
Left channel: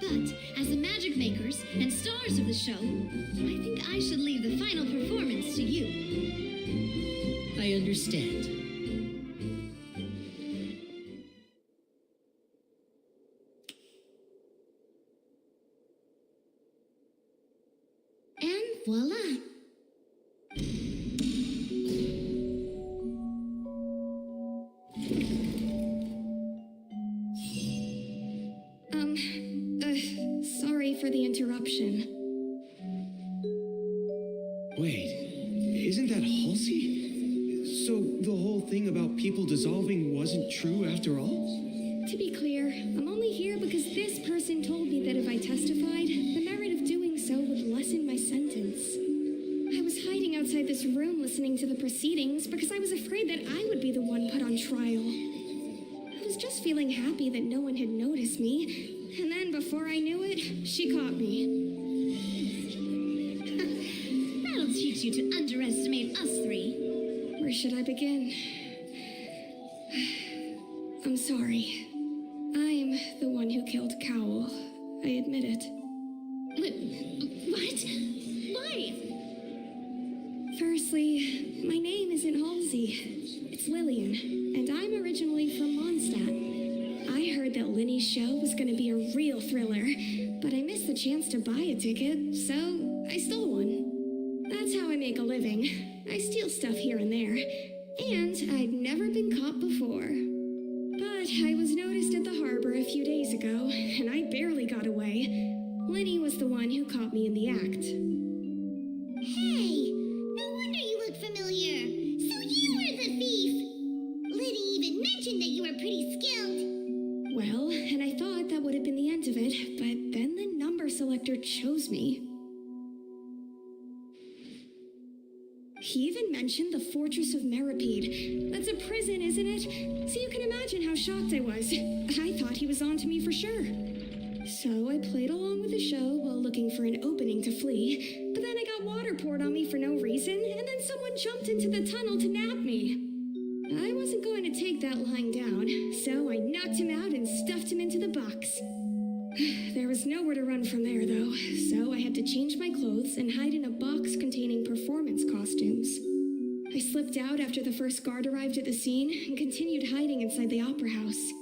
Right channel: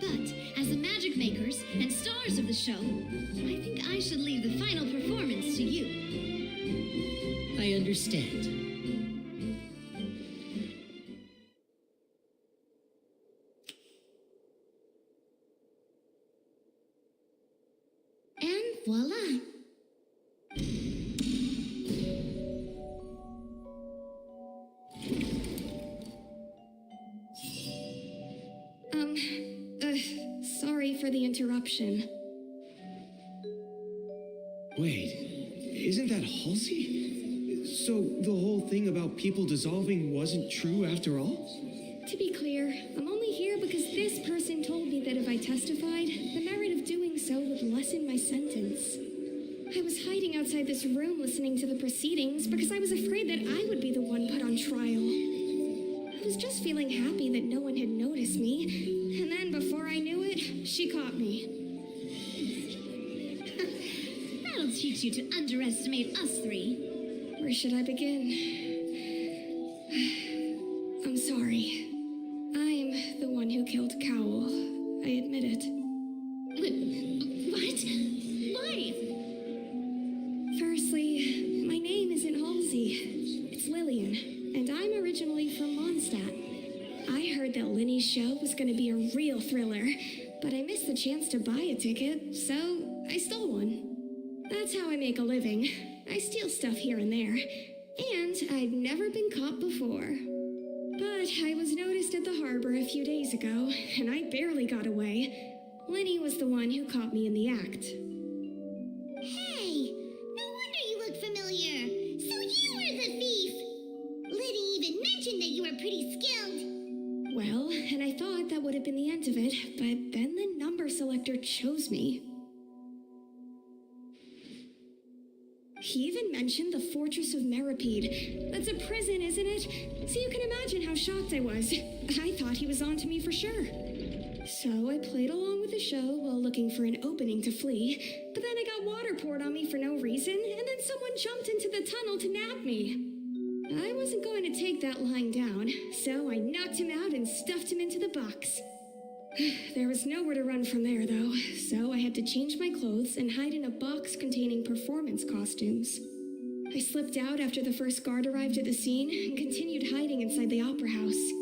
But as the magic makers and stars of the show, I think I should leave the final performance to you. I understand. And voila. Sorry for the interruption. Wait, isn't that Halsey? So the whole thing about people dissolving wasn't true after all? To be clear, I'm only here because this person told me that if I testified, the merit of doing so would lessen my sentence. I was hiding outside this room listening to the proceedings because I was afraid that I would be the one put on trial. I was just feeling happy that no one had noticed me, and then before I knew it, she caught me. That'll teach you to underestimate us three. Where should I begin? I'm sorry. I'm the one who killed Cowell. I admit it. What? Why? Firstly, my name isn't Halsey. It's Lillian, and I'm originally from Mondstadt. I heard that Linny's show was going to be a real thriller, but I missed the chance to buy a ticket, so I stole one. That's how I make a living. I steal stuff here and there, and I'd never been caught before. But I was noticed at the harbor a few days ago, and I barely got away. Linny was the one who caught me in the act. Hey, no wonder you look familiar. So you were the thief. Liddy even mentioned that you were pretty skilled. Well, and I thought that would have been the end of it, but then the number selector chose me. He even mentioned the Fortress of Meripede. That's a prison, isn't it? So you can imagine how shocked I was. I thought he was on to me for sure. So I played along with the show while looking for an opening to flee, but then I got water poured on me for no reason, and then someone jumped into the tunnel to nab me. I wasn't going to take that lying down, so I knocked him out and stuffed him into the box. There was nowhere to run from there, though, so I had to change my clothes and hide in a box containing performance costumes. I slipped out after the first guard arrived at the scene and continued hiding inside the opera house.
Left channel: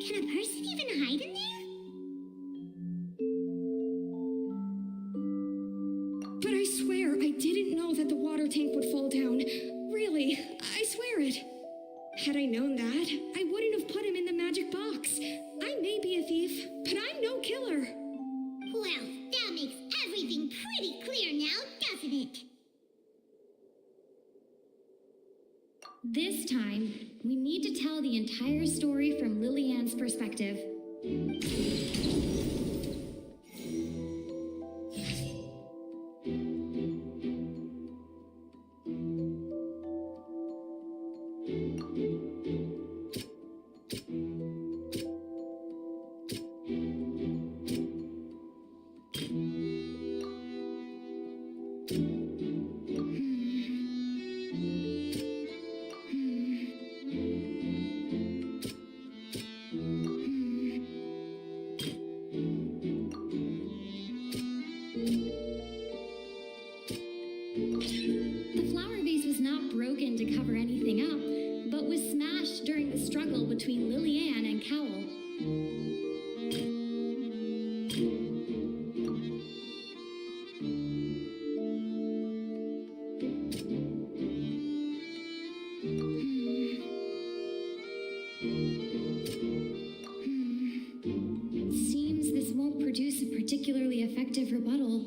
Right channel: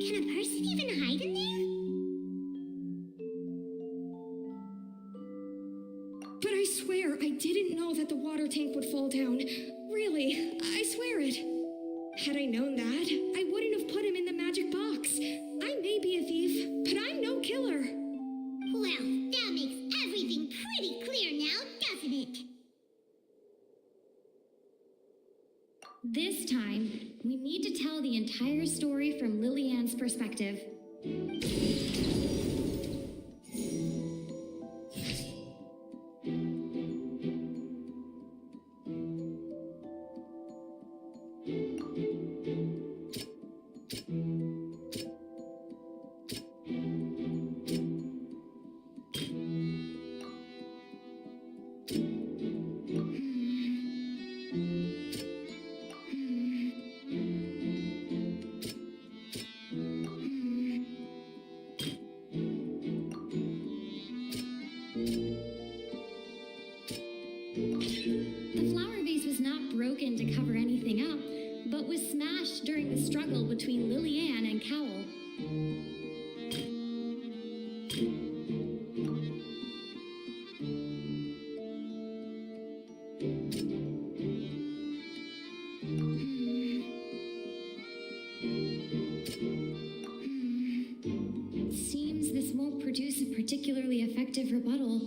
Can a person even hide in there? But I swear I didn't know that the water tank would fall down. Really, I swear it. Had I known that, I wouldn't have put him in the magic box. I may be a thief, but I'm no killer. Well, that makes everything pretty clear now, doesn't it? This time, we need to tell the entire story from Lillian's perspective. Broken to cover anything up, but was smashed during the struggle between Lillian and Cowell. Seems this won't produce a particularly effective rebuttal.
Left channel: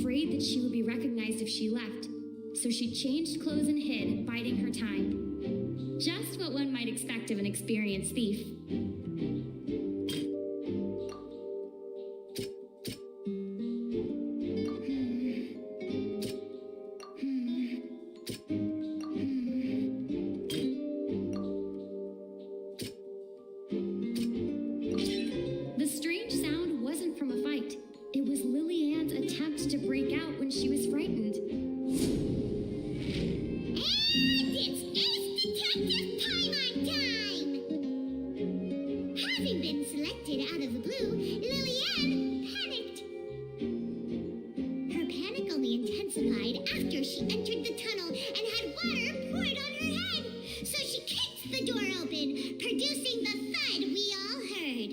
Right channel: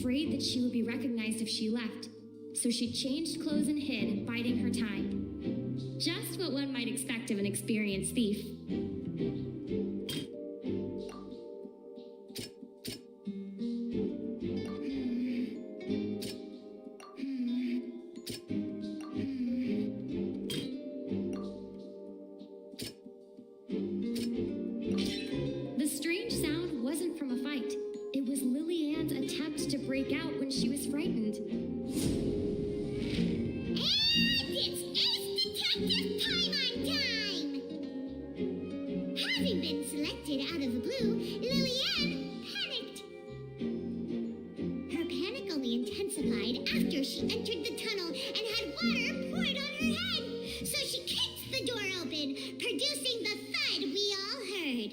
Afraid that she would be recognized if she left, so she changed clothes and hid, biding her time. Just what one might expect of an experienced thief. The strange sound wasn't from a fight. It was Lillian's attempt to break out when she was frightened. And it's Ace Detective Paimon time! Having been selected selected out of the blue, Lillian panicked. Her panic only intensified after she entered the tunnel and had water poured on her head. So she kicked the door open, producing the thud we all heard.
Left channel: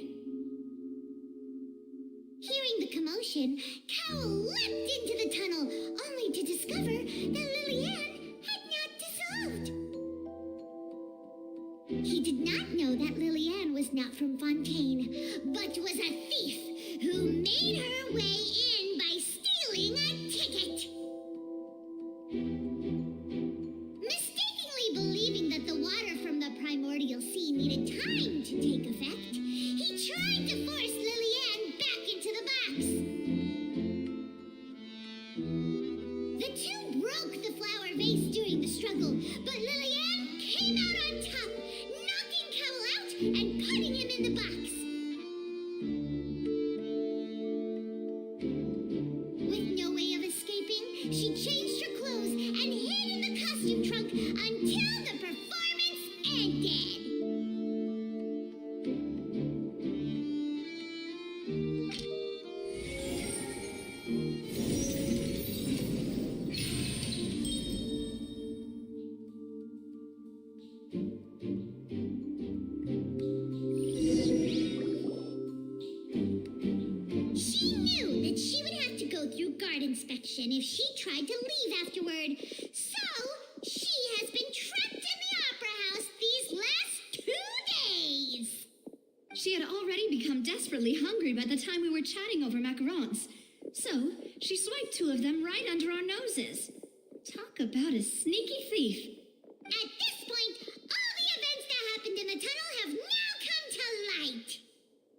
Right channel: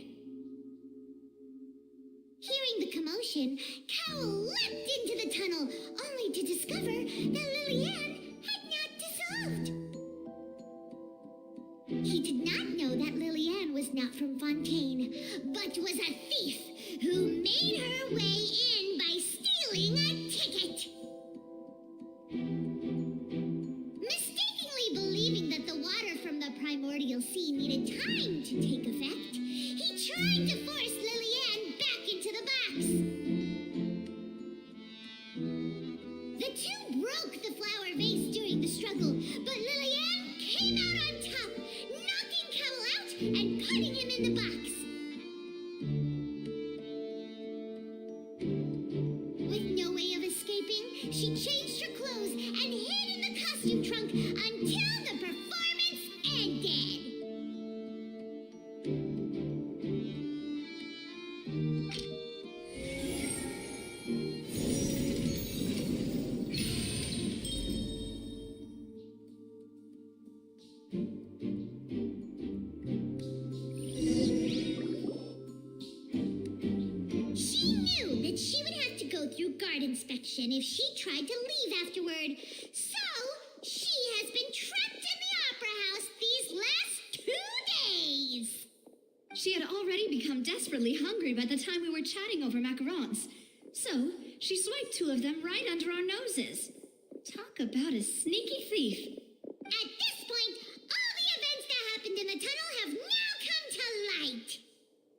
Hearing the commotion, Cowell leapt into the tunnel, only to discover that Lillian had not dissolved. He did not know that Lillian was not from Fontaine, but was a thief who made her way in by stealing a ticket. Mistakenly believing that the water from the primordial sea needed time to take effect, he tried to force Lillian back into the box. The two broke the flower vase during the struggle, but Lillian came out on top, knocking Cowell out and putting him in the box. With no way of escaping, she changed her clothes and hid in the costume trunk until the performance ended. She knew that she would have to go through guard inspection if she tried to leave afterward. So, she has been trapped in the Opera House these last 2 days. She had already become desperately hungry by the time we were chatting over macarons. So, she swiped 2 of them right under our noses. Talk about a sneaky thief. At this point, all the events that happened in the tunnel have now come to light.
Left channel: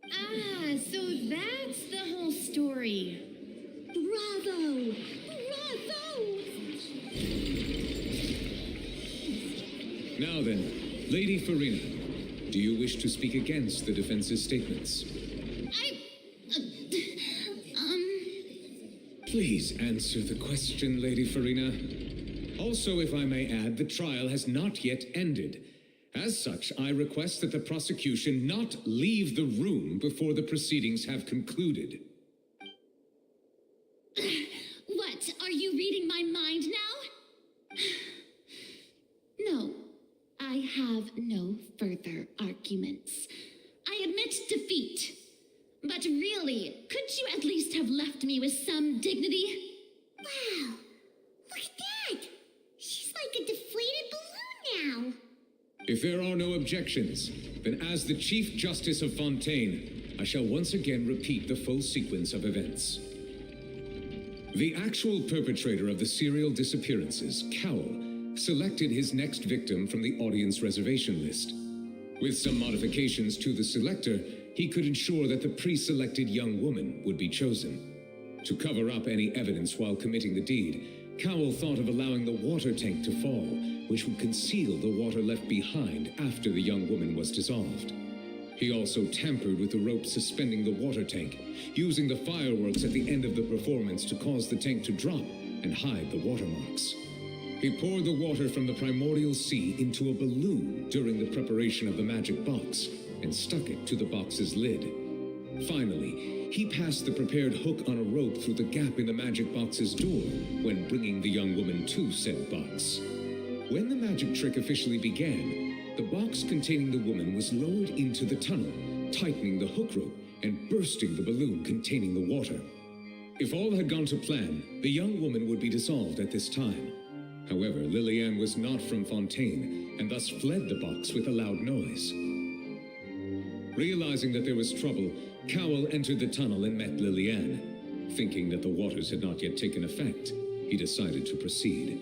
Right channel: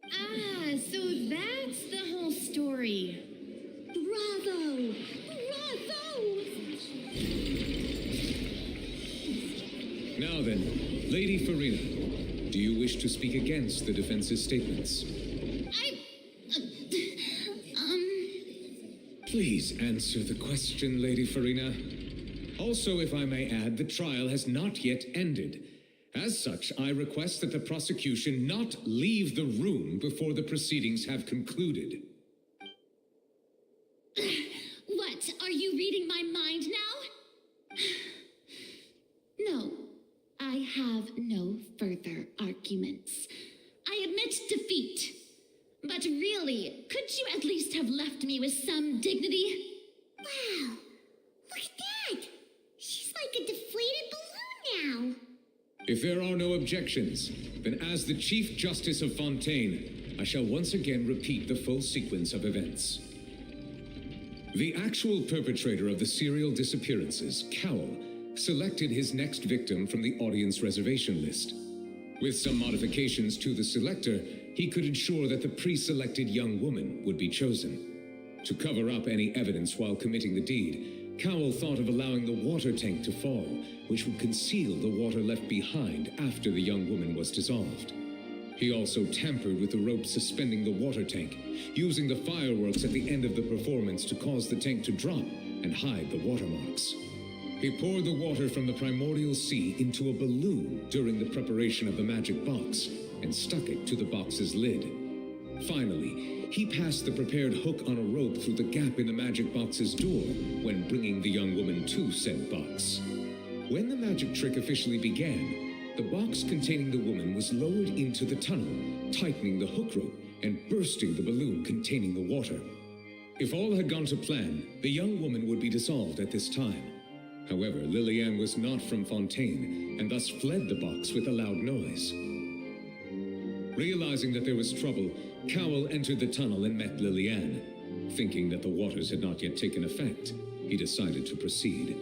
Ah, so that's the whole story. Bravo! Bravo! Now then, Lady Farina, do you wish to speak against the defense's statements? Please answer the question, Lady Farina. Also, if I may add, the trial has not yet ended. As such, I request that the prosecution not leave the room before the proceedings have concluded. What, are you reading my mind now? No, I have no further arguments. I admit defeat. But really, could you at least have left me with some dignity? Wow, look at that. She's like a deflated balloon now. If there are no objections, then as the Chief Justice of Fontaine, I shall once again repeat the full sequence of events. The actual perpetrator of the serial disappearances, Cowell, selected his next victim from the audience reservation list. With some modifications to the selector, he could ensure that the pre-selected young woman would be chosen. To cover up any evidence while committing the deed, Cowell thought of allowing the water tank to fall, which would conceal the water left behind after the young woman was dissolved. He also tampered with the rope suspending the water tank, using the fireworks at the end of the performance to cause the tank to drop and hide the watermarks. He poured the water from the primordial sea into a balloon during the preparation of the magic box and stuck it to the box's lid. Finally, he passed the prepared hook on a rope through the gap in the magic box's door when bringing the young woman to said box. When the magic trick officially began, the box containing the woman was lowered into the tunnel, tightening the hook rope and bursting the balloon containing the water. If all had gone to plan, the young woman would be dissolved at this time. However, Lillian was not from Fontaine and thus fled the box with a loud noise. Realizing that there was trouble, Cowell entered the tunnel and met Lillian. Thinking that the waters had not yet taken effect, he decided to proceed.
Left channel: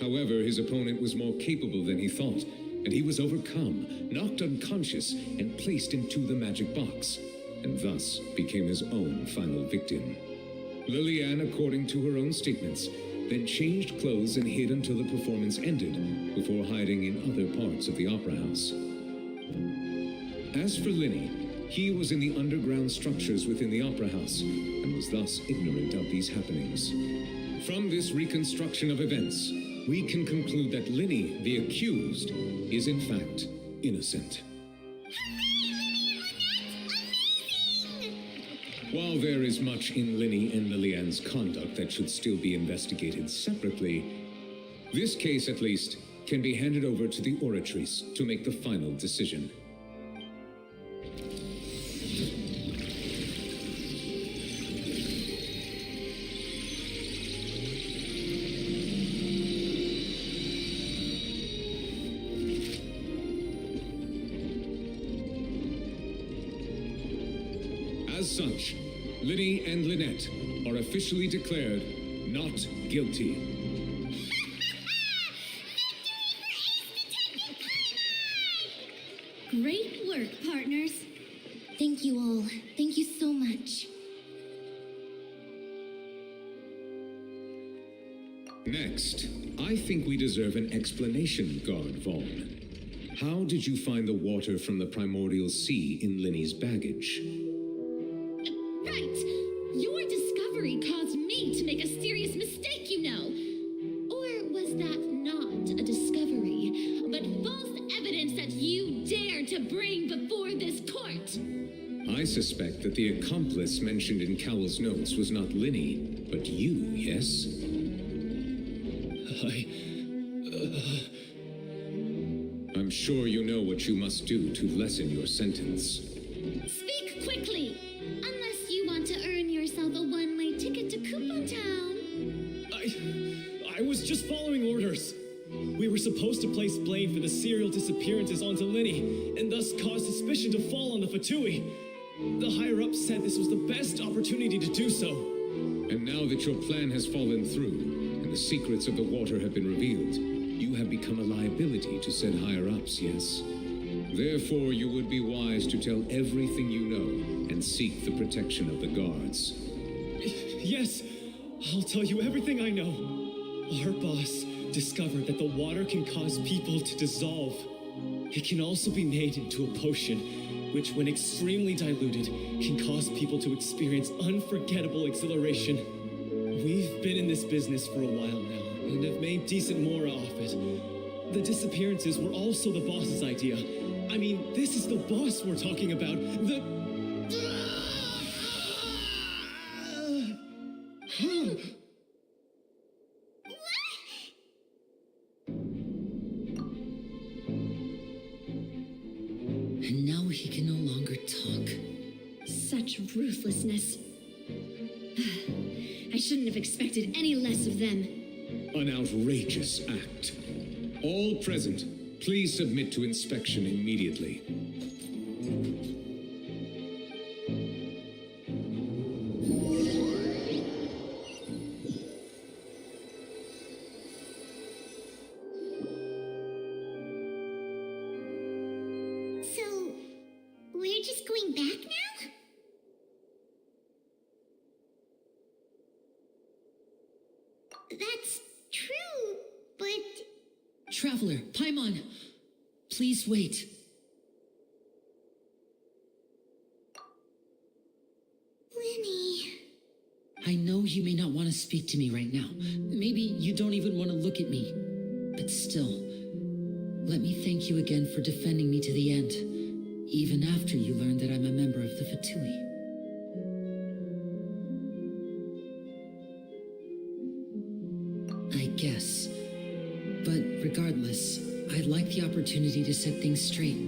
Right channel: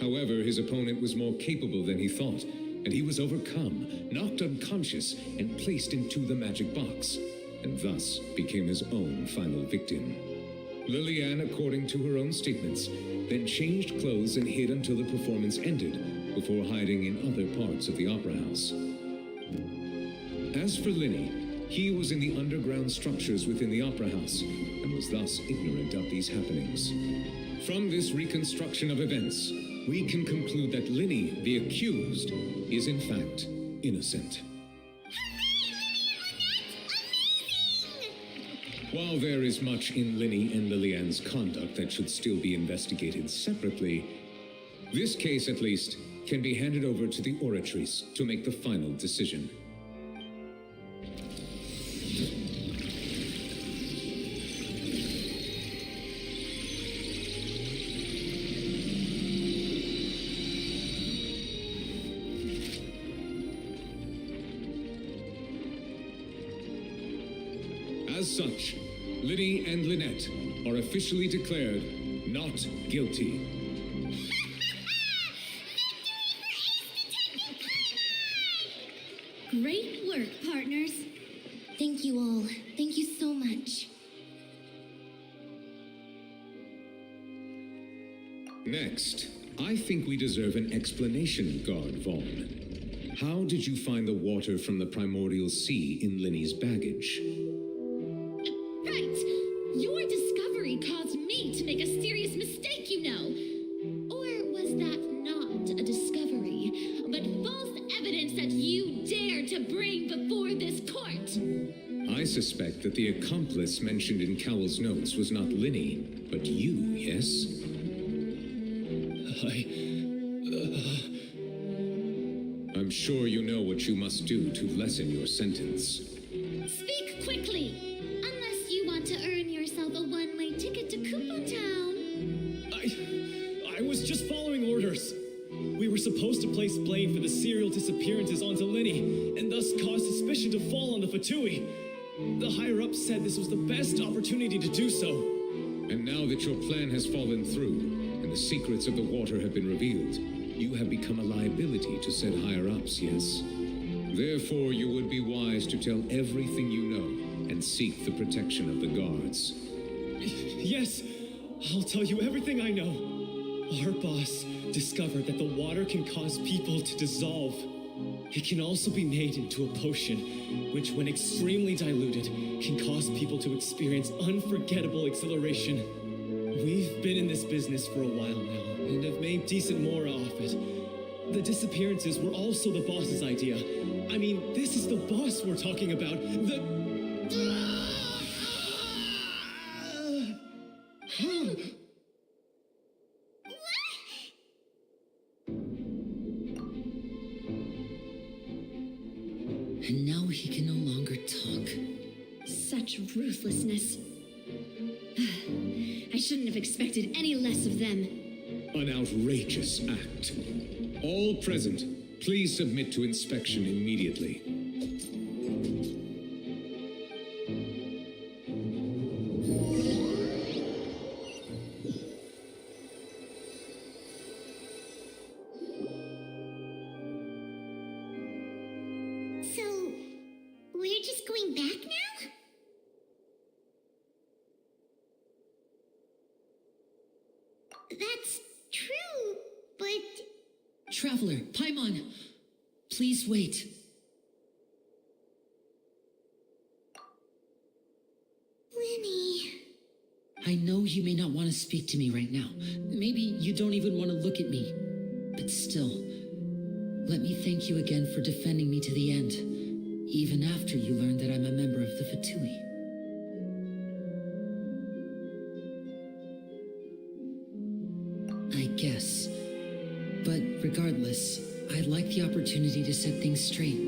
However, his opponent was more capable than he thought, and he was overcome, knocked unconscious, and placed into the magic box, and thus became his own final victim. Lillian, according to her own statements, then changed clothes and hid until the performance ended, before hiding in other parts of the opera house. As for Linny, he was in the underground structures within the opera house, and was thus ignorant of these happenings. From this reconstruction of events, we can conclude that Linny, the accused, is in fact innocent. Hooray, Linny and While there is much in Linny and Lilianne's conduct that should still be investigated separately, this case, at least, can be handed over to the Oratrice to make the final decision. As such, Linny and Lynette are officially declared not guilty. Great work, partners. Thank you all. Thank you so much. Next, I think we deserve an explanation, Guard Vaughn. How did you find the water from the primordial sea in Linny's baggage? Right! Your discovery caused me to make a serious mistake, you know. Or was that not a discovery, but false evidence that you dare to bring before this court? I suspect that the accomplice mentioned in Cowell's notes was not Linny, but you, yes? I'm sure you know what you must do to lessen your sentence. Speak quickly, unless you want to earn yourself a one-way ticket to Coupon Town. I was just following orders. We were supposed to place blame for the serial disappearances onto Linny, and thus cause suspicion to fall on the Fatui. The higher-ups said this was the best opportunity to do so. And now that your plan has fallen through, and the secrets of the water have been revealed, you have become a liability to said higher-ups, yes? Therefore, you would be wise to tell everything you know and seek the protection of the guards. Yes, I'll tell you everything I know. Our boss discovered that the water can cause people to dissolve. It can also be made into a potion, which, when extremely diluted, can cause people to experience unforgettable exhilaration. We've been in this business for a while now, and have made decent mora off it. The disappearances were also the boss's idea. I mean, this is the boss we're talking about. And now he can no longer talk. Such ruthlessness. I shouldn't have expected any less of them. An outrageous act. All present, please submit to inspection immediately. So, we're just going back now? That's true, but... Traveler, Paimon, please wait. Linny... I know you may not want to speak to me right now. Maybe you don't even want to look at me. But still, let me thank you again for defending me to the end, even after you learned that I'm a member of the Fatui. I guess. But regardless, I'd like the opportunity to set things straight.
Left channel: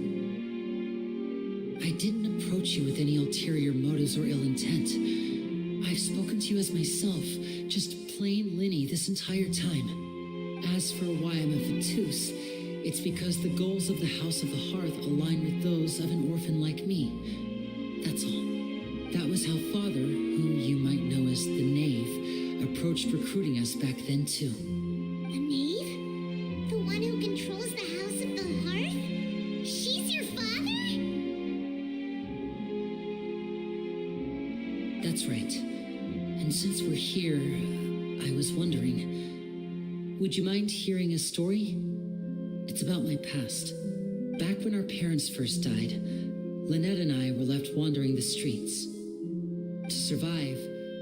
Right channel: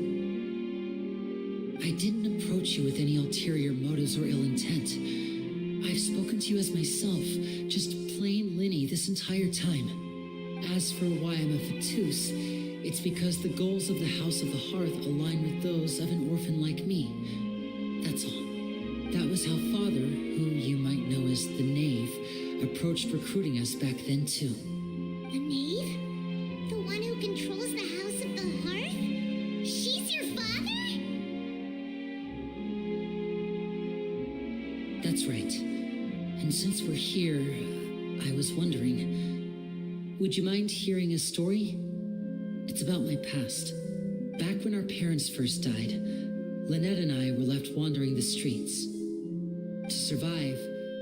I didn't approach you with any ulterior motives or ill intent. I've spoken to you as myself, just plain Linny this entire time. As for why I'm a Fatus, it's because the goals of the House of the Hearth align with those of an orphan like me. That's all. That was how Father, who you might know as the Knave, approached recruiting us back then too. A knave? The one who controls the House of the Hearth? She's your father? That's right. And since we're here, I was wondering, would you mind hearing a story? It's about my past. Back when our parents first died, Lynette and I were left wandering the streets. To survive,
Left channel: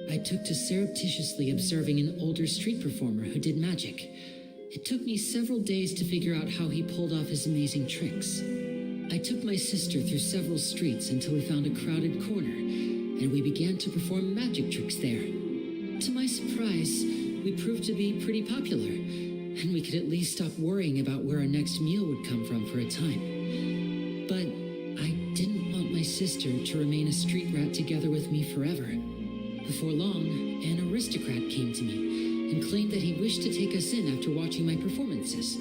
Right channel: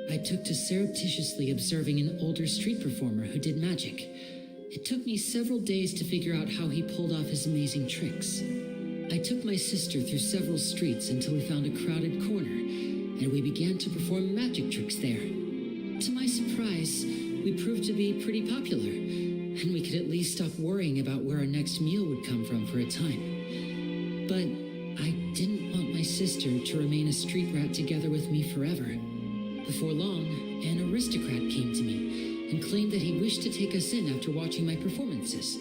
I took to surreptitiously observing an older street performer who did magic. It took me several days to figure out how he pulled off his amazing tricks. I took my sister through several streets until we found a crowded corner, and we began to perform magic tricks there. To my surprise, we proved to be pretty popular, and we could at least stop worrying about where our next meal would come from for a time. But I didn't want my sister to remain a street rat together with me forever. Before long, an aristocrat came to me and claimed that he wished to take us in after watching my performances.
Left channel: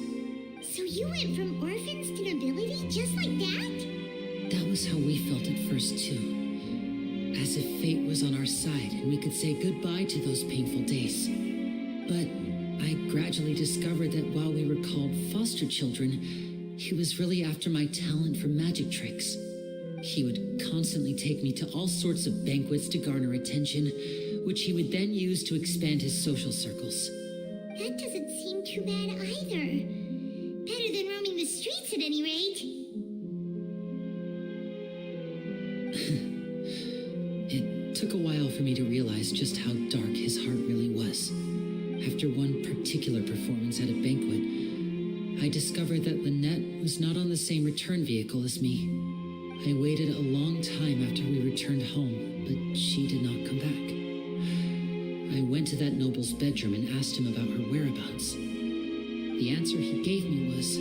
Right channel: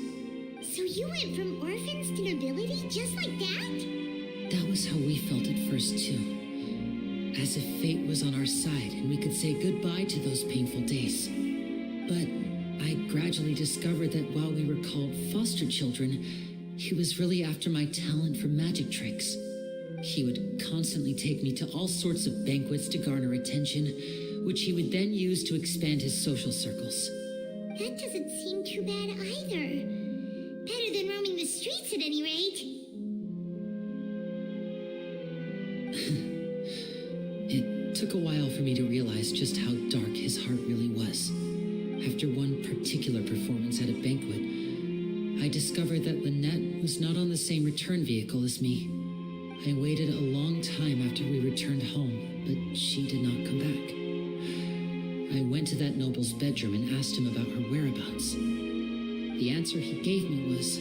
So you went from orphans to nobility just like that? That was how we felt at first, too. As if fate was on our side and we could say goodbye to those painful days. But I gradually discovered that while we were called foster children, he was really after my talent for magic tricks. He would constantly take me to all sorts of banquets to garner attention, which he would then use to expand his social circles. That doesn't seem too bad either. Better than roaming the streets at any rate. It took a while for me to realize just how dark his heart really was. After one particular performance at a banquet, I discovered that Lynette was not on the same return vehicle as me. I waited a long time after we returned home, but she did not come back. I went to that noble's bedroom and asked him about her whereabouts. The answer he gave me was,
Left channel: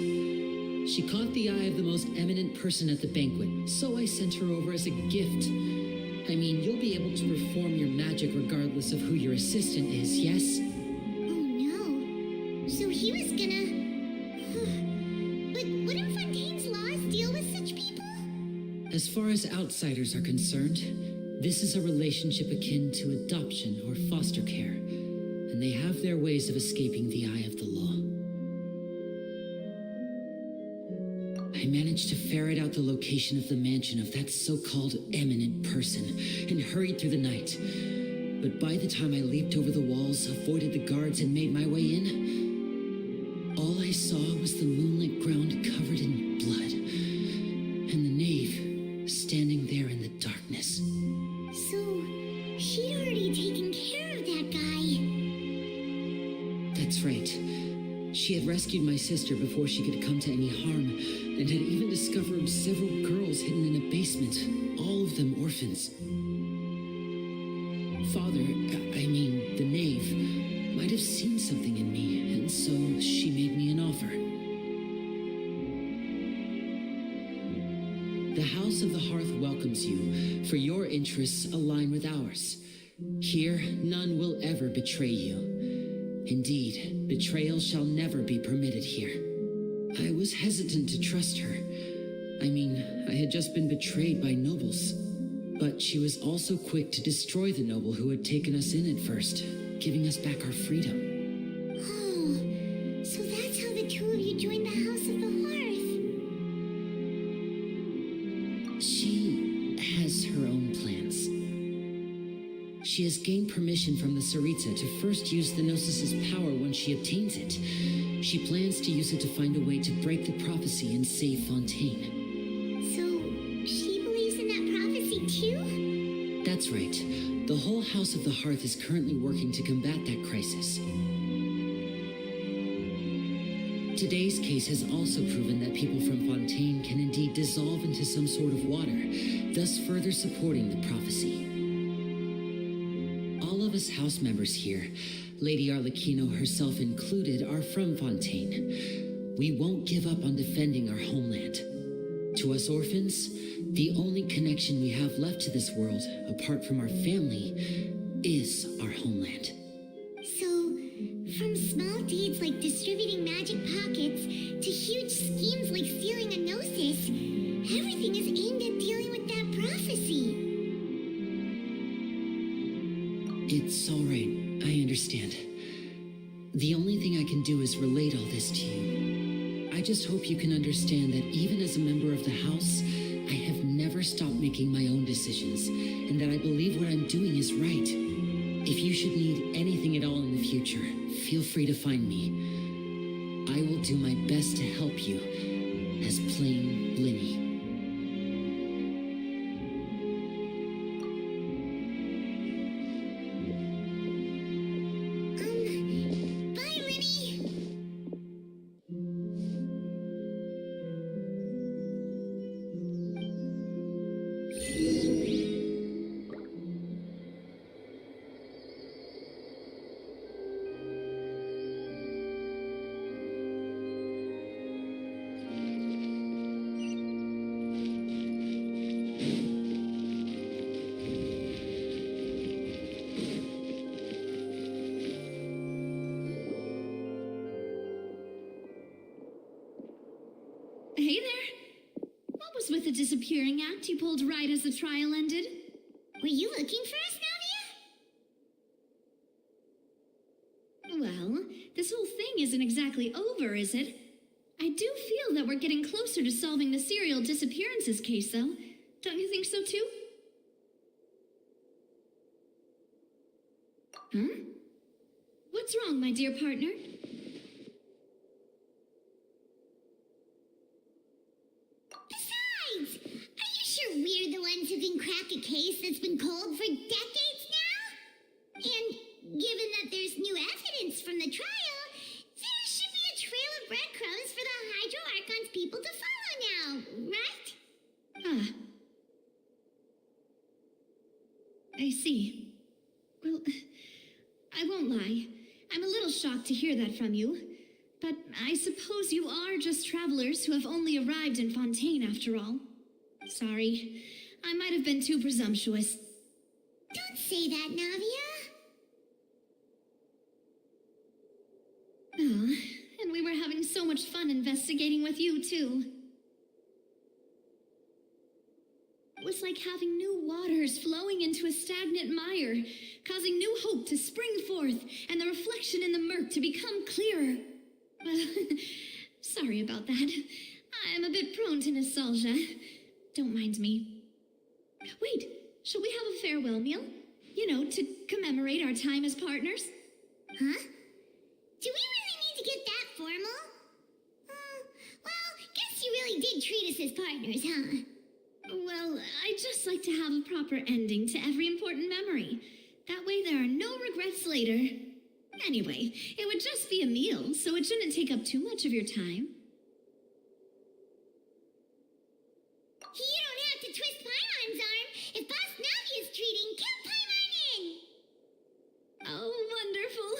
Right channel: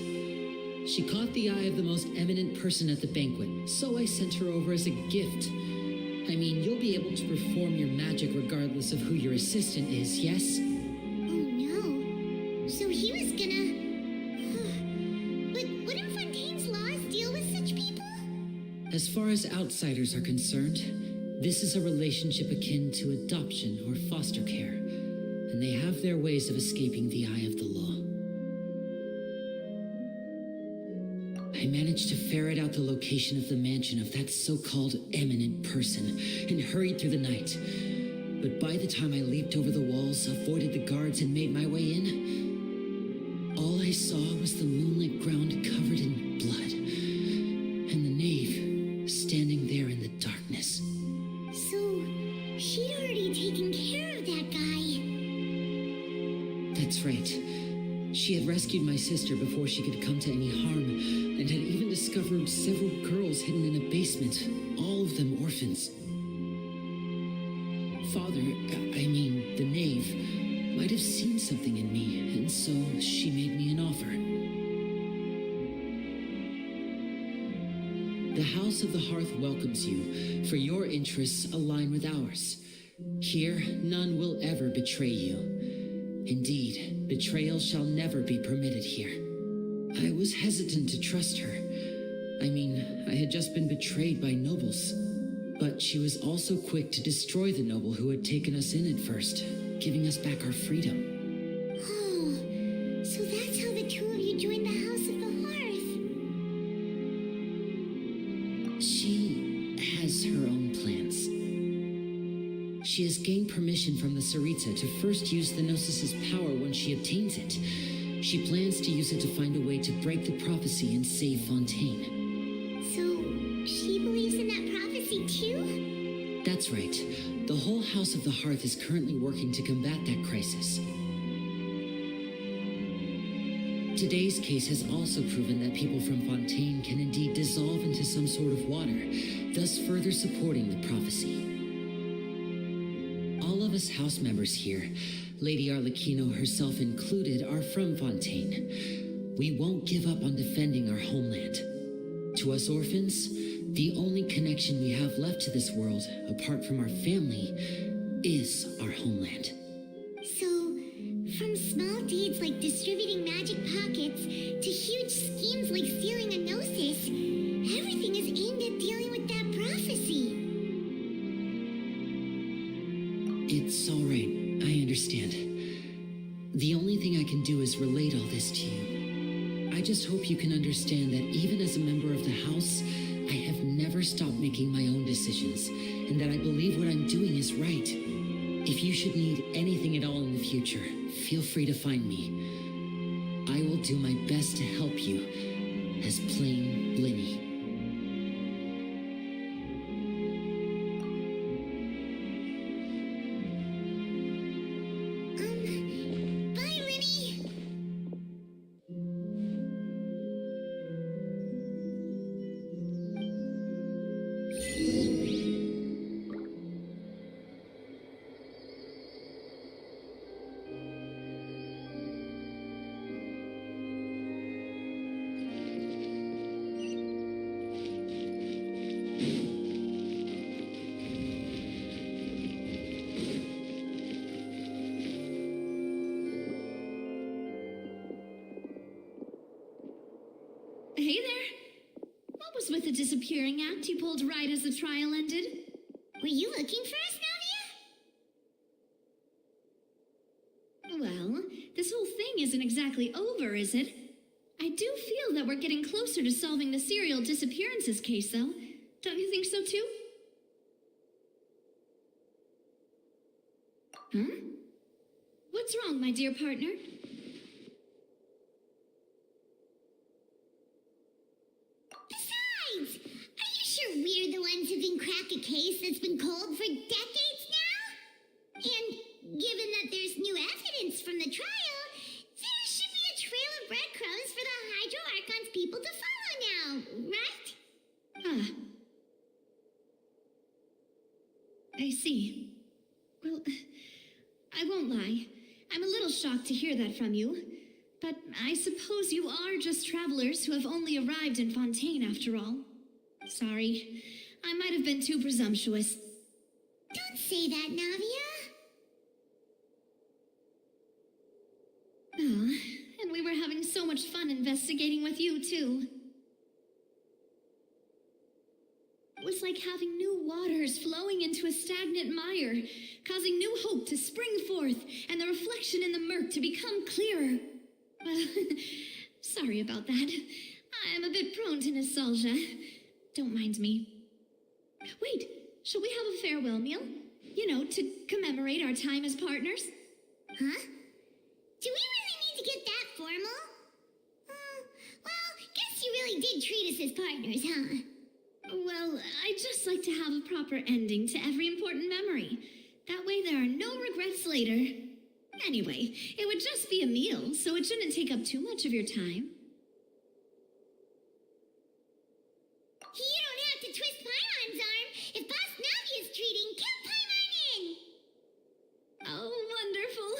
she caught the eye of the most eminent person at the banquet, so I sent her over as a gift. I mean, you'll be able to perform your magic regardless of who your assistant is, yes? Oh no. So he was gonna... But wouldn't Fontaine's laws deal with such people? As far as outsiders are concerned, this is a relationship akin to adoption or foster care, and they have their ways of escaping the eye of the law. I managed to ferret out the location of the mansion of that so-called eminent person and hurried through the night. But by the time I leaped over the walls, avoided the guards, and made my way in, all I saw was the moonlit ground covered in blood, and the knave standing there in the darkness. So, she'd already taken care of that guy. That's right. She had rescued my sister before she could come to any harm, and had even discovered several girls hidden in a basement, all of them orphans. Father, I mean, the knave, might have seen something in me, and so she made me an offer. The House of the Hearth welcomes you, for your interests align with ours. Here, none will ever betray you. Indeed, betrayal shall never be permitted here. I was hesitant to trust her. I mean, I had just been betrayed by nobles. But she was also quick to destroy the noble who had taken us in at first, giving us back our freedom. Oh, so that's how the two of you joined the House of the Hearth. She has her own plans. She has gained permission from the Saweria to first use the Gnosis' power when she obtains it. She plans to use it to find a way to break the prophecy and save Fontaine. So, she believes in that prophecy too? That's right. The whole House of the Hearth is currently working to combat that crisis. Today's case has also proven that people from Fontaine can indeed dissolve into some sort of water, thus further supporting the prophecy. All of us house members here, Lady Arlecchino herself included, are from Fontaine. We won't give up on defending our homeland. To us orphans, the only connection we have left to this world, apart from our family, is our homeland. So, from small deeds like distributing magic pockets to huge schemes like stealing a Gnosis, everything is aimed at dealing with that prophecy. It's all right. I understand. The only thing I can do is relate all this to you. I just hope you can understand that even as a member of the House, I have never stopped making my own decisions, and that I believe what I'm doing is right. If you should need anything at all in the future, feel free to find me. I will do my best to help you, as plain Linny. Bye, Linny! disappearing act you pulled right as the trial ended? Were you looking for us, Navia? Well, this whole thing isn't exactly over, is it? I do feel that we're getting closer to solving the serial disappearances case, though. Don't you think so, too? Huh? What's wrong, my dear partner? Besides, are you sure we're the ones who can crack a case that's been cold for decades now? And given that there's new evidence from the trial, there should be a trail of breadcrumbs for the Hydro Archon's people to follow now, right? Ah. I see. Well, I won't lie. I'm a little shocked to hear that from you. But I suppose you are just travelers who have only arrived in Fontaine after all. Sorry. I might have been too presumptuous. Don't say that, Navia. Oh, and we were having so much fun investigating with you, too. It was like having new waters flowing into a stagnant mire, causing new hope to spring forth, and the reflection in the murk to become clearer. Sorry about that. I'm a bit prone to nostalgia. Don't mind me. Wait, shall we have a farewell meal? You know, to commemorate our time as partners? Huh? Do we really need to get that formal? Well, guess you really did treat us as partners, huh? Well, I'd just like to have a proper ending to every important memory. That way there are no regrets later. Anyway, it would just be a meal, so it shouldn't take up too much of your time. You don't have to twist Paimon's arm. If Boss Navia's treating, count Paimon in! Oh, wonderful.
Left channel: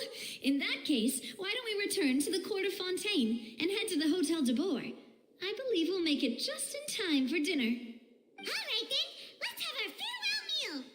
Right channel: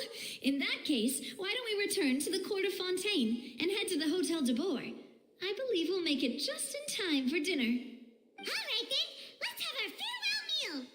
In that case, why don't we return to the court of Fontaine and head to the Hotel de Boer? I believe we'll make it just in time for dinner. All right, then. Let's have our farewell meal.